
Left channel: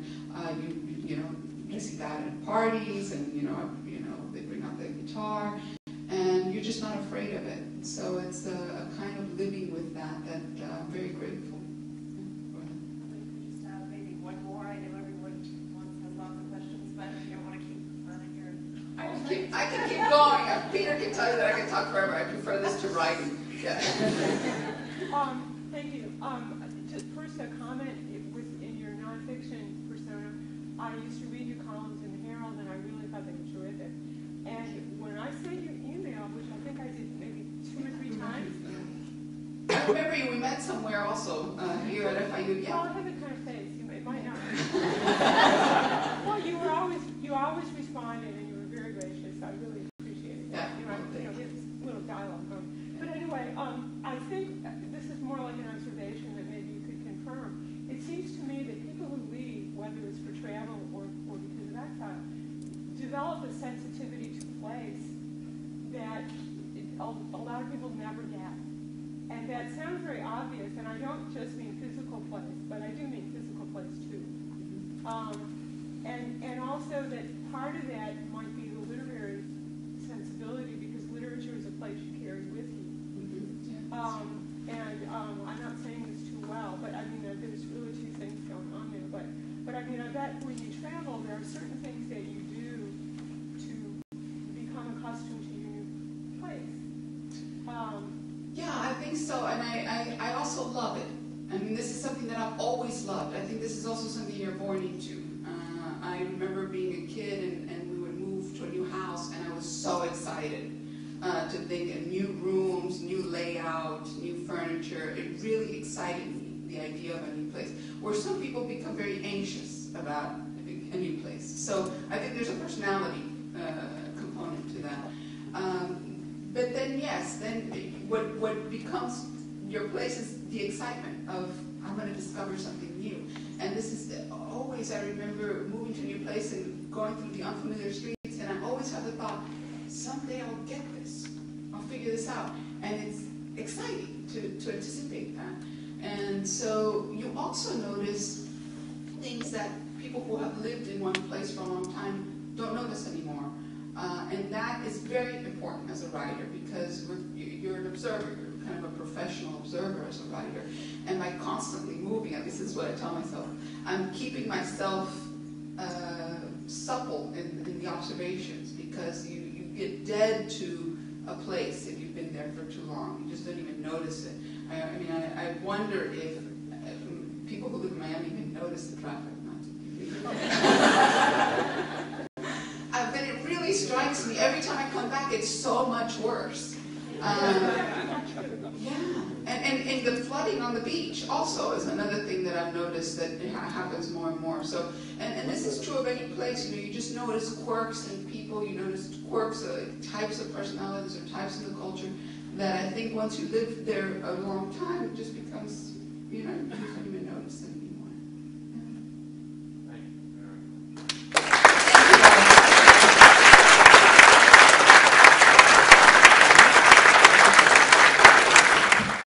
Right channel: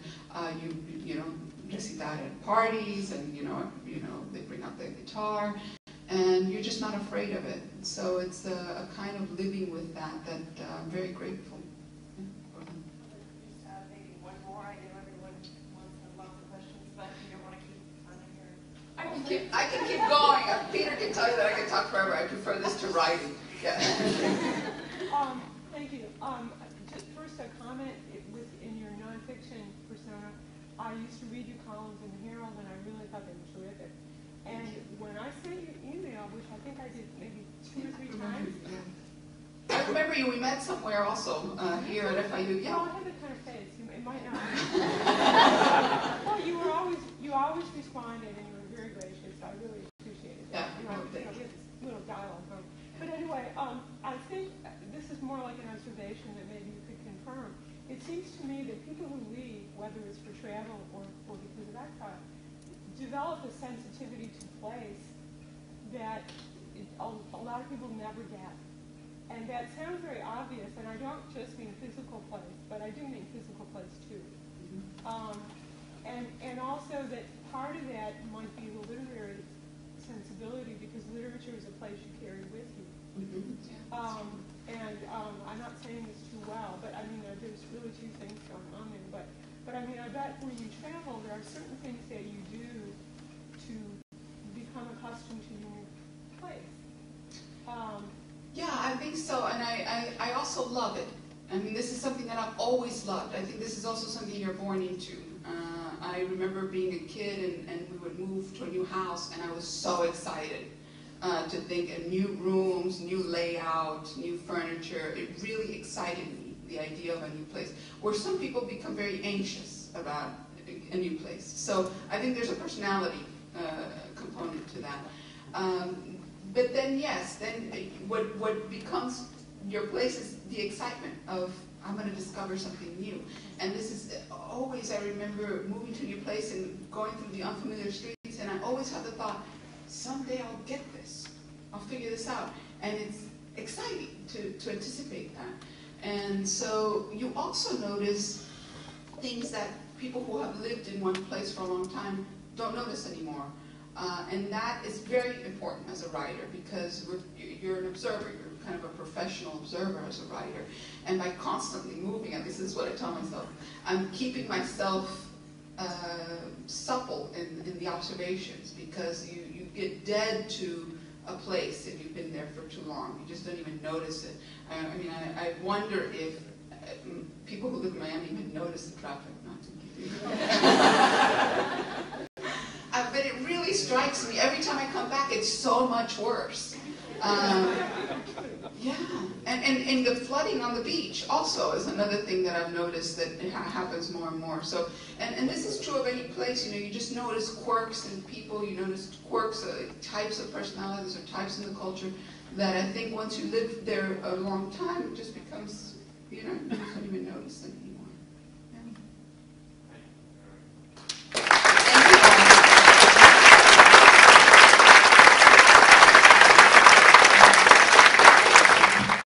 you know, recitar at parties, and you know they bring out the guitar, and you're just not afraid of it. So it's a kind of living with that I'm very grateful. Just have maybe one more. I know everyone wants a lot of questions, but you don't want to keep on here. I can keep going. Peter can tell you that I can talk forever. I prefer this to writing. Yeah. Thank you. Just first a comment in your nonfiction persona. I used to read your columns in the Herald, and I really thought they were terrific. And when I sent you email, which I think I did maybe 2 or 3 times. I remember you. We met somewhere also here at FIU. Yeah. Well, I have a kind of face. It might not. Well, you always responded, and you were very gracious. I really appreciated that. Yeah. We have this little dialogue going. But anyway, I think this is more like an observation that maybe you could confirm. It seems to me that people who leave, whether it's for travel or because of exile, develop a sensitivity to place that a lot of people never get. And that sounds very obvious, and I don't just mean physical place, but I do mean physical place too. And also that part of that might be the literary sensibility, because literature is a place you carry with you. I'm not saying this too well, but I mean, there's really 2 things going on there. But I mean, I bet when you travel, there are certain things that you do to become accustomed to your new place. Yeah, I think so, and I also love it. I mean, this is something that I've always loved. I think this is also something you're born into. I remember being a kid, and we would move to a new house, and I was so excited to think of new rooms, new layout, new furniture. It really excited me, the idea of a new place, where some people become very anxious about a new place. So I think there's a personality component to that. But then, yes, what becomes your place is the excitement of, I'm going to discover something new. And this is always, I remember moving to a new place and going through the unfamiliar streets, and I always have the thought, someday I'll get this. I'll figure this out. And it's exciting to anticipate that. And so you also notice things that people who have lived in one place for a long time don't notice anymore. And that is very important as a writer, because you're an observer. You're kind of a professional observer as a writer. And by constantly moving, and this is what I tell myself, I'm keeping myself supple in the observations, because you get dead to a place if you've been there for too long. You just don't even notice it. I mean, I wonder if people who live in Miami even notice the traffic. But it really strikes me, every time I come back, it's so much worse. Yeah, and the flooding on the beach also is another thing that I've noticed that it happens more and more. So, and this is true of any place. You know, you just notice quirks in people. You notice quirks, types of personalities or types in the culture that I think once you live there a long time, it just becomes, you know, you don't even notice them anymore.